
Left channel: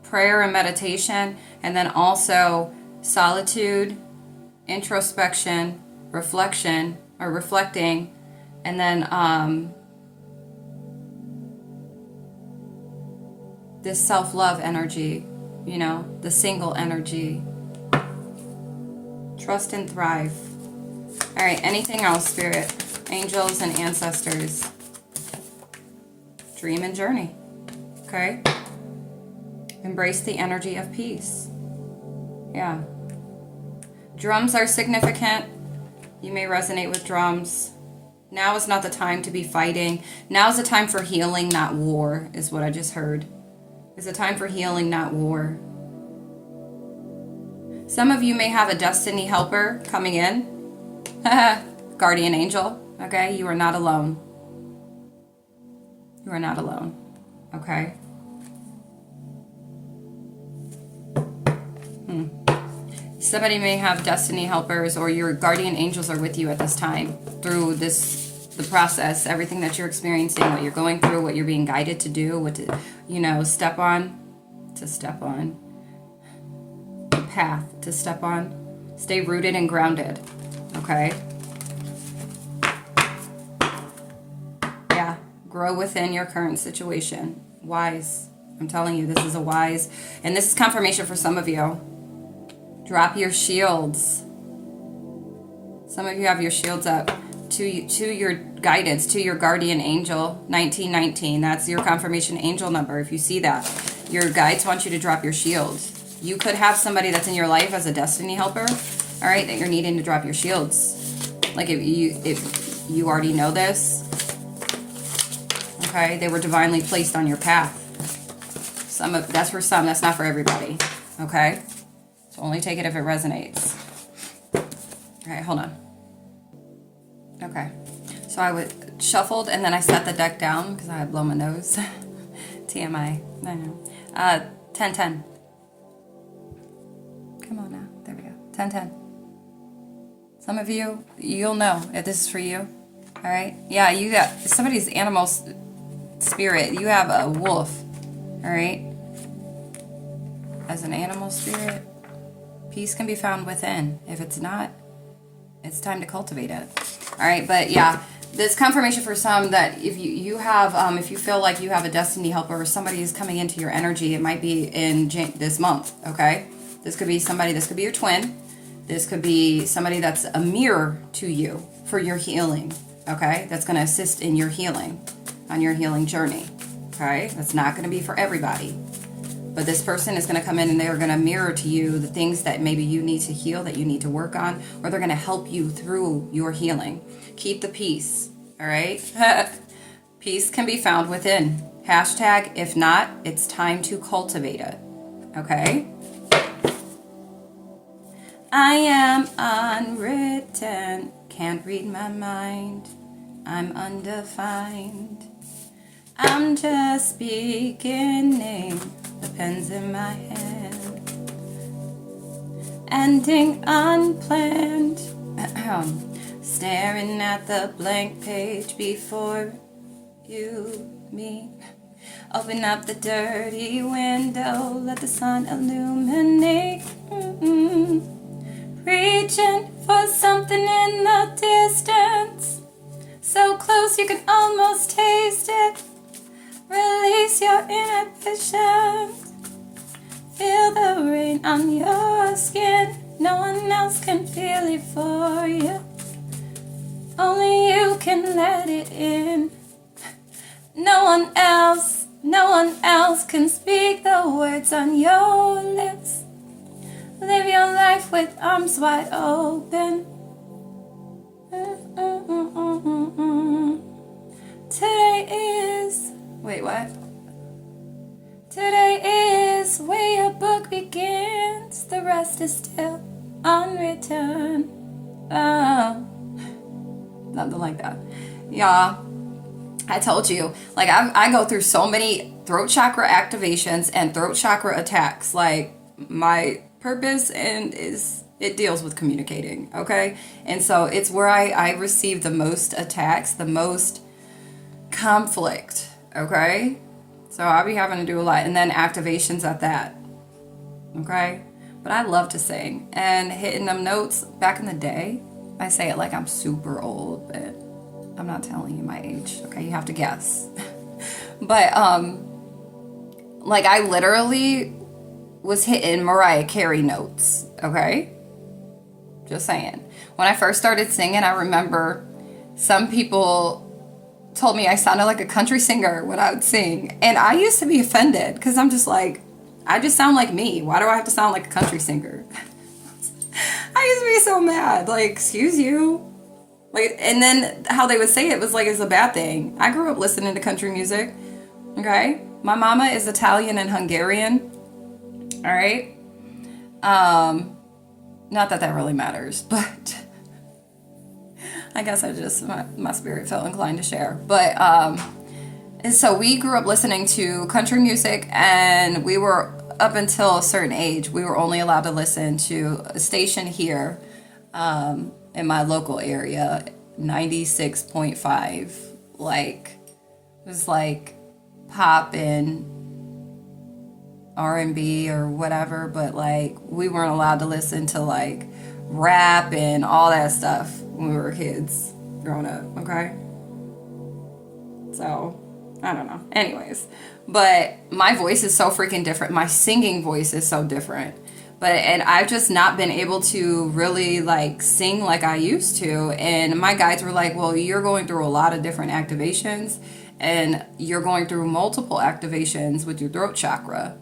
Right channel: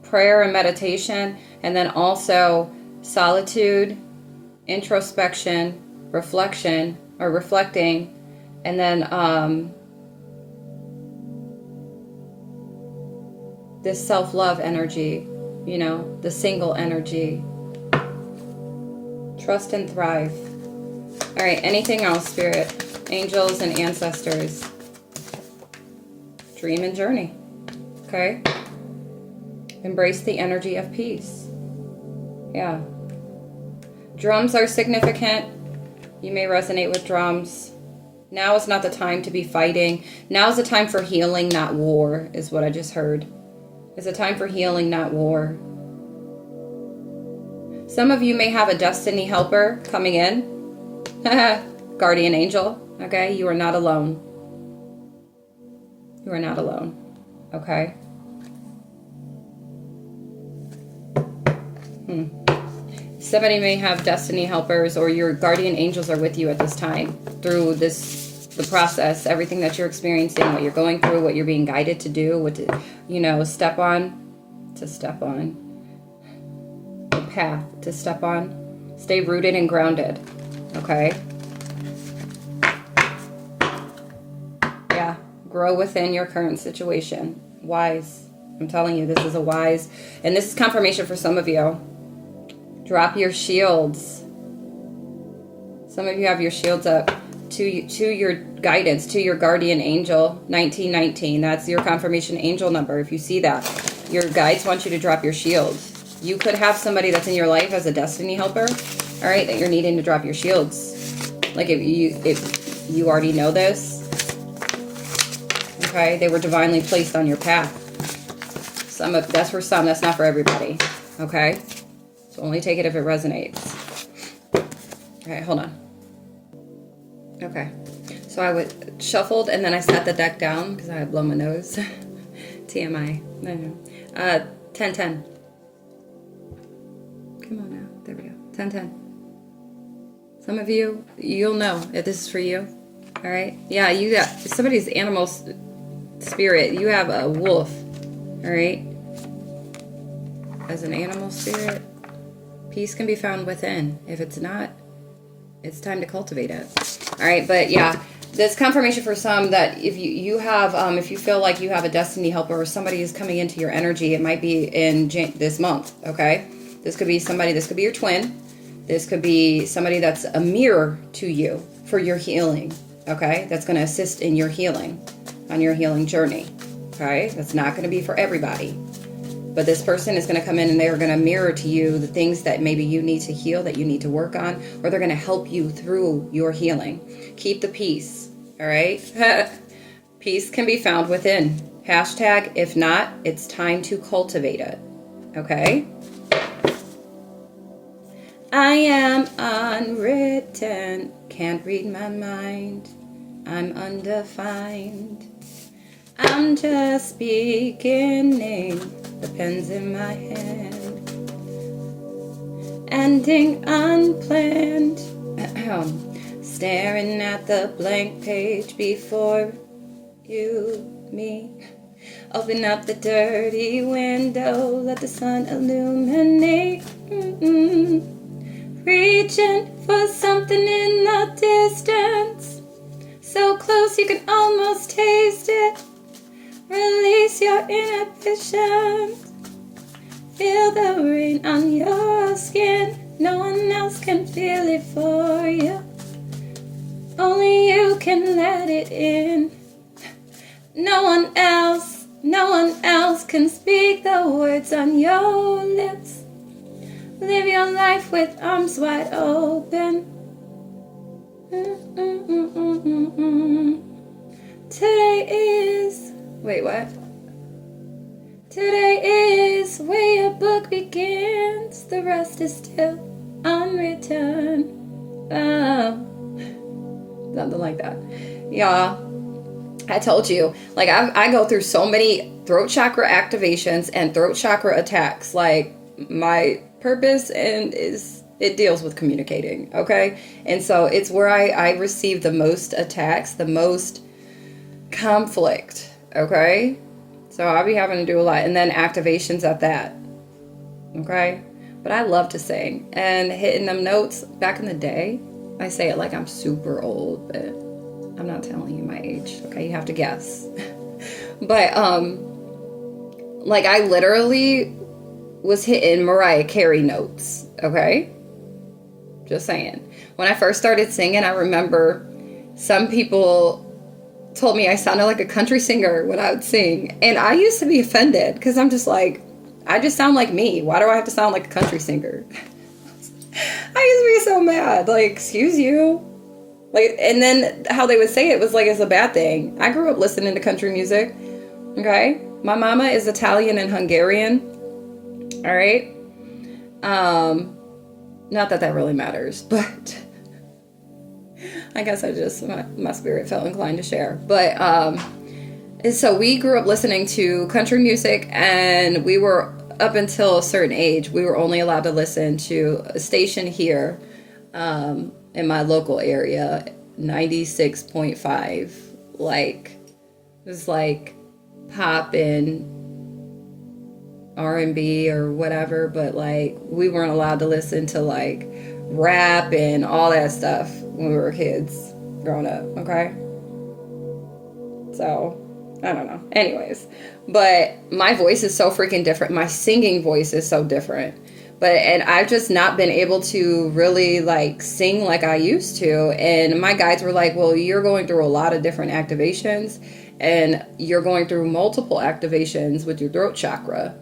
prayer and meditation, and then also solitude, introspection, reflection, or reflecting, and then this self-love energy, you know, the single energy. Trust and thrive. All right, anything else, Spirit? Angels and ancestors. Dream and journey. Okay? Embrace the energy of peace. Yeah. Drums are significant. You may resonate with drums. Now is not the time to be fighting. Now is the time for healing, not war, is what I just heard. It's a time for healing, not war. Some of you may have a destiny helper coming in. Guardian angel. Okay? You are not alone. You are not alone. Okay? Somebody may have destiny helpers, or your guardian angels are with you at this time through the process, everything that you're experiencing, what you're going through, what you're being guided to do, what to, step on, the path to step on. Stay rooted and grounded. Okay? Yeah. Grow within your current situation. Wise. I'm telling you, this is a wise, and this is confirmation for some of you. Drop your shields. Some of you have your shields up to your guidance, to your guardian angel, 1919. That's your confirmation angel number. If you see that, your guides want you to drop your shields. You could have somebody that's in your life as a destiny helper, all right, that you're needing to drop your shields. Like if you already know this, okay, they were divinely placed on your path. That's for some. That's not for everybody. Okay. So only take it if it resonates. All right, hold on. Okay. So I shuffled and then I set the deck down because I had blown my nose. TMI. I know. 1010. Come on now. There we go. 1010. Some of you, you'll know if this is for you. All right? Yeah, you got somebody's animal spirit. You have a wolf. All right? As an animal spirit, peace can be found within. If it's not, it's time to cultivate it. All right? But yeah, this confirmation for some that if you have, if you feel like you have a destiny helper or somebody is coming into your energy, it might be in this month. Okay? This could be somebody, this could be your twin. This could be somebody that's a mirror to you for your healing, okay? That's going to assist in your healing, on your healing journey, okay? That's not going to be for everybody. But this person is going to come in and they're going to mirror to you the things that maybe you need to heal, that you need to work on, or they're going to help you through your healing. Keep the peace, all right? Peace can be found within. Hashtag, if not, it's time to cultivate it, okay? I am unwritten, can't read my mind, I'm undefined. I'm just beginning, the pen's in my hand. Ending unplanned, staring at the blank page before you, me. Open up the dirty window, let the sun illuminate. Reaching for something in the distance, so close you can almost taste it. Release your inhibitions. Feel the rain on your skin. No one else can feel it for you. Only you can let it in. No one else can speak the words on your lips. Live your life with arms wide open. Today is... Wait, what? Today is where your book begins. The rest is still unwritten. Something like that. Yeah. I told you. Like, I go through so many throat chakra activations and throat chakra attacks. Like, my purpose and it deals with communicating, okay? And so it's where I receive the most attacks, the most conflict, okay? So I'll be having to do a lot, and then activations at that, okay? But I love to sing, and hitting them notes back in the day, I say it like I'm super old, but I'm not telling you my age, okay? You have to guess. But like I literally was hitting Mariah Carey notes, okay? Just saying. When I first started singing, I remember some people told me I sounded like a country singer when I would sing. And I used to be offended because I'm just like, I just sound like me. Why do I have to sound like a country singer? I used to be so mad. Like, excuse you. Like, and then how they would say it was like it's a bad thing. I grew up listening to country music, okay? My mama is Italian and Hungarian. All right. Not that that really matters, but I guess my spirit felt inclined to share. But so we grew up listening to country music, and we were up until a certain age, we were only allowed to listen to a station here in my local area, 96.5. Like, it was like pop and R&B or whatever, but like we weren't allowed to listen to like rap and all that stuff when we were kids growing up, okay? So I don't know. Anyways, but my voice is so freaking different. My singing voice is so different. And I've just not been able to really like sing like I used to. And my guides were like, well, you're going through a lot of different activations, and you're going through multiple activations with your throat chakra.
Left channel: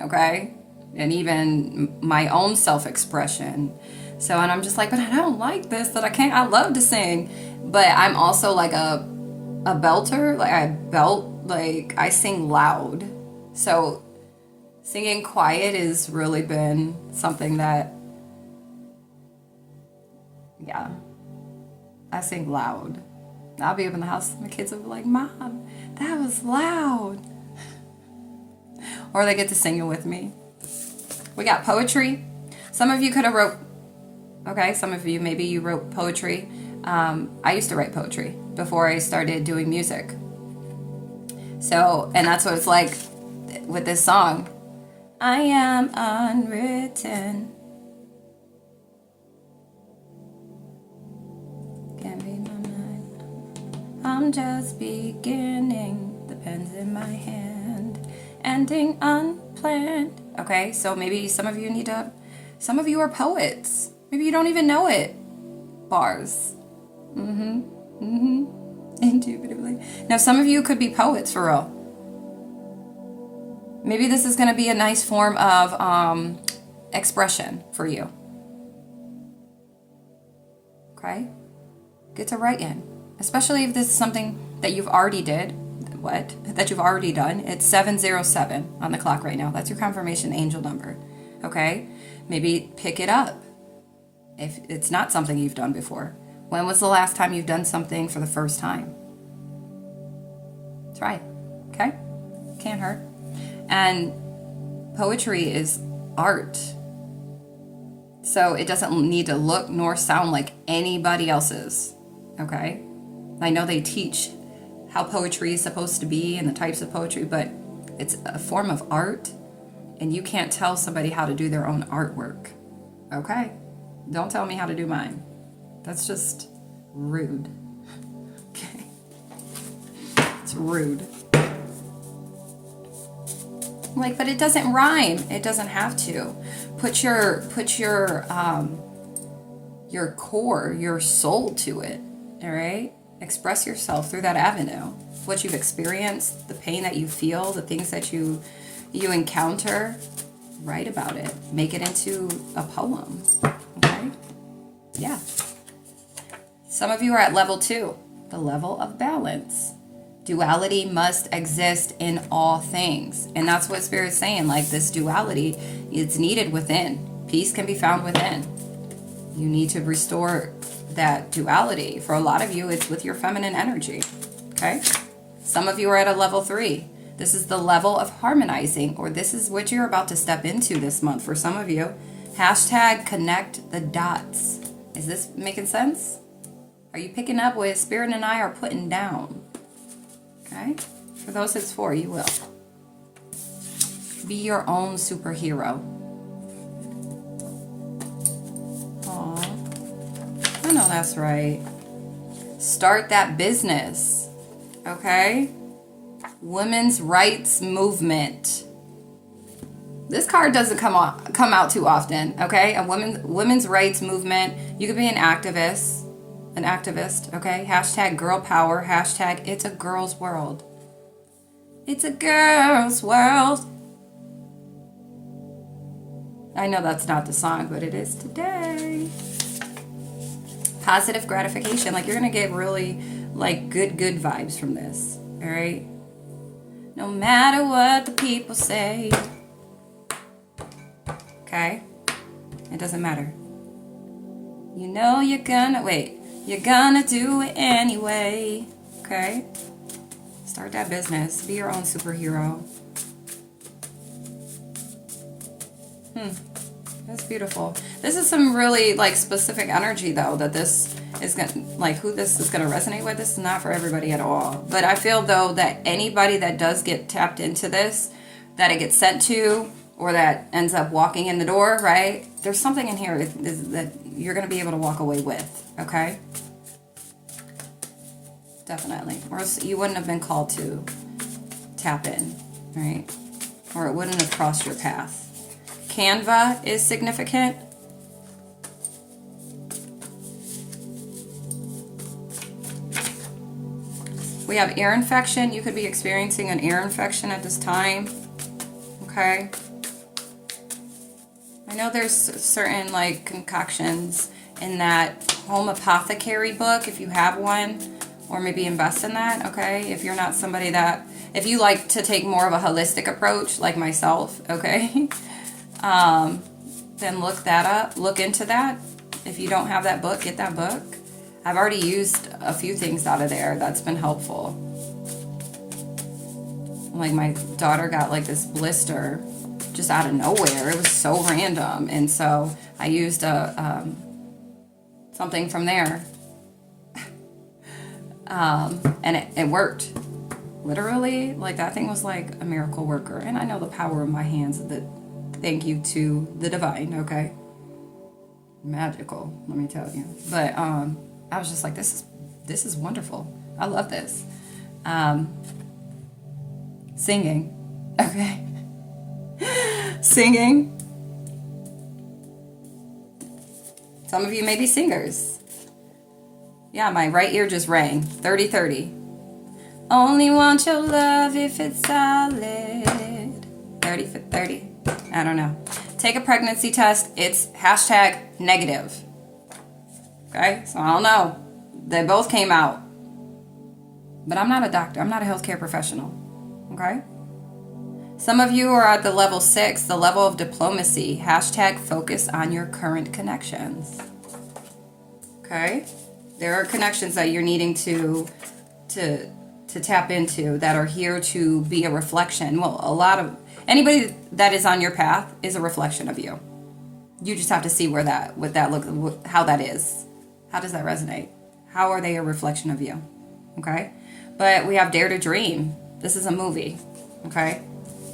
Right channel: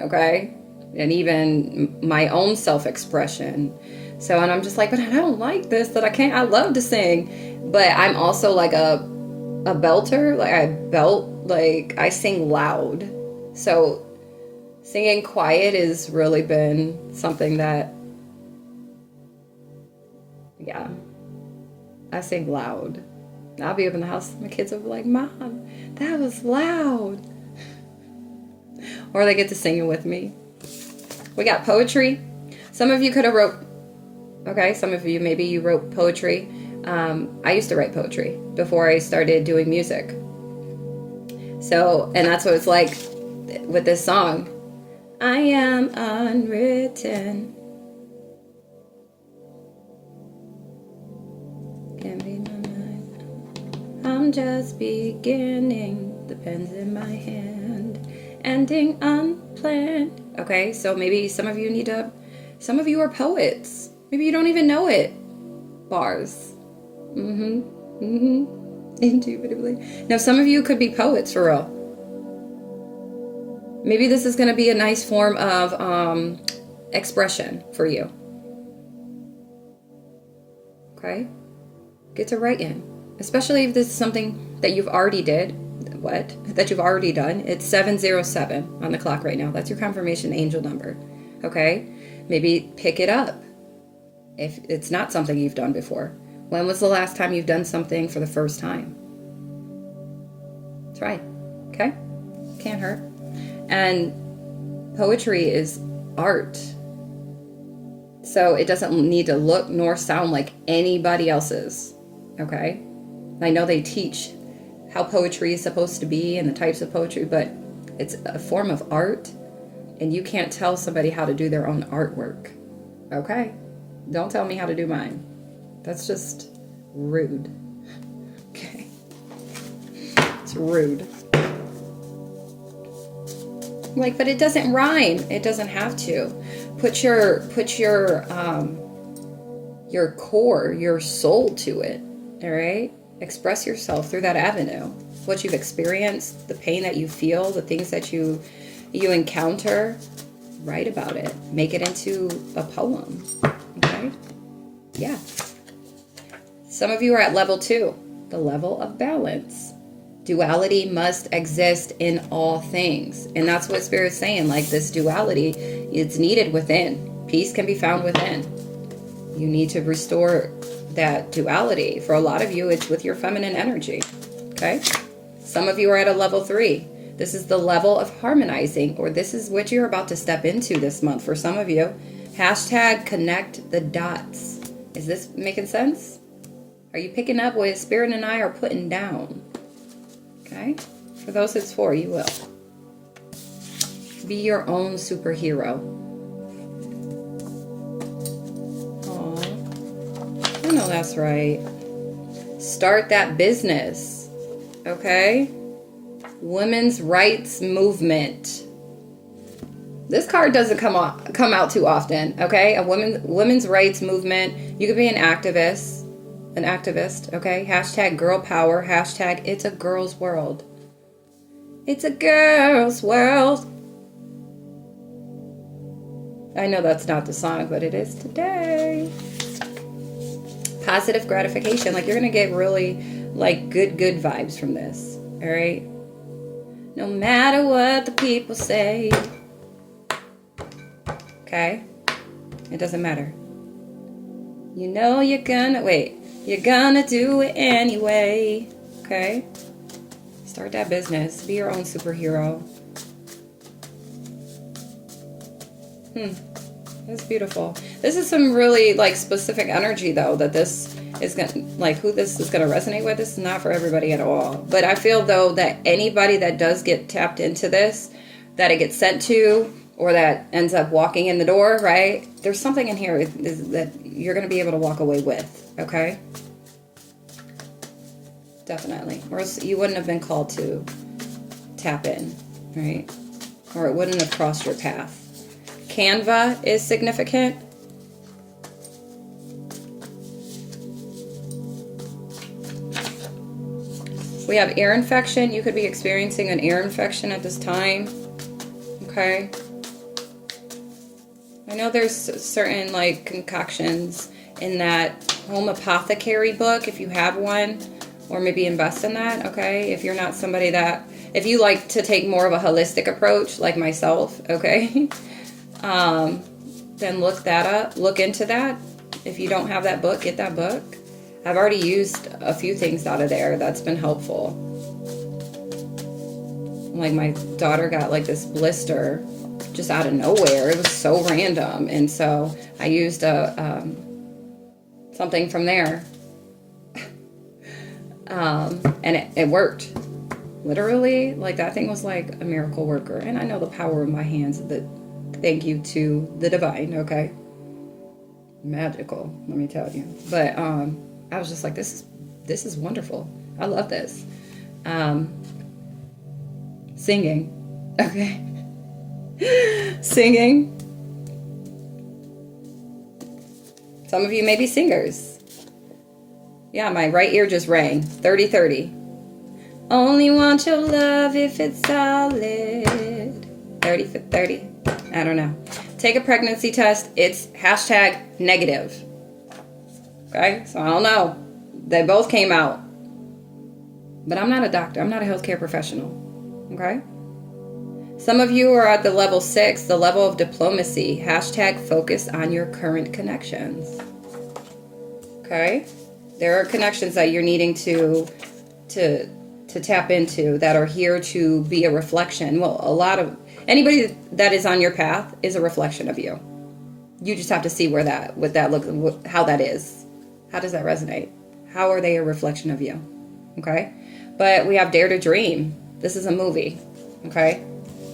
Okay? And even my own self-expression. So, and I'm just like, but I don't like this, that I love to sing. But I'm also like a belter. Like I belt, like I sing loud. So singing quiet has really been something that, yeah, I sing loud. I'll be up in the house, my kids will be like, Mom, that was loud. Or they get to sing it with me. We got poetry. Some of you could have wrote, okay, some of you, maybe you wrote poetry. I used to write poetry before I started doing music. So, and that's what it's like with this song. I am unwritten. Can't be my mind. I'm just beginning. The pen's in my hand. Ending unplanned. Okay, so maybe some of you need to, some of you are poets. Maybe you don't even know it. Bars. Intuitively. Now, some of you could be poets for real. Maybe this is going to be a nice form of expression for you. Okay? Get to write in. Especially if this is something that you've already that you've already done. It's 707 on the clock right now. That's your confirmation angel number. Okay? Maybe pick it up if it's not something you've done before. When was the last time you've done something for the first time? Try it. Okay? Can't hurt. And poetry is art. So it doesn't need to look nor sound like anybody else's. Okay? I know they teach how poetry is supposed to be and the types of poetry, but it's a form of art, and you can't tell somebody how to do their own artwork. Okay? Don't tell me how to do mine. That's just rude. Okay? It's rude. Like, but it doesn't rhyme. It doesn't have to. Put your core, your soul to it. All right? Express yourself through that avenue. What you've experienced, the pain that you feel, the things that you encounter. Write about it. Make it into a poem. Okay? Yeah. Some of you are at level 2, the level of balance. Duality must exist in all things. And that's what Spirit's saying. Like, this duality, it's needed within. Peace can be found within. You need to restore that duality. For a lot of you, it's with your feminine energy. Okay? Some of you are at a level 3. This is the level of harmonizing, or this is what you're about to step into this month. For some of you, hashtag connect the dots. Is this making sense? Are you picking up what Spirit and I are putting down? Okay? For those it's for, you will. Be your own superhero. Aw. I know that's right. Start that business. Okay? Women's rights movement. This card doesn't come out too often. Okay? A women's rights movement. You could be an activist. Okay? Hashtag girl power. Hashtag it's a girl's world. It's a girl's world. I know that's not the song, but it is today. Positive gratification. Like, you're going to get really, like, good vibes from this. All right? No matter what the people say. Okay? It doesn't matter. You know you're gonna do it anyway. Okay? Start that business. Be your own superhero. That's beautiful. This is some really, like, specific energy, though, that this is gonna, like, who this is gonna resonate with. This is not for everybody at all. But I feel, though, that anybody that does get tapped into this, that it gets sent to, or that ends up walking in the door, right? There's something in here that you're going to be able to walk away with, okay? Definitely. Or else you wouldn't have been called to tap in, right? Or it wouldn't have crossed your path. Canva is significant. We have ear infection. You could be experiencing an ear infection at this time, okay? I know there's certain, like, concoctions in that home apothecary book, if you have one, or maybe invest in that, okay? If you're not somebody that, if you like to take more of a holistic approach, like myself, okay? Then look that up, look into that. If you don't have that book, get that book. I've already used a few things out of there. That's been helpful. Like my daughter got like this blister just out of nowhere. It was so random. And so I used something from there. And it worked. Literally, like that thing was like a miracle worker. And I know the power of my hands. Thank you to the divine, okay? Magical, let me tell you. But I was just like, this is wonderful. I love this. Singing, okay? Singing. Some of you may be singers. Yeah, my right ear just rang. 30-30. Only want your love if it's solid. 30 for 30. I don't know. Take a pregnancy test. It's hashtag negative. Okay? So I don't know. They both came out. But I'm not a doctor. I'm not a healthcare professional. Okay? Some of you are at the level 6, the level of diplomacy. Hashtag focus on your current connections. Okay? There are connections that you're needing to tap into that are here to be a reflection. Well, anybody that is on your path is a reflection of you. You just have to see what that looks, how that is. How does that resonate? How are they a reflection of you? Okay? But we have Dare to Dream. This is a movie. Okay?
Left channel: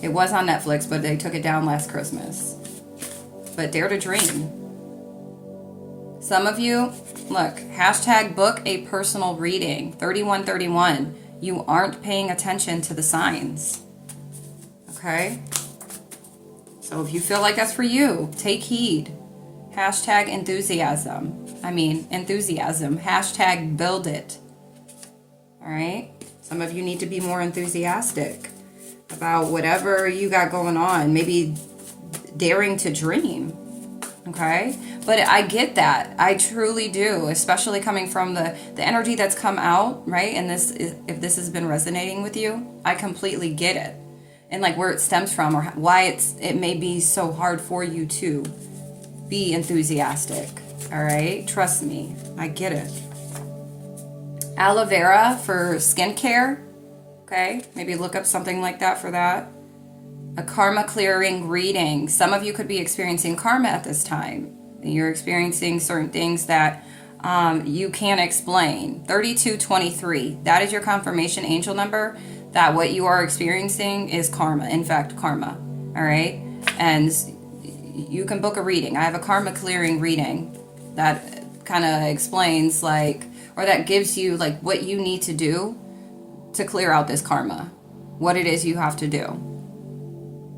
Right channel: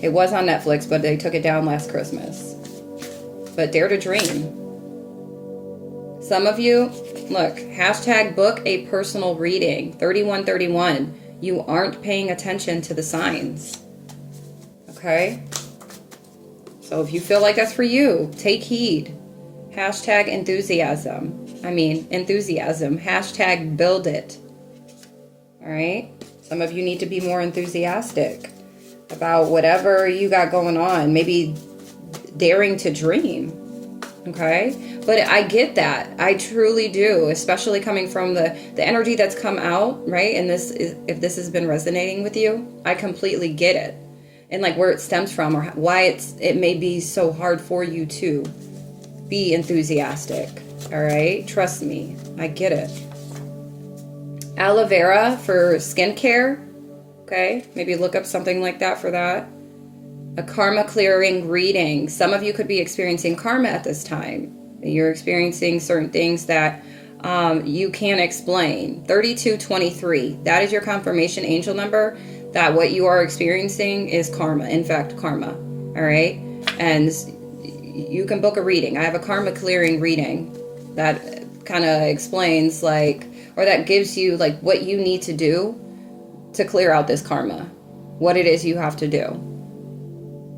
It was on Netflix, but they took it down last Christmas. But Dare to Dream. Some of you, look, hashtag book a personal reading. 3131. You aren't paying attention to the signs. Okay? So if you feel like that's for you, take heed. Hashtag enthusiasm. Hashtag build it. All right? Some of you need to be more enthusiastic about whatever you got going on. Maybe daring to dream. Okay? But I get that. I truly do, especially coming from the energy that's come out, right? And if this has been resonating with you, I completely get it. And like where it stems from or why it may be so hard for you to be enthusiastic. All right? Trust me. I get it. Aloe vera for skincare. Okay? Maybe look up something like that for that. A karma clearing reading. Some of you could be experiencing karma at this time. You're experiencing certain things that you can't explain. 3223. That is your confirmation angel number that what you are experiencing is karma. In fact, karma. All right? And you can book a reading. I have a karma clearing reading that kind of explains or that gives you what you need to do to clear out this karma. What it is you have to do.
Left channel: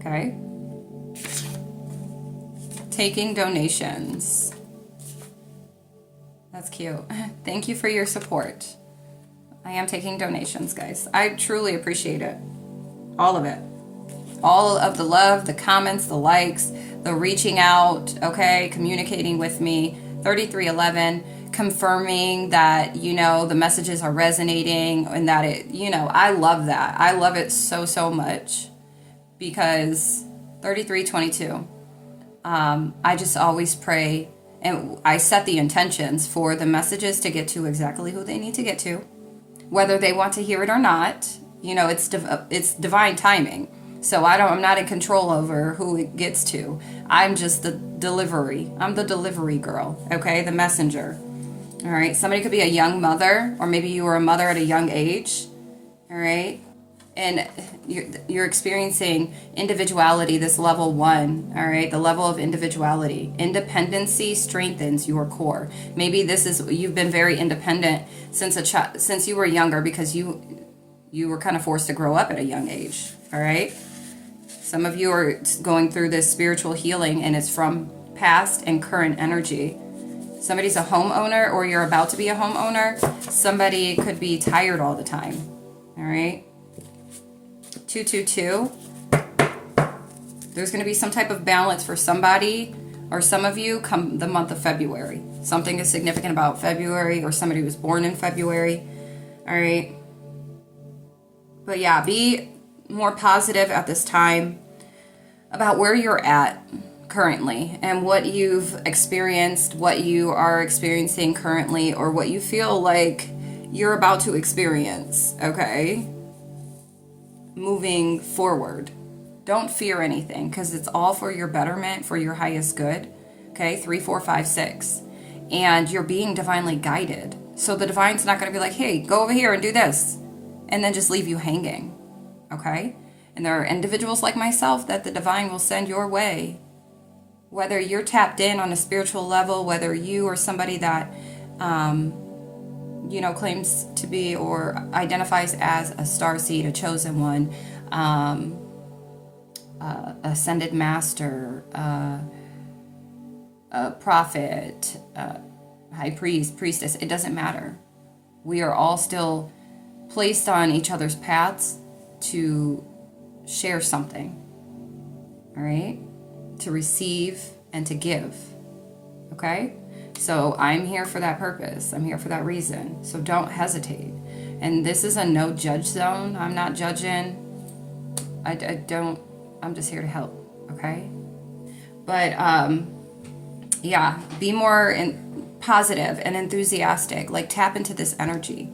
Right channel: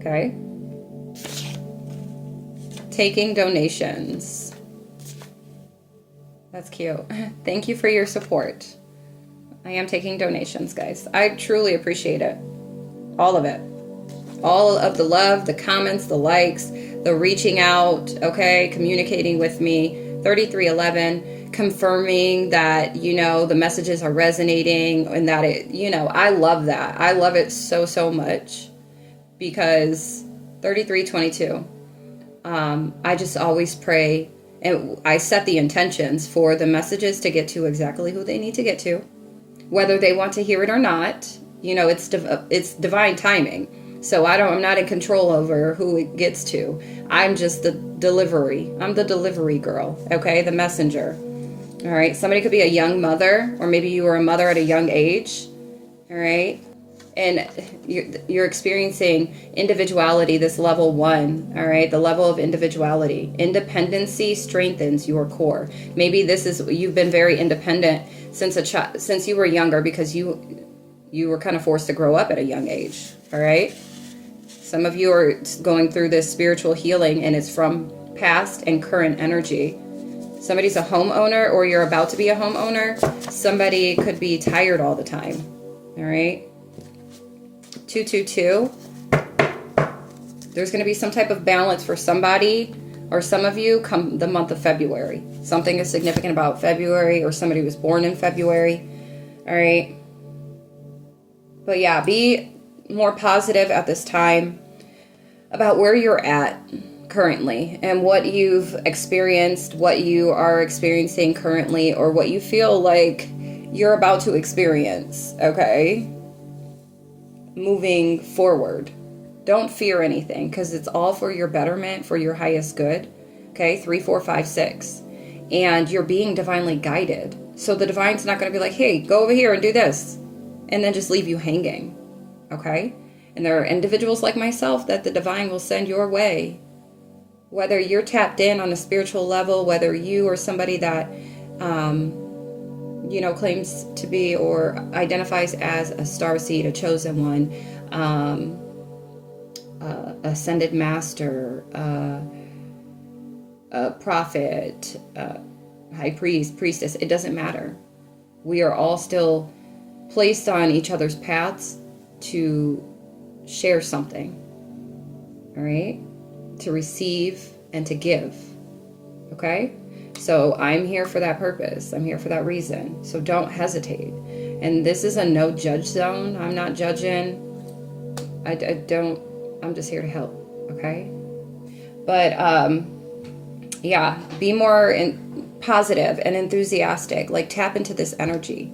Okay? Taking donations. That's cute. Thank you for your support. I am taking donations, guys. I truly appreciate it. All of it. All of the love, the comments, the likes, the reaching out, okay? Communicating with me. 3311. Confirming that, the messages are resonating and that I love that. I love it so, so much. Because 3322, I just always pray and I set the intentions for the messages to get to exactly who they need to get to, whether they want to hear it or not. It's divine timing. So I'm not in control over who it gets to. I'm just the delivery. I'm the delivery girl, okay? The messenger. All right? Somebody could be a young mother, or maybe you were a mother at a young age, all right? And you're experiencing individuality, this level 1, all right? The level of individuality. Independency strengthens your core. Maybe you've been very independent since you were younger because you were kind of forced to grow up at a young age, all right? Some of you are going through this spiritual healing and it's from past and current energy. Somebody's a homeowner or you're about to be a homeowner. Somebody could be tired all the time, all right? 222. There's going to be some type of balance for somebody or some of you come the month of February. Something is significant about February or somebody was born in February. All right. But yeah, be more positive at this time about where you're at currently and what you've experienced, what you are experiencing currently, or what you feel like you're about to experience. Okay. moving forward. Don't fear anything, because it's all for your betterment, for your highest good. Okay, 3, 4, 5, 6. And you're being divinely guided. So the divine's not going to be like, hey, go over here and do this, and then just leave you hanging. Okay? And there are individuals like myself that the divine will send your way. Whether you're tapped in on a spiritual level, whether you are somebody that, claims to be or identifies as a starseed, a chosen one, ascended master, a prophet, high priest, priestess, it doesn't matter. We are all still placed on each other's paths to share something, all right? To receive and to give, okay? So I'm here for that purpose. I'm here for that reason. So don't hesitate. And this is a no judge zone. I'm not judging. I'm just here to help, okay? But be more positive and enthusiastic. Like, tap into this energy,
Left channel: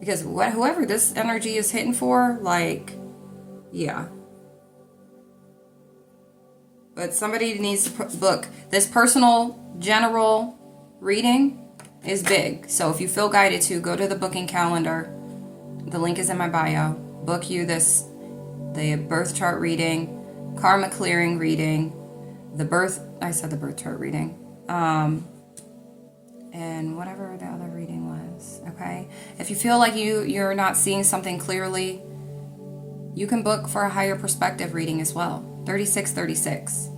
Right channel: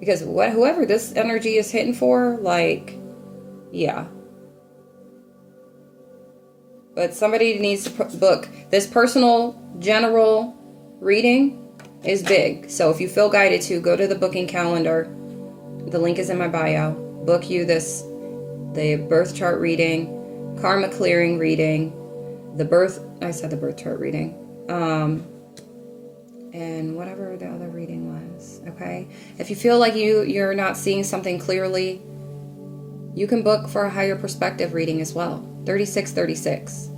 because whoever this energy is hitting for, like, yeah. But somebody needs to book this personal general reading is big. So if you feel guided to, go to the booking calendar. The link is in my bio. Book you the birth chart reading, karma clearing reading, the birth chart reading, and whatever the other reading was, okay? If you feel like you're not seeing something clearly, you can book for a higher perspective reading as well, 3636,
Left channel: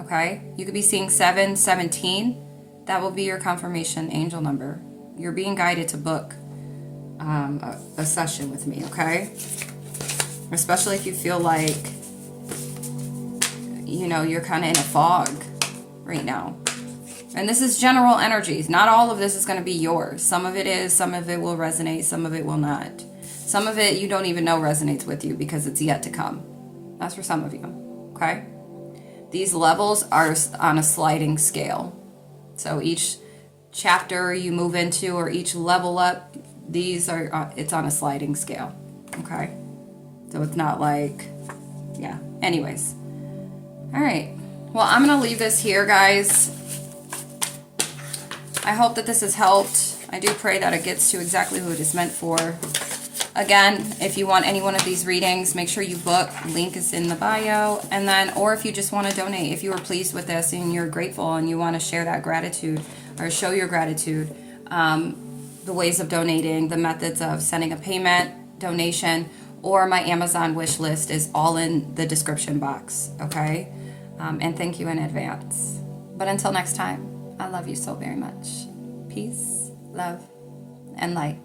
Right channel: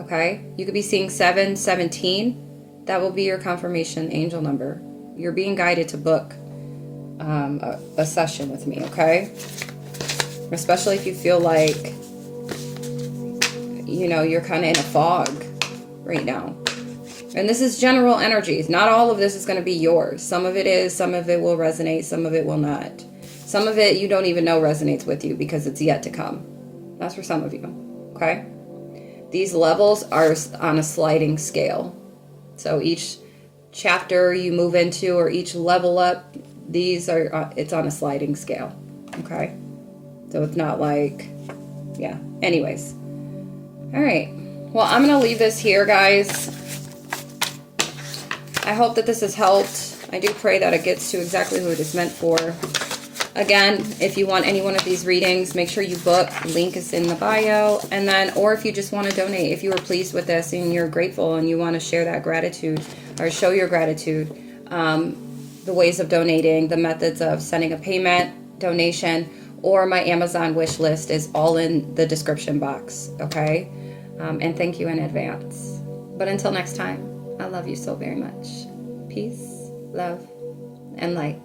okay? You could be seeing 717. That will be your confirmation angel number. You're being guided to book a session with me, okay? Especially if you feel like, you're kind of in a fog right now. And this is general energies. Not all of this is going to be yours. Some of it is, some of it will resonate, some of it will not. Some of it you don't even know resonates with you because it's yet to come. That's for some of you, okay? These levels are on a sliding scale. So each chapter you move into, or each level up, it's on a sliding scale, okay? So it's not like, yeah. Anyways. All right. Well, I'm going to leave this here, guys. I hope that this has helped. I do pray that it gets to exactly who it is meant for. Again, if you want any one of these readings, make sure you book. Link is in the bio. And then, or if you just want to donate, if you were pleased with this and you're grateful and you want to share that gratitude or show your gratitude, the ways of donating, the methods of sending a payment, donation, or my Amazon wish list is all in the description box, okay? And thank you in advance. But until next time, I love you so very much. Peace, love, and light.